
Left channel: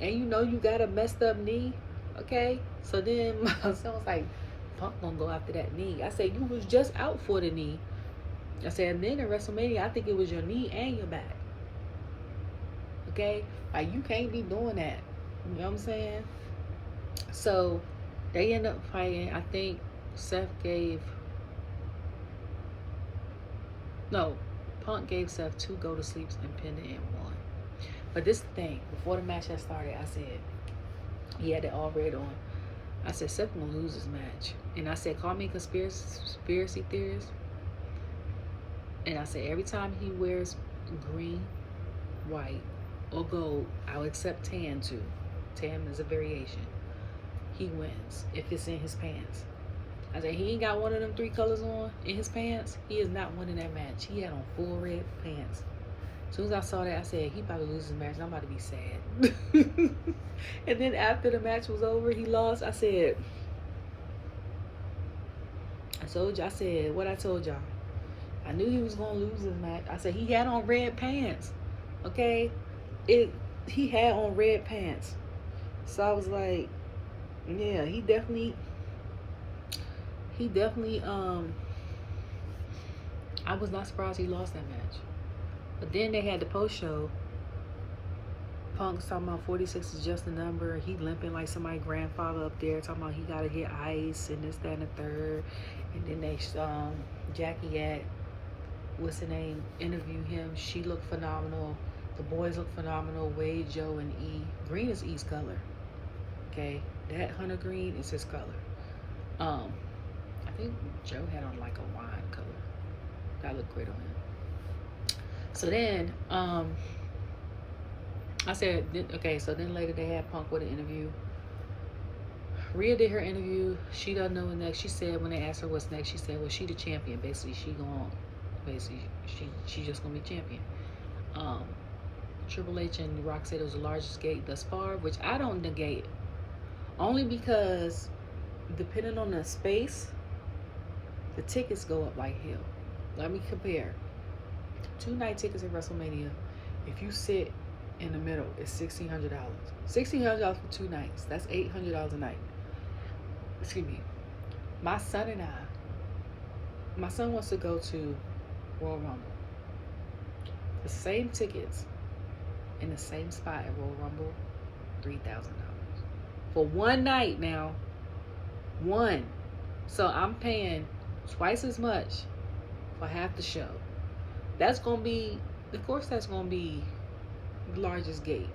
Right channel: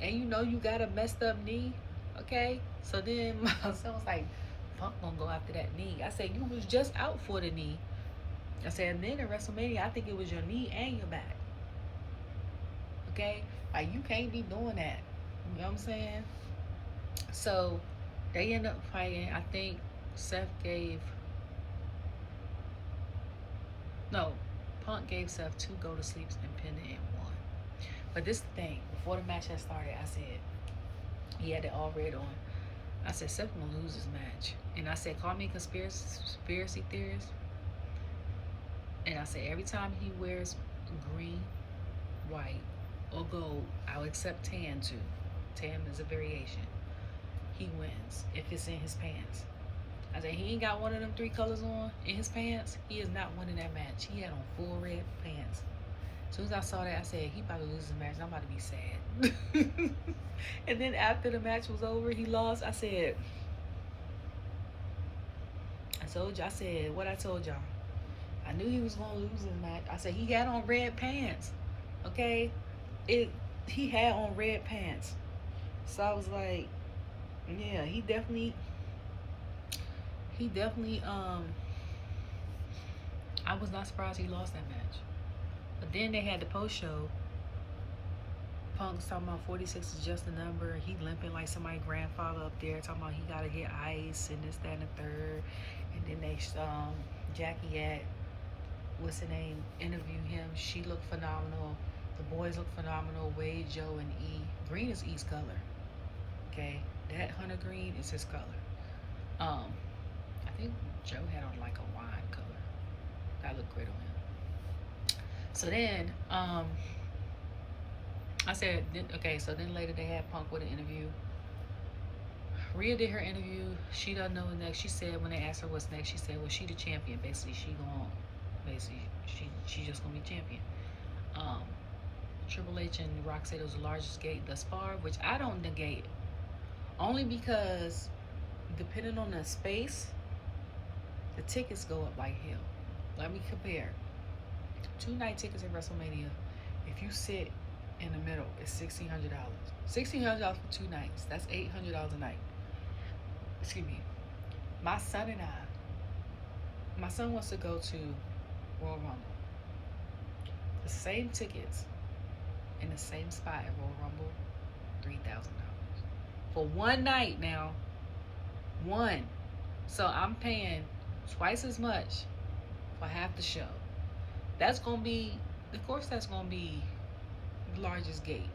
And you know you got a messed up knee. Okay? So then my son was like, Punk gonna go after that knee. I said, you was just out for the knee. I said, and then in WrestleMania, I think it was your knee and your back. Okay? Like, you can't be doing that. You know what I'm saying? So they end up fighting. I think Punk gave Seth 2 go to sleeps and pinned it in 1. But this thing, before the match had started, I said, he had it all red on. I said, Seth gonna lose this match. And I said, call me a conspiracy theorist. And I said, every time he wears green, white, or gold, I'll accept tan too. Tan is a variation. He wins if it's in his pants. I said, he ain't got one of them 3 colors on in his pants. He is not winning that match. He had on full red pants. As soon as I saw that, I said, he about to lose his match. I'm about to be sad. And then after the match was over, he lost. I said, what I told y'all. I knew he was going to lose his match. I said, he had on red pants. Okay? He had on red pants. So I was like, yeah, he definitely, I was not surprised he lost that match. But then they had the post show. Punk's talking about 46 is just a number. He limping like somebody's grandfather up there, talking about he gotta get ice and this, that, and the third. And then they Jackie at what's her name interview him. She looked phenomenal. The boys look phenomenal. Wade, Joe, and E. Green is E's color. Okay, that hunter green is his color. I think Joe had on like a wine color. That looked great on him. So then, I said, okay, so then later they had Punk with an interview. Rhea did her interview. She doesn't know what next. She said when they asked her what's next, she said, well, she the champion. Basically, she just gonna be champion. Triple H and The Rock said it was the largest gate thus far, which I don't negate. Only because depending on the space, the tickets go up like hell. Let me compare. 2 night tickets at WrestleMania, if you sit in the middle, it's $1,600. $1,600 for 2 nights. That's $800 a night. Excuse me. My son wants to go to Royal Rumble. The same tickets in the same spot at Royal Rumble, $3,000 for 1 night now. 1. So I'm paying twice as much for half the show. That's gonna be, of course, that's gonna be the largest gate.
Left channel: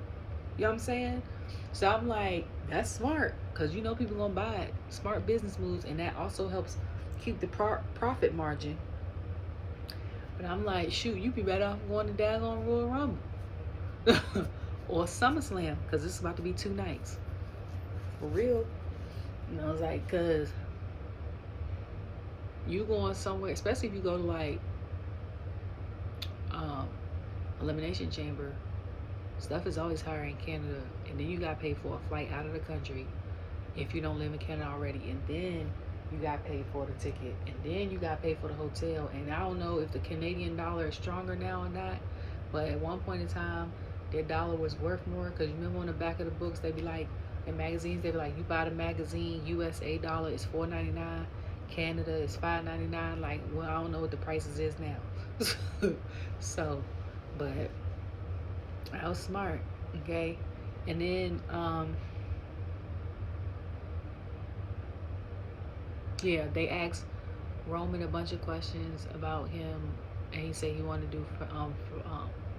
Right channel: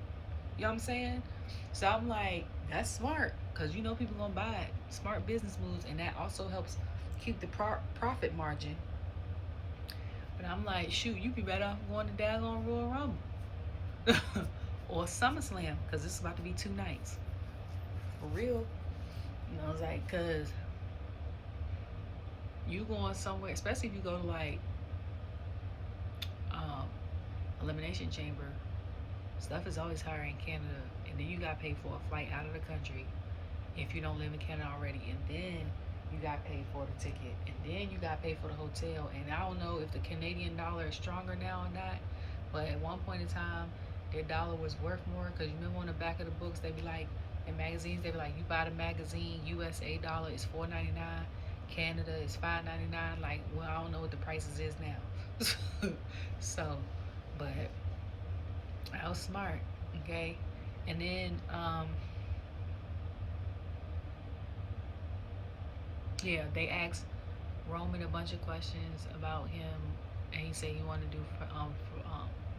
You know what I'm saying? So I'm like, that's smart, because you know people gonna buy it. Smart business moves, and that also helps keep the profit margin. But I'm like, shoot, you be better off going to daggone Royal Rumble or SummerSlam, because this is about to be 2 nights for real. You know, it's like, because you going somewhere, especially if you go to like Elimination Chamber, stuff is always higher in Canada, and then you got to pay for a flight out of the country if you don't live in Canada already, and then you got to pay for the ticket, and then you got to pay for the hotel. And I don't know if the Canadian dollar is stronger now or not, but at one point in time their dollar was worth more, because you remember on the back of the books they be like, in magazines they be like, you buy the magazine, USA dollar is $4.99, Canada is $5.99. Like, well, I don't know what the prices is now. So, but I was smart, okay? And then yeah, they asked Roman a bunch of questions about him, and he said he wanted to do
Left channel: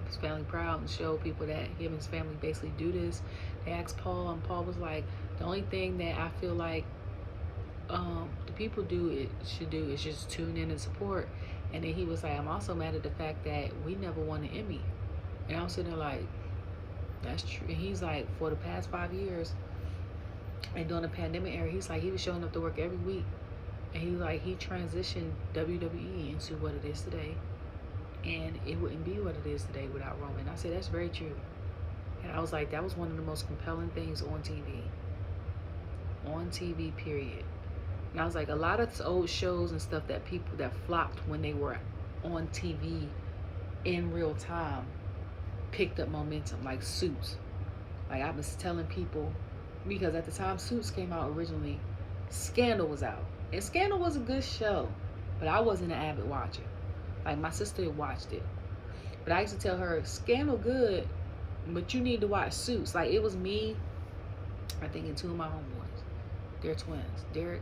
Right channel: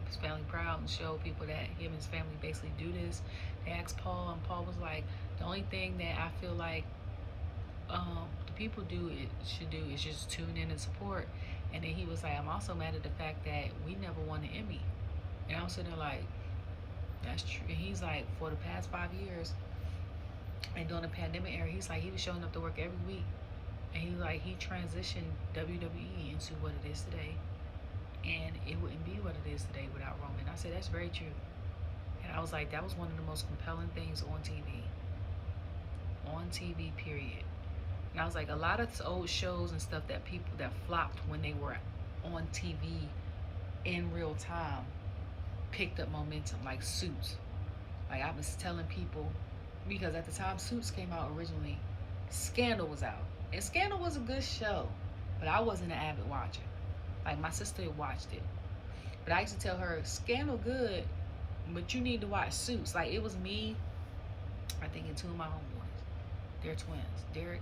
his family proud and show people that him and his family basically do this. They asked Paul, and Paul was like, the only thing that I feel like the people should do is just tune in and support. And then he was like, I'm also mad at the fact that we never won an Emmy. And I was sitting there like, that's true. And he's like, for the past 5 years, and during the pandemic era, he's like, he was showing up to work every week. And he was like, he transitioned WWE into what it is today. And it wouldn't be what it is today without Roman. I said, that's very true. And I was like, that was one of the most compelling things on TV. On TV, period. And I was like, a lot of old shows and stuff that people that flopped when they were on TV in real time picked up momentum, like Suits. Like I was telling people, because at the time Suits came out originally, Scandal was out. And Scandal was a good show, but I wasn't an avid watcher. Like my sister watched it. But I used to tell her, Scandal good, but you need to watch Suits. Like it was me, I think, and two of my homeboys. They're twins. Derek.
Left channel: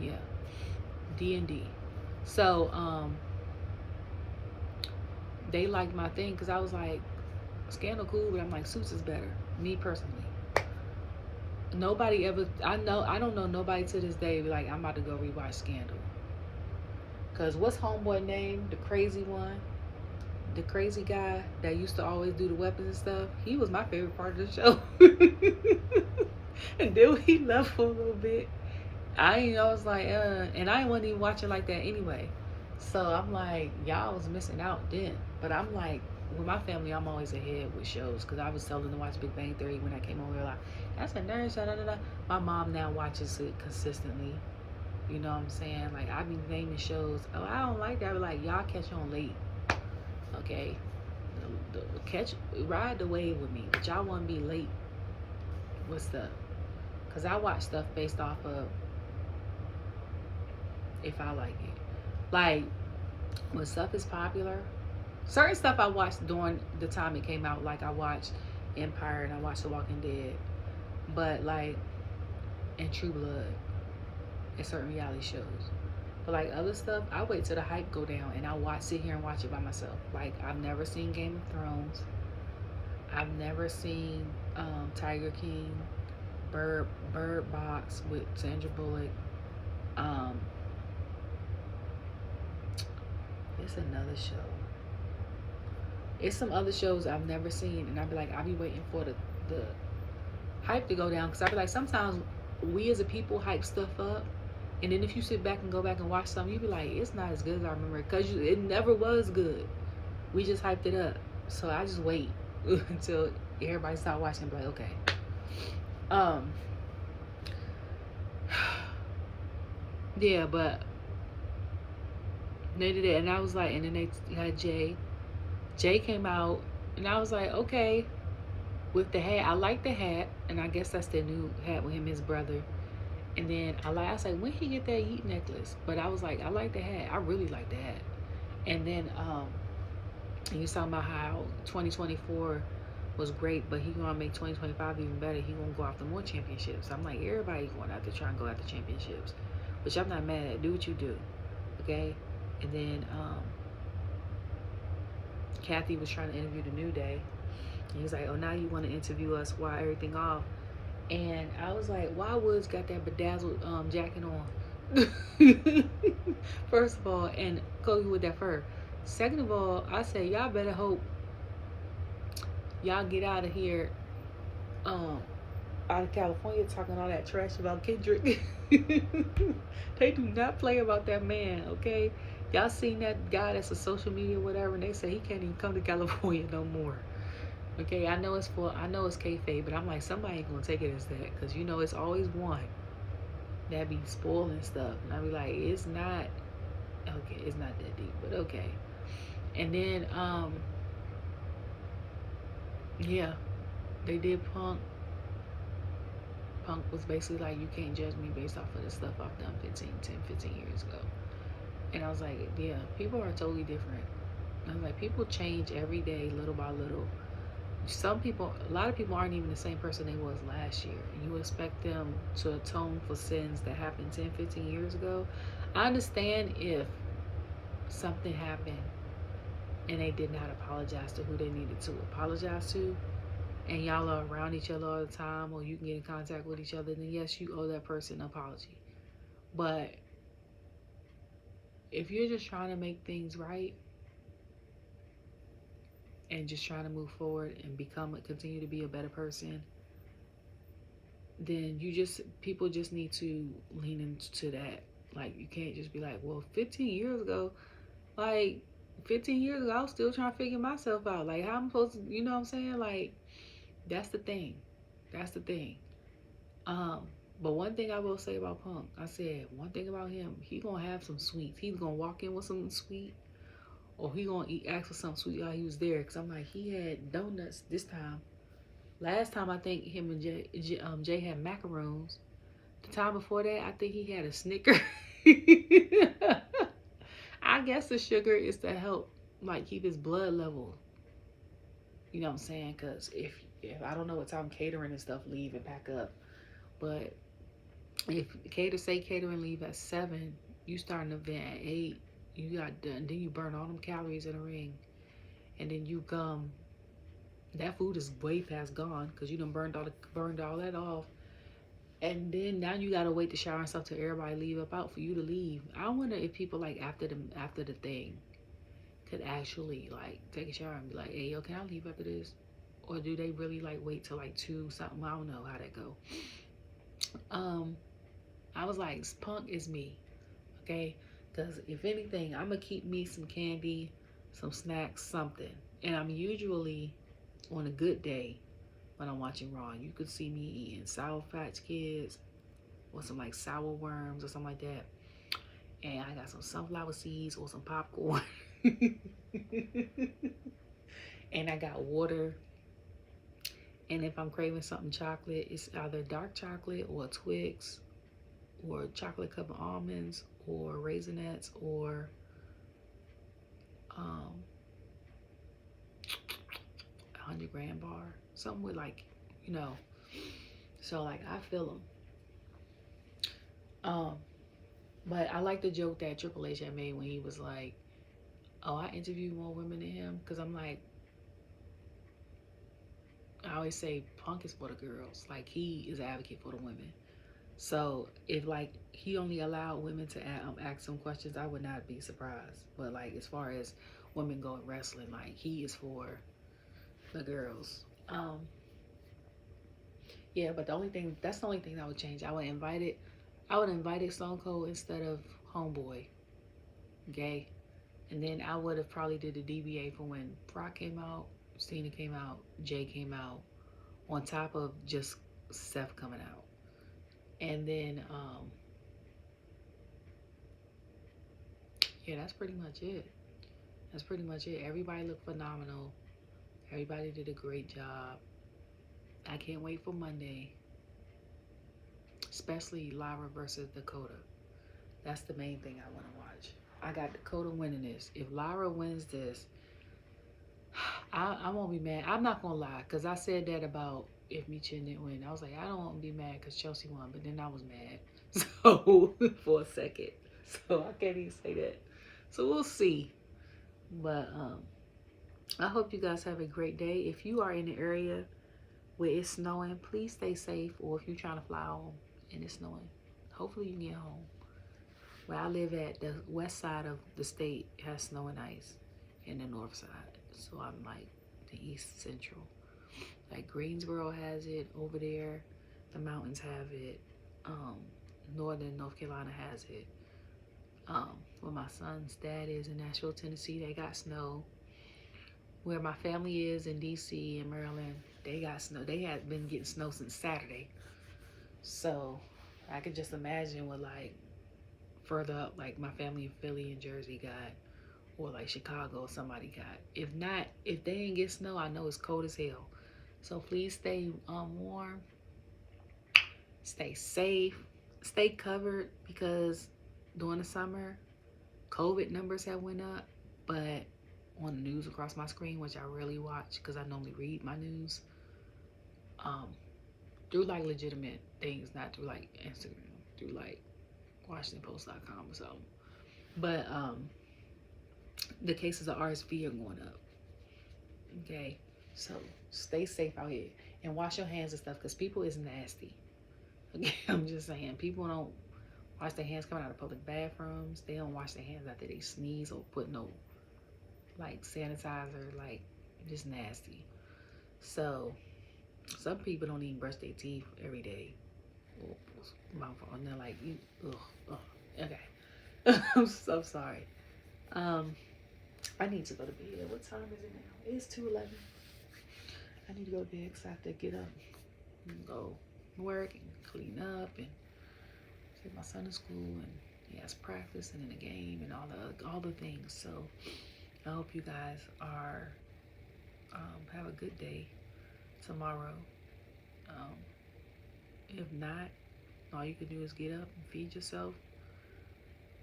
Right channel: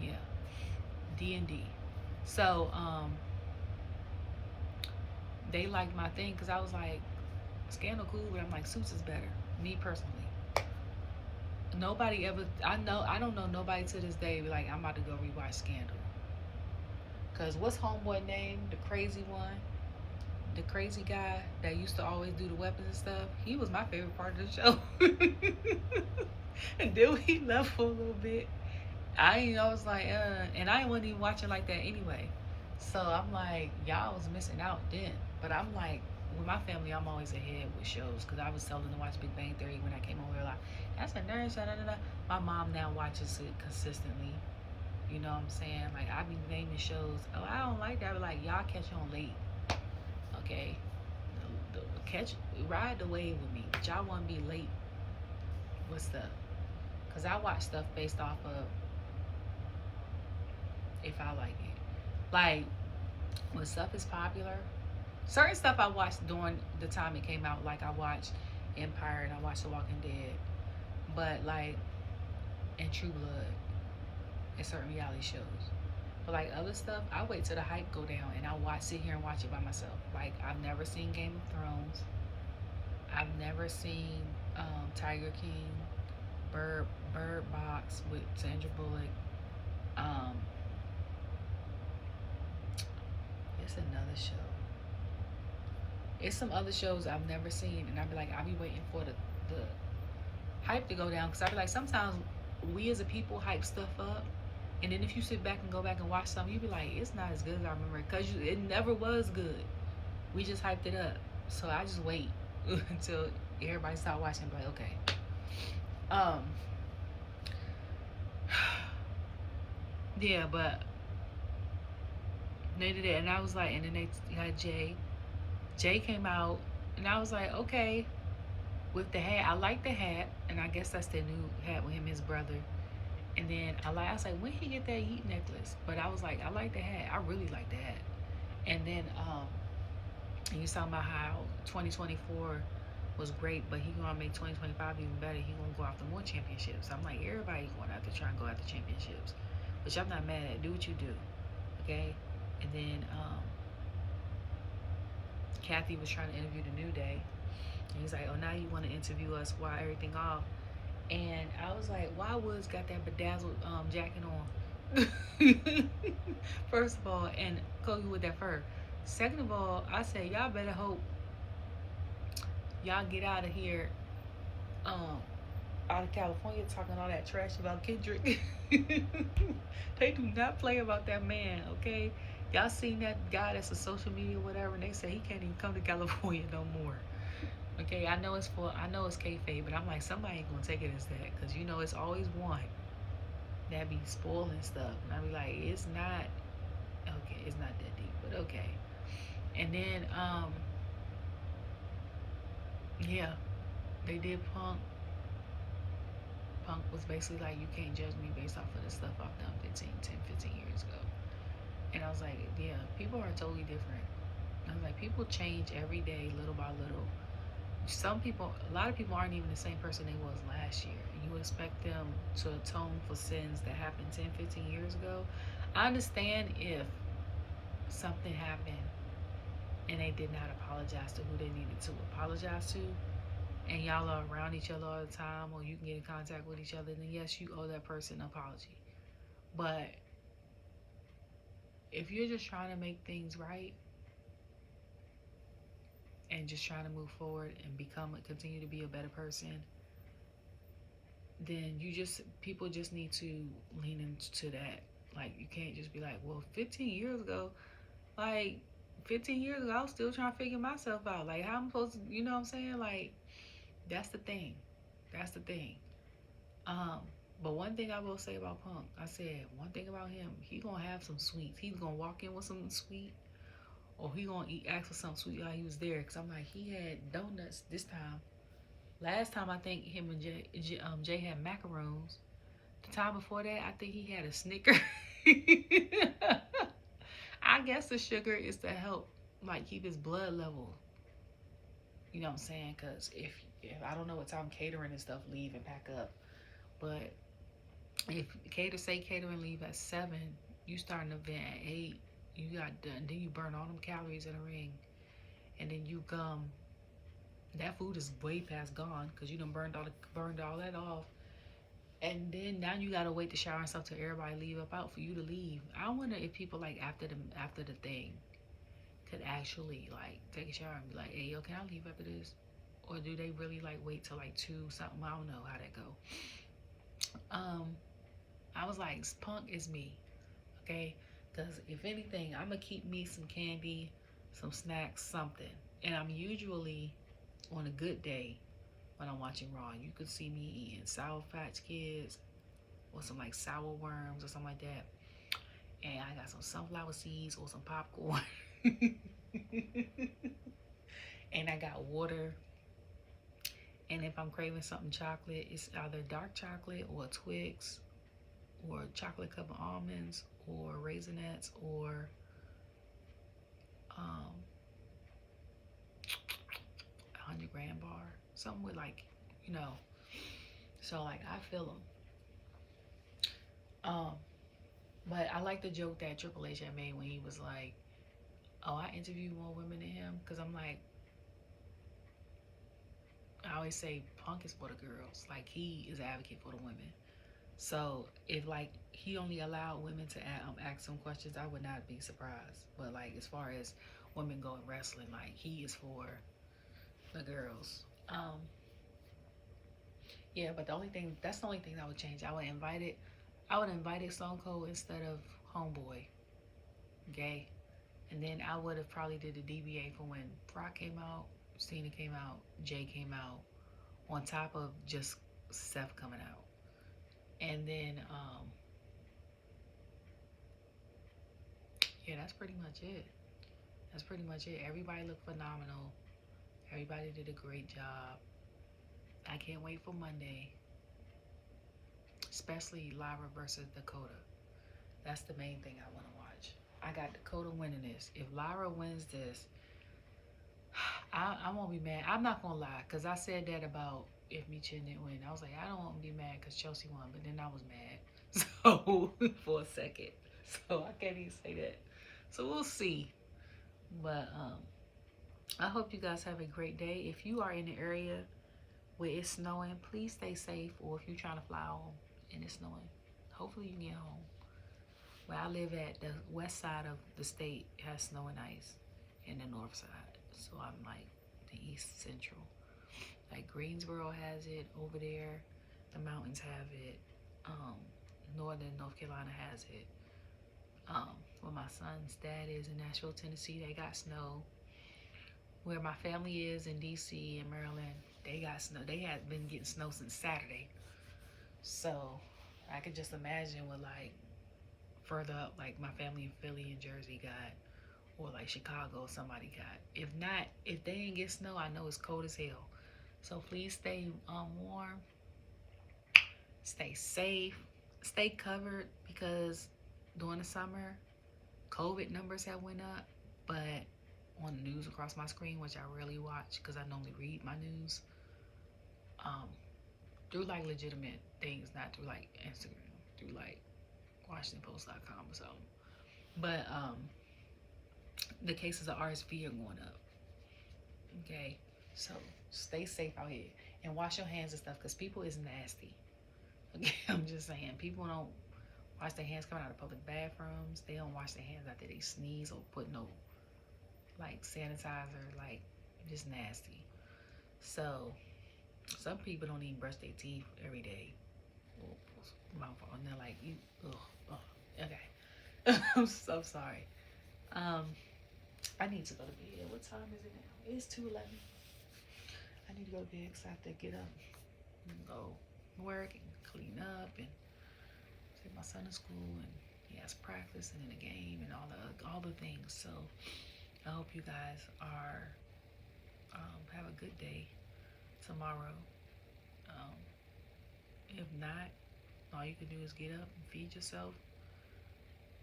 Yeah. D&D. So, they liked my thing because I was like, Scandal cool, but I'm like, Suits is better. Me personally. Nobody ever, I don't know nobody to this day be like, I'm about to go rewatch Scandal. Because what's homeboy name? The crazy one? The crazy guy that used to always do the weapons and stuff? He was my favorite part of the show. And then he left for a little bit. I was like, and I wasn't even watching like that anyway. So I'm like, y'all was missing out then. But I'm like, with my family, I'm always ahead with shows because I was telling them to watch Big Bang Theory when I came over here. Like, that's a nerd show. My mom now watches it consistently. You know what I'm saying? Like, I be naming shows. Oh, I don't like that. I be like, y'all catch on late. Okay? Ride the wave with me. But y'all want to be late with stuff. Because I watch stuff based off of if I like it. Like, when stuff is popular, certain stuff I watched during the time it came out. Like, I watched Empire and I watched The Walking Dead. But, like, and True Blood and certain reality shows. But, like, other stuff, I wait till the hype go down and I sit here and watch it by myself. Like, I've never seen Game of Thrones. I've never seen Tiger King, Bird Box with Sandra Bullock. It's another show. It's some other shows I've never seen, and I'll be waiting for the hype to go down, because I be like, sometimes we as a people hype stuff up, and then if you sit back and go back and watch something, you be like, it's not as good as I remember, because it never was good. We just hyped it up. So I just wait until everybody start watching and be like, okay. Yeah, but they did it, and I was like, and then they had Jey. Jey came out, and I was like, okay, with the hat. I like the hat, and I guess that's the new hat with him, his brother. And then I was like, when he get that Yeet necklace? But I was like, I like the hat. I really like the hat. And then he was talking about how 2024 was great, but he gonna make 2025 even better. He gonna go after more championships. I'm like, everybody going out to try and go after championships, which I'm not mad at. Do what you do, okay? And then Kathy was trying to interview the New Day. And he's like, oh, now you want to interview us while everything off. And I was like, why Woods got that bedazzled jacket on? First of all, and Kobe with that fur. Second of all, I said, y'all better hope y'all get out of here, out of California, talking all that trash about Kendrick. They do not play about that man, okay? Y'all seen that guy that's a social media whatever, and they say he can't even come to California no more. Okay, I know it's kayfabe, but I'm like, somebody ain't gonna take it as that, because you know it's always one that be spoiling stuff, and I be like, it's not that deep, but okay. And then yeah, they did Punk. Punk was basically like, you can't judge me based off of the stuff I've done 15 years ago. And I was like, yeah, people are totally different. I was like, people change every day, little by little. A lot of people aren't even the same person they was last year. And you expect them to atone for sins that happened 10, 15 years ago. I understand if something happened and they did not apologize to who they needed to apologize to, and y'all are around each other all the time, or you can get in contact with each other, then yes, you owe that person an apology. But if you're just trying to make things right and just trying to move forward and continue to be a better person, then people just need to lean into that. Like, you can't just be like, well, 15 years ago, like, 15 years ago, I was still trying to figure myself out. Like, how I'm supposed to, you know what I'm saying? Like, that's the thing. That's the thing. But one thing I will say about Punk, I said, one thing about him, he gonna have some sweets. He's gonna walk in with something sweet, or he gonna ask for something sweet while he was there. Cause I'm like, he had donuts this time. Last time, I think him and Jay had macaroons. The time before that, I think he had a Snicker. I guess the sugar is to help, like, keep his blood level. You know what I'm saying? Cause if I don't know what time catering and stuff leave and pack up, but if catering leave at 7, you start an event at 8. You got done, then you burn all them calories in a ring, and then you come. That food is way past gone because you done burned all that off. And then now you gotta wait to shower and stuff till everybody leave up out for you to leave. I wonder if people, like, after the thing could actually, like, take a shower and be like, hey, yo, can I leave after this? Or do they really, like, wait till like 2 something? I don't know how that go. I was like, Punk is me, okay? Because if anything, I'm gonna keep me some candy, some snacks, something. And I'm usually on a good day when I'm watching Raw. You could see me eating Sour Patch Kids or some, like, sour worms or something like that. And I got some sunflower seeds or some popcorn. And I got water. And if I'm craving something chocolate, it's either dark chocolate or Twix or chocolate covered almonds or Raisinets or 100-gram bar. Something with, like, you know. So, like, I feel them. But I like the joke that Triple H had made when he was like, oh, I interview more women than him. Because I'm like, I always say Punk is for the girls. Like, he is an advocate for the women. So if, like, he only allowed women to ask some questions, I would not be surprised. But, like, as far as women go in wrestling, like, he is for the girls. Yeah, but that's the only thing that would change. I would invite Stone Cold instead of Homeboy, gay. And then I would have probably did the DBA for when Brock came out, Cena came out, Jey came out, on top of just Seth coming out. And then, yeah, that's pretty much it. That's pretty much it. Everybody looked phenomenal. Everybody did a great job. I can't wait for Monday, especially Lyra versus Dakota. That's the main thing I want to watch. I got Dakota winning this. If Lyra wins this, I won't be mad. I'm not going to lie, because I said that about if Michin didn't win. I was like, I don't want to be mad because Chelsea won, but then I was mad. So, for a second. So, I can't even say that. So, we'll see. But, I hope you guys have a great day. If you are in the area where it's snowing, please stay safe. Or if you're trying to fly home and it's snowing, hopefully you can get home. Where I live at, the west side of the state has snow and ice, and the north side. So I'm like the east central. Like Greensboro has it over there. The mountains have it. Northern North Carolina has it. Where my son's dad is in Nashville, Tennessee, they got snow. Where my family is in DC and Maryland, they got snow. They had been getting snow since Saturday. So I could just imagine what, like, further up, like my family in Philly and Jersey got, or like Chicago or somebody got. If not, if they ain't get snow, I know it's cold as hell. So please stay warm, stay safe, stay covered, because during the summer, COVID numbers have went up, but on the news across my screen, which I rarely watch because I normally read my news, through like legitimate things, not through like Instagram, through like WashingtonPost.com or something. But the cases of RSV are going up. Okay, so stay safe out here and wash your hands and stuff, because people is nasty. Okay, I'm just saying, people don't wash their hands coming out of public bathrooms. They don't wash their hands after they sneeze or put no like sanitizer, like just nasty. So some people don't even brush their teeth every day. And they're like, okay. I'm so sorry. I need to go to bed. What time is it now? It's 2:11. I need to go to bed because I have to get up and go work and clean up and take my son to school, and he has practice and in a game and all the things. So I hope you guys are have a good day tomorrow. If not, all you can do is get up and feed yourself.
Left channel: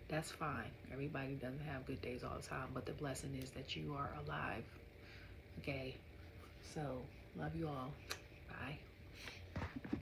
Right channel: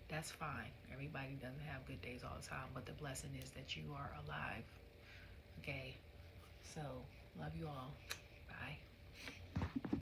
That's fine. Everybody doesn't have good days all the time, but the blessing is that you are alive. Okay, so love you all. Bye.